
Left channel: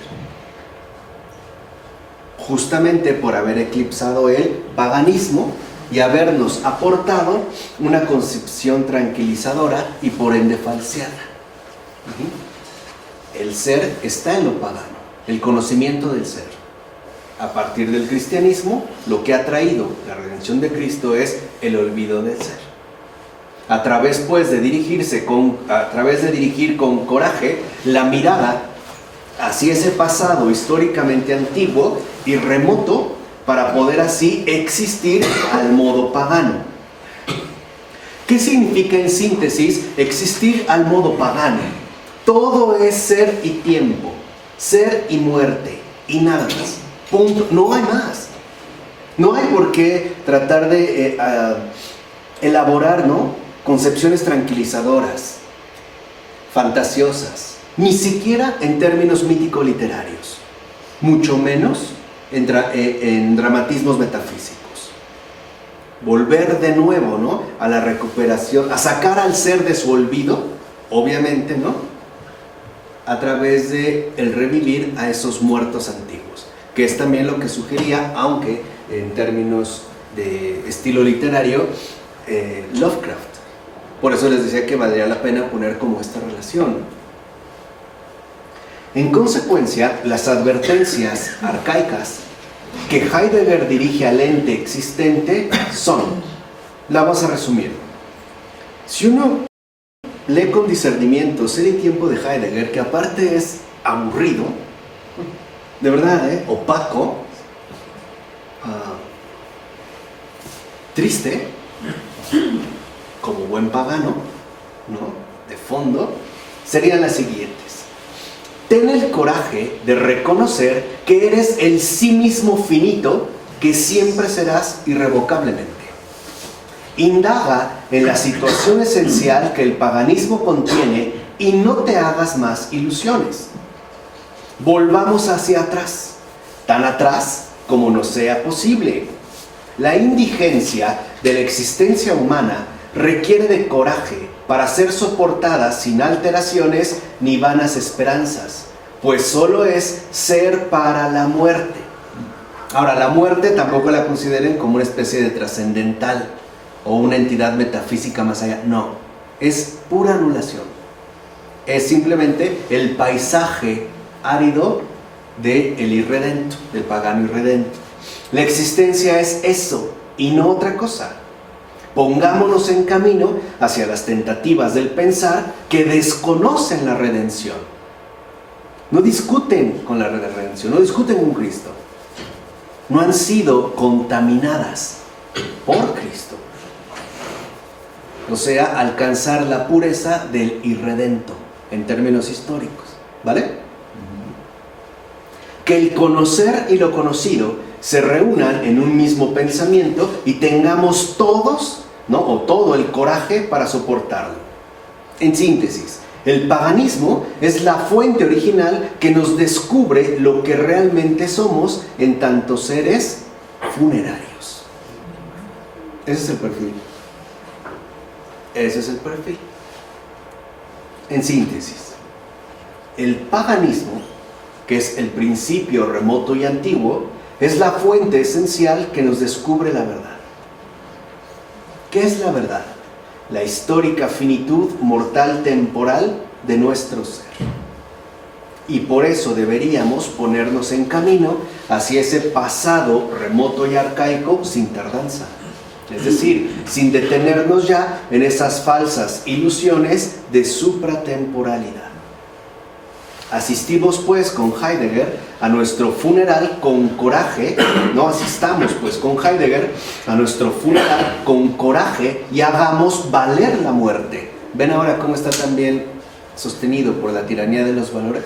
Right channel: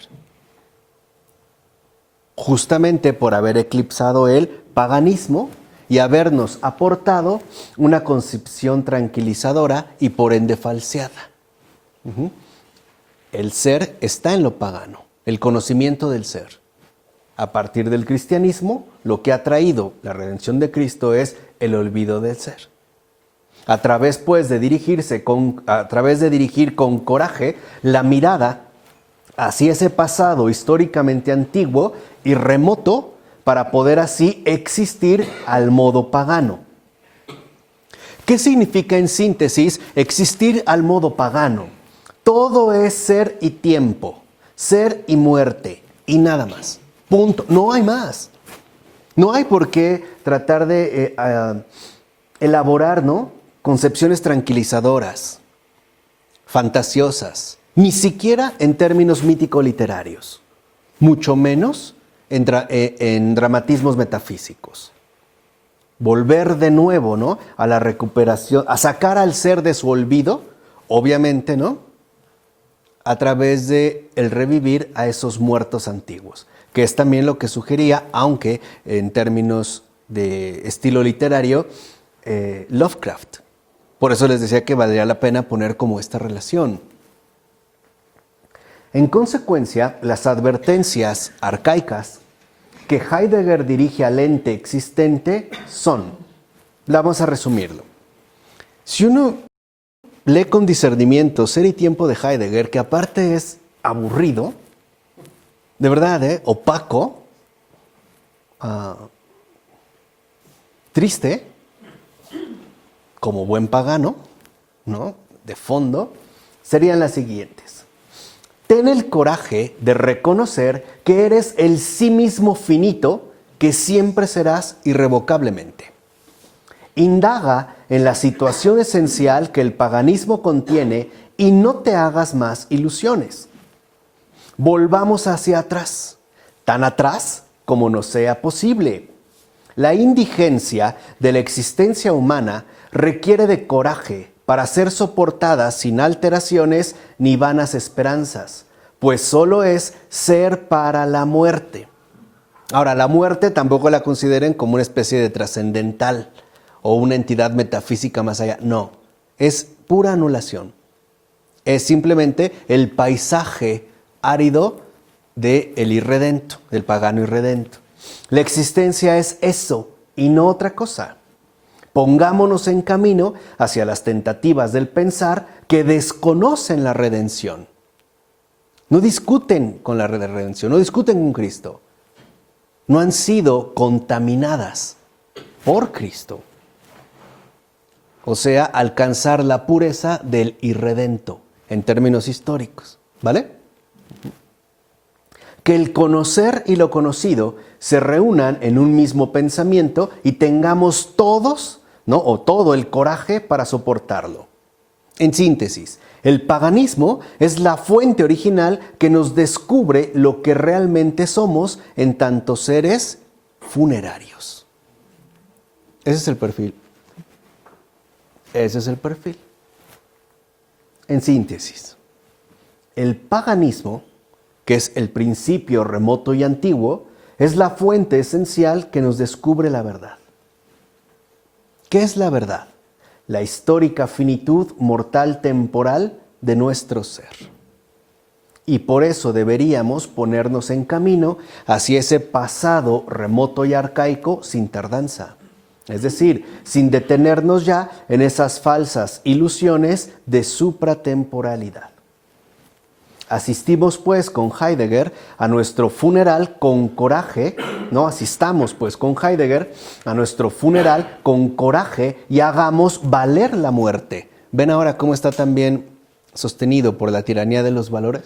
Justamente por haber eclipsado el paganismo y habernos aportado una concepción tranquilizadora y por ende falseada. El ser está en lo pagano, el conocimiento del ser. A partir del cristianismo, lo que ha traído la redención de Cristo es el olvido del ser. A través, pues, de dirigir con coraje la mirada hacia ese pasado históricamente antiguo y remoto, para poder así existir al modo pagano. ¿Qué significa en síntesis existir al modo pagano? Todo es ser y tiempo, ser y muerte, y nada más. Punto. No hay más. No hay por qué tratar de elaborar, ¿no?, concepciones tranquilizadoras, fantasiosas, ni siquiera en términos mítico-literarios, mucho menos en dramatismos metafísicos. Volver de nuevo, ¿no?, a la recuperación, a sacar al ser de su olvido, obviamente, ¿no?, a través de el revivir a esos muertos antiguos, que es también lo que sugería, aunque en términos de estilo literario, Lovecraft. Por eso les decía que valdría la pena poner como esta relación. En consecuencia, las advertencias arcaicas que Heidegger dirige al ente existente son, la vamos a resumir. Si uno lee con discernimiento Ser y Tiempo de Heidegger, que aparte es aburrido, de verdad, opaco, triste, como buen pagano, ¿no? De fondo, serían las siguientes. Ten el coraje de reconocer que eres el sí mismo finito que siempre serás irrevocablemente. Indaga en la situación esencial que el paganismo contiene y no te hagas más ilusiones. Volvamos hacia atrás, tan atrás como nos sea posible. La indigencia de la existencia humana requiere de coraje para ser soportada sin alteraciones ni vanas esperanzas, pues solo es ser para la muerte. Ahora, la muerte tampoco la consideren como una especie de trascendental o una entidad metafísica más allá. No, es pura anulación. Es simplemente el paisaje árido del irredento, del pagano irredento. La existencia es eso y no otra cosa. Pongámonos en camino hacia las tentativas del pensar que desconocen la redención. No discuten con la redención, no discuten con Cristo. No han sido contaminadas por Cristo. O sea, alcanzar la pureza del irredento en términos históricos. ¿Vale? Que el conocer y lo conocido se reúnan en un mismo pensamiento y tengamos todos, ¿no? O todo el coraje para soportarlo. En síntesis, el paganismo es la fuente original que nos descubre lo que realmente somos en tanto seres funerarios. Ese es el perfil. Ese es el perfil. En síntesis, el paganismo, que es el principio remoto y antiguo, es la fuente esencial que nos descubre la verdad. ¿Qué es la verdad? La histórica finitud mortal temporal de nuestro ser. Y por eso deberíamos ponernos en camino hacia ese pasado remoto y arcaico sin tardanza. Es decir, sin detenernos ya en esas falsas ilusiones de supratemporalidad. Asistimos pues con Heidegger a nuestro funeral con coraje, no asistamos pues con Heidegger a nuestro funeral con coraje y hagamos valer la muerte. ¿Ven ahora cómo está también sostenido por la tiranía de los valores?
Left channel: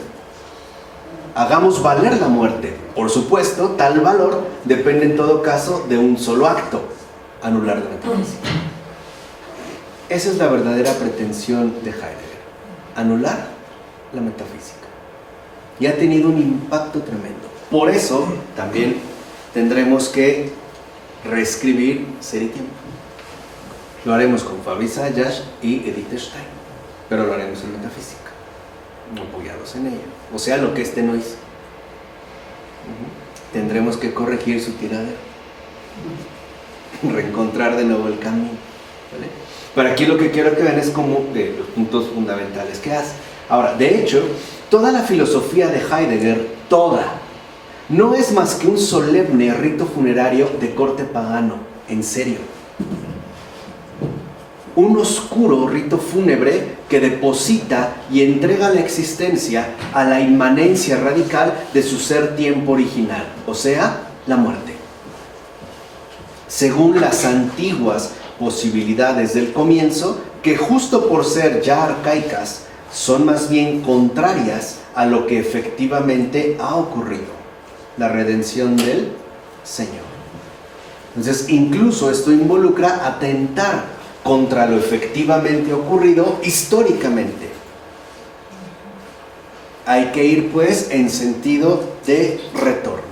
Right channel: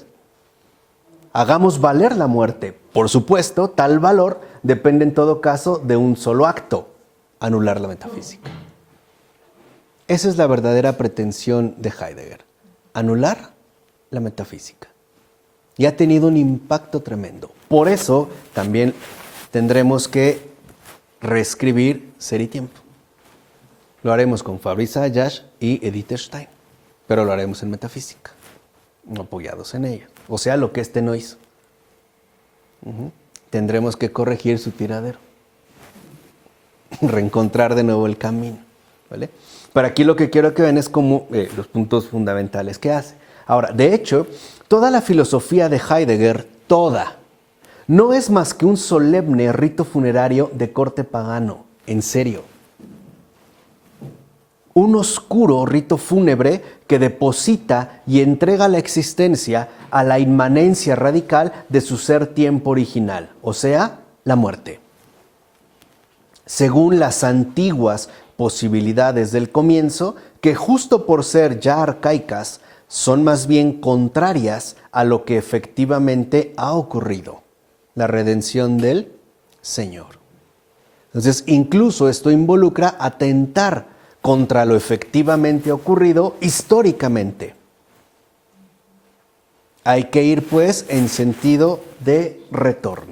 Hagamos valer la muerte. Por supuesto, tal valor depende en todo caso de un solo acto: anular la metafísica. Esa es la verdadera pretensión de Heidegger: anular la metafísica. Y ha tenido un impacto tremendo. Por eso también tendremos que reescribir Ser y Tiempo. Lo haremos con Fabrice Sayash y Edith Stein, pero lo haremos en metafísica, apoyados en ella. O sea, lo que este no hizo. Tendremos que corregir su tiradero, reencontrar de nuevo el camino, ¿vale? Pero aquí lo que quiero que vean es como los puntos fundamentales que hace. Ahora, de hecho, toda la filosofía de Heidegger, toda, no es más que un solemne rito funerario de corte pagano, en serio. Un oscuro rito fúnebre que deposita y entrega la existencia a la inmanencia radical de su ser-tiempo original, o sea, la muerte. Según las antiguas posibilidades del comienzo, que justo por ser ya arcaicas, son más bien contrarias a lo que efectivamente ha ocurrido, la redención del Señor. Entonces, incluso esto involucra atentar contra lo efectivamente ocurrido históricamente. Hay que ir, pues, en sentido de retorno.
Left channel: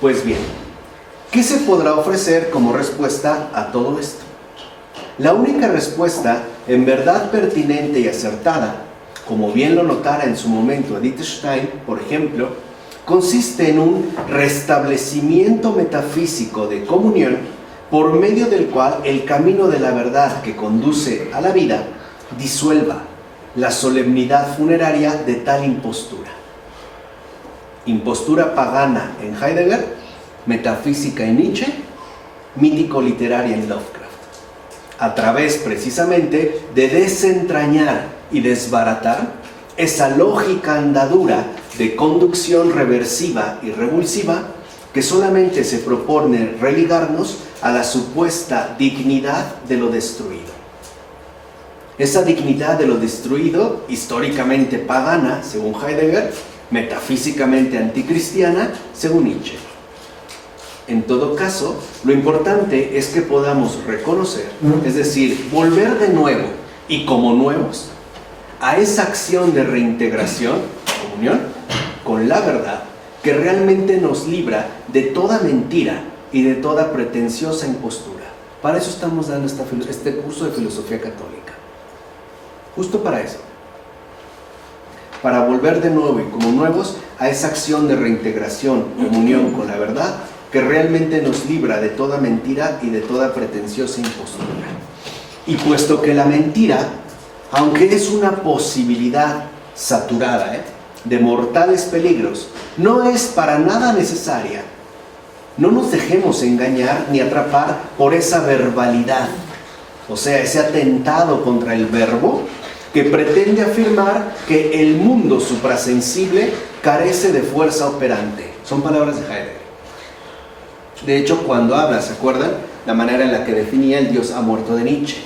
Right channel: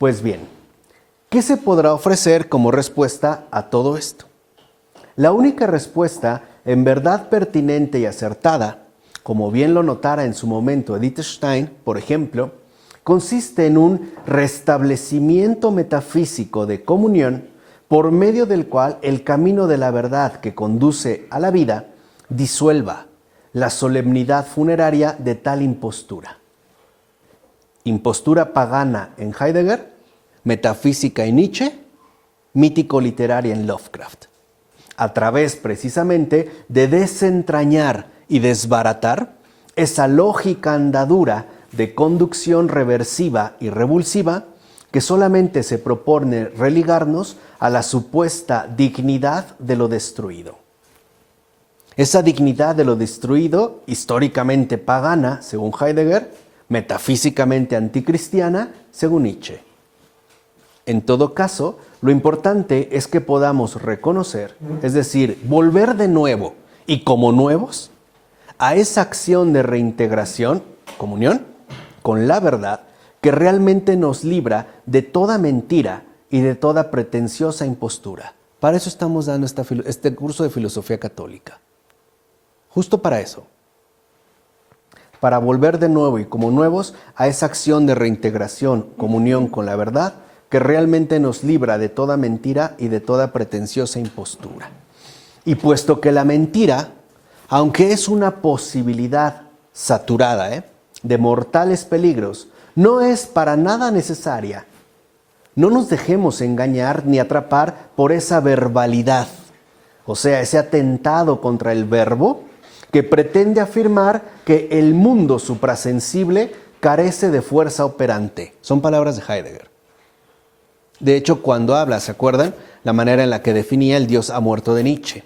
Pues bien, ¿qué se podrá ofrecer como respuesta a todo esto? La única respuesta en verdad pertinente y acertada, como bien lo notara en su momento Edith Stein, por ejemplo, consiste en un restablecimiento metafísico de comunión por medio del cual el camino de la verdad que conduce a la vida disuelva, la solemnidad funeraria de tal impostura. Impostura pagana en Heidegger, metafísica en Nietzsche, mítico-literaria en Lovecraft. A través precisamente de desentrañar y desbaratar esa lógica andadura de conducción reversiva y revulsiva que solamente se propone religarnos a la supuesta dignidad de lo destruido. Esa dignidad de lo destruido, históricamente pagana, según Heidegger, metafísicamente anticristiana, según Nietzsche. En todo caso, lo importante es que podamos reconocer, es decir, volver de nuevo y como nuevos, a esa acción de reintegración, comunión, con la verdad, que realmente nos libra de toda mentira y de toda pretenciosa impostura. Para eso estamos dando este curso de filosofía católica. Justo para eso. Para volver de nuevo y como nuevos a esa acción de reintegración, comunión con la verdad, que realmente nos libra de toda mentira y de toda pretenciosa impostura. Y puesto que la mentira, aunque es una posibilidad saturada de mortales peligros, no es para nada necesaria, no nos dejemos engañar ni atrapar por esa verbalidad, o sea, ese atentado contra el verbo que pretende afirmar que el mundo suprasensible carece de fuerza operante. Son palabras de Heidegger. De hecho, cuando habla, ¿se acuerdan? La manera en la que definía el Dios ha muerto de Nietzsche.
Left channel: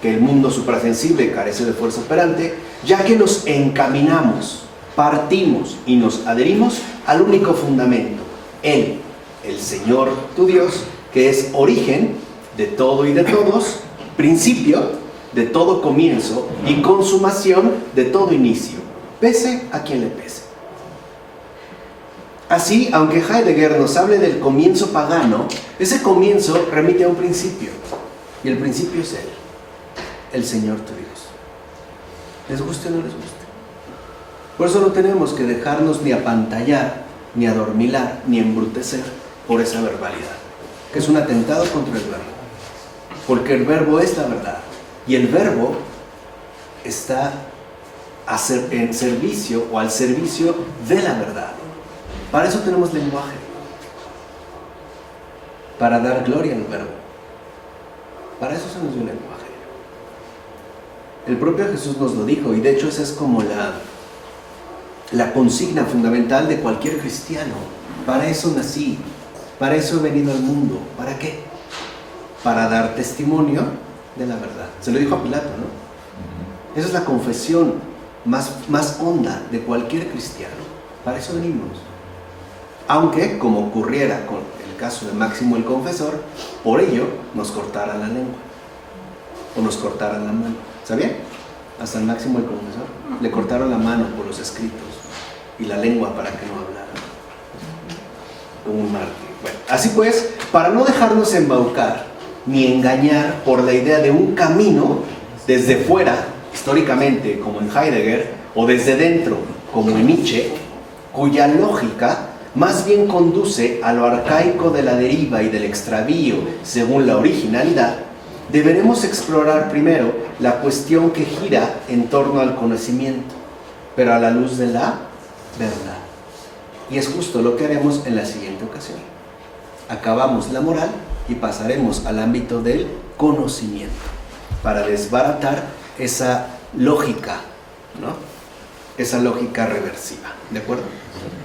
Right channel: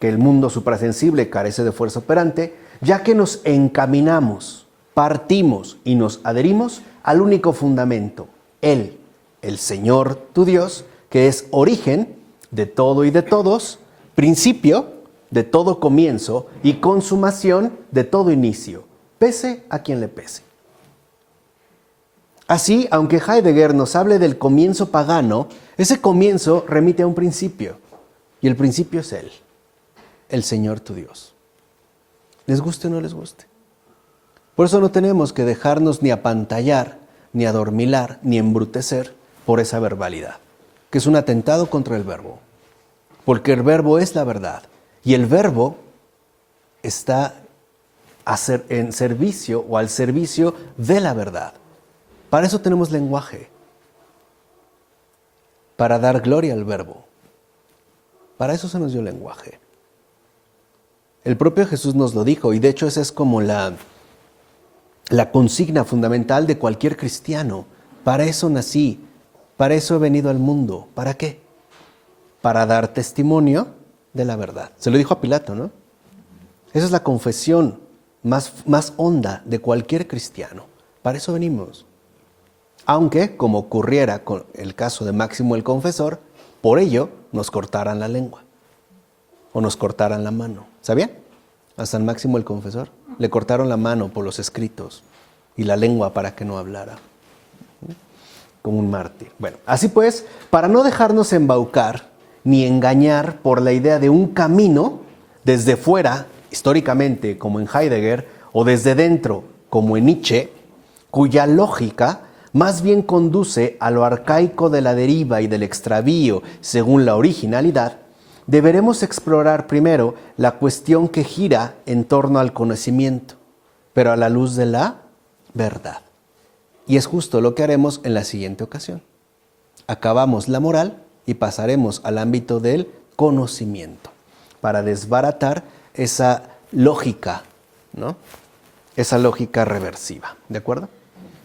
Que el mundo suprasensible carece de fuerza operante, ya que nos encaminamos, partimos y nos adherimos al único fundamento, Él, el Señor tu Dios, que es origen de todo y de todos, principio de todo comienzo y consumación de todo inicio, pese a quien le pese. Así, aunque Heidegger nos hable del comienzo pagano, ese comienzo remite a un principio, y el principio es Él, el Señor tu Dios. Les guste o no les guste. Por eso no tenemos que dejarnos ni apantallar, ni adormilar, ni embrutecer por esa verbalidad, que es un atentado contra el verbo. Porque el verbo es la verdad, y el verbo está en servicio o al servicio de la verdad. Para eso tenemos lenguaje, para dar gloria al verbo. Para eso se nos dio el lenguaje. El propio Jesús nos lo dijo, y de hecho esa es como la consigna fundamental de cualquier cristiano. Para eso nací, para eso he venido al mundo. ¿Para qué? Para dar testimonio de la verdad. Se lo dijo a Pilato, ¿no? Esa es la confesión más honda de cualquier cristiano. Para eso venimos. Aunque, como ocurriera con el caso de Máximo el Confesor, por ello nos cortaran la lengua o nos cortaran la mano. ¿Sabían? A San Máximo el Confesor le cortaron la mano por los escritos y la lengua para que no hablara. Como un mártir. Bueno, así pues, para no dejarnos embaucar ni engañar por la idea de un camino desde fuera, históricamente, como en Heidegger, o desde dentro, como en Nietzsche, cuya lógica más bien conduce a lo arcaico de la deriva y del extravío según la originalidad, deberemos explorar primero la cuestión que gira en torno al conocimiento, pero a la luz de la verdad. Y es justo lo que haremos en la siguiente ocasión. Acabamos la moral y pasaremos al ámbito del conocimiento, para desbaratar esa lógica, ¿no? Esa lógica reversiva. ¿De acuerdo?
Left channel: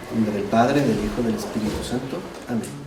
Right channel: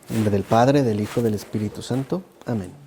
En nombre del Padre, del Hijo y del Espíritu Santo. Amén.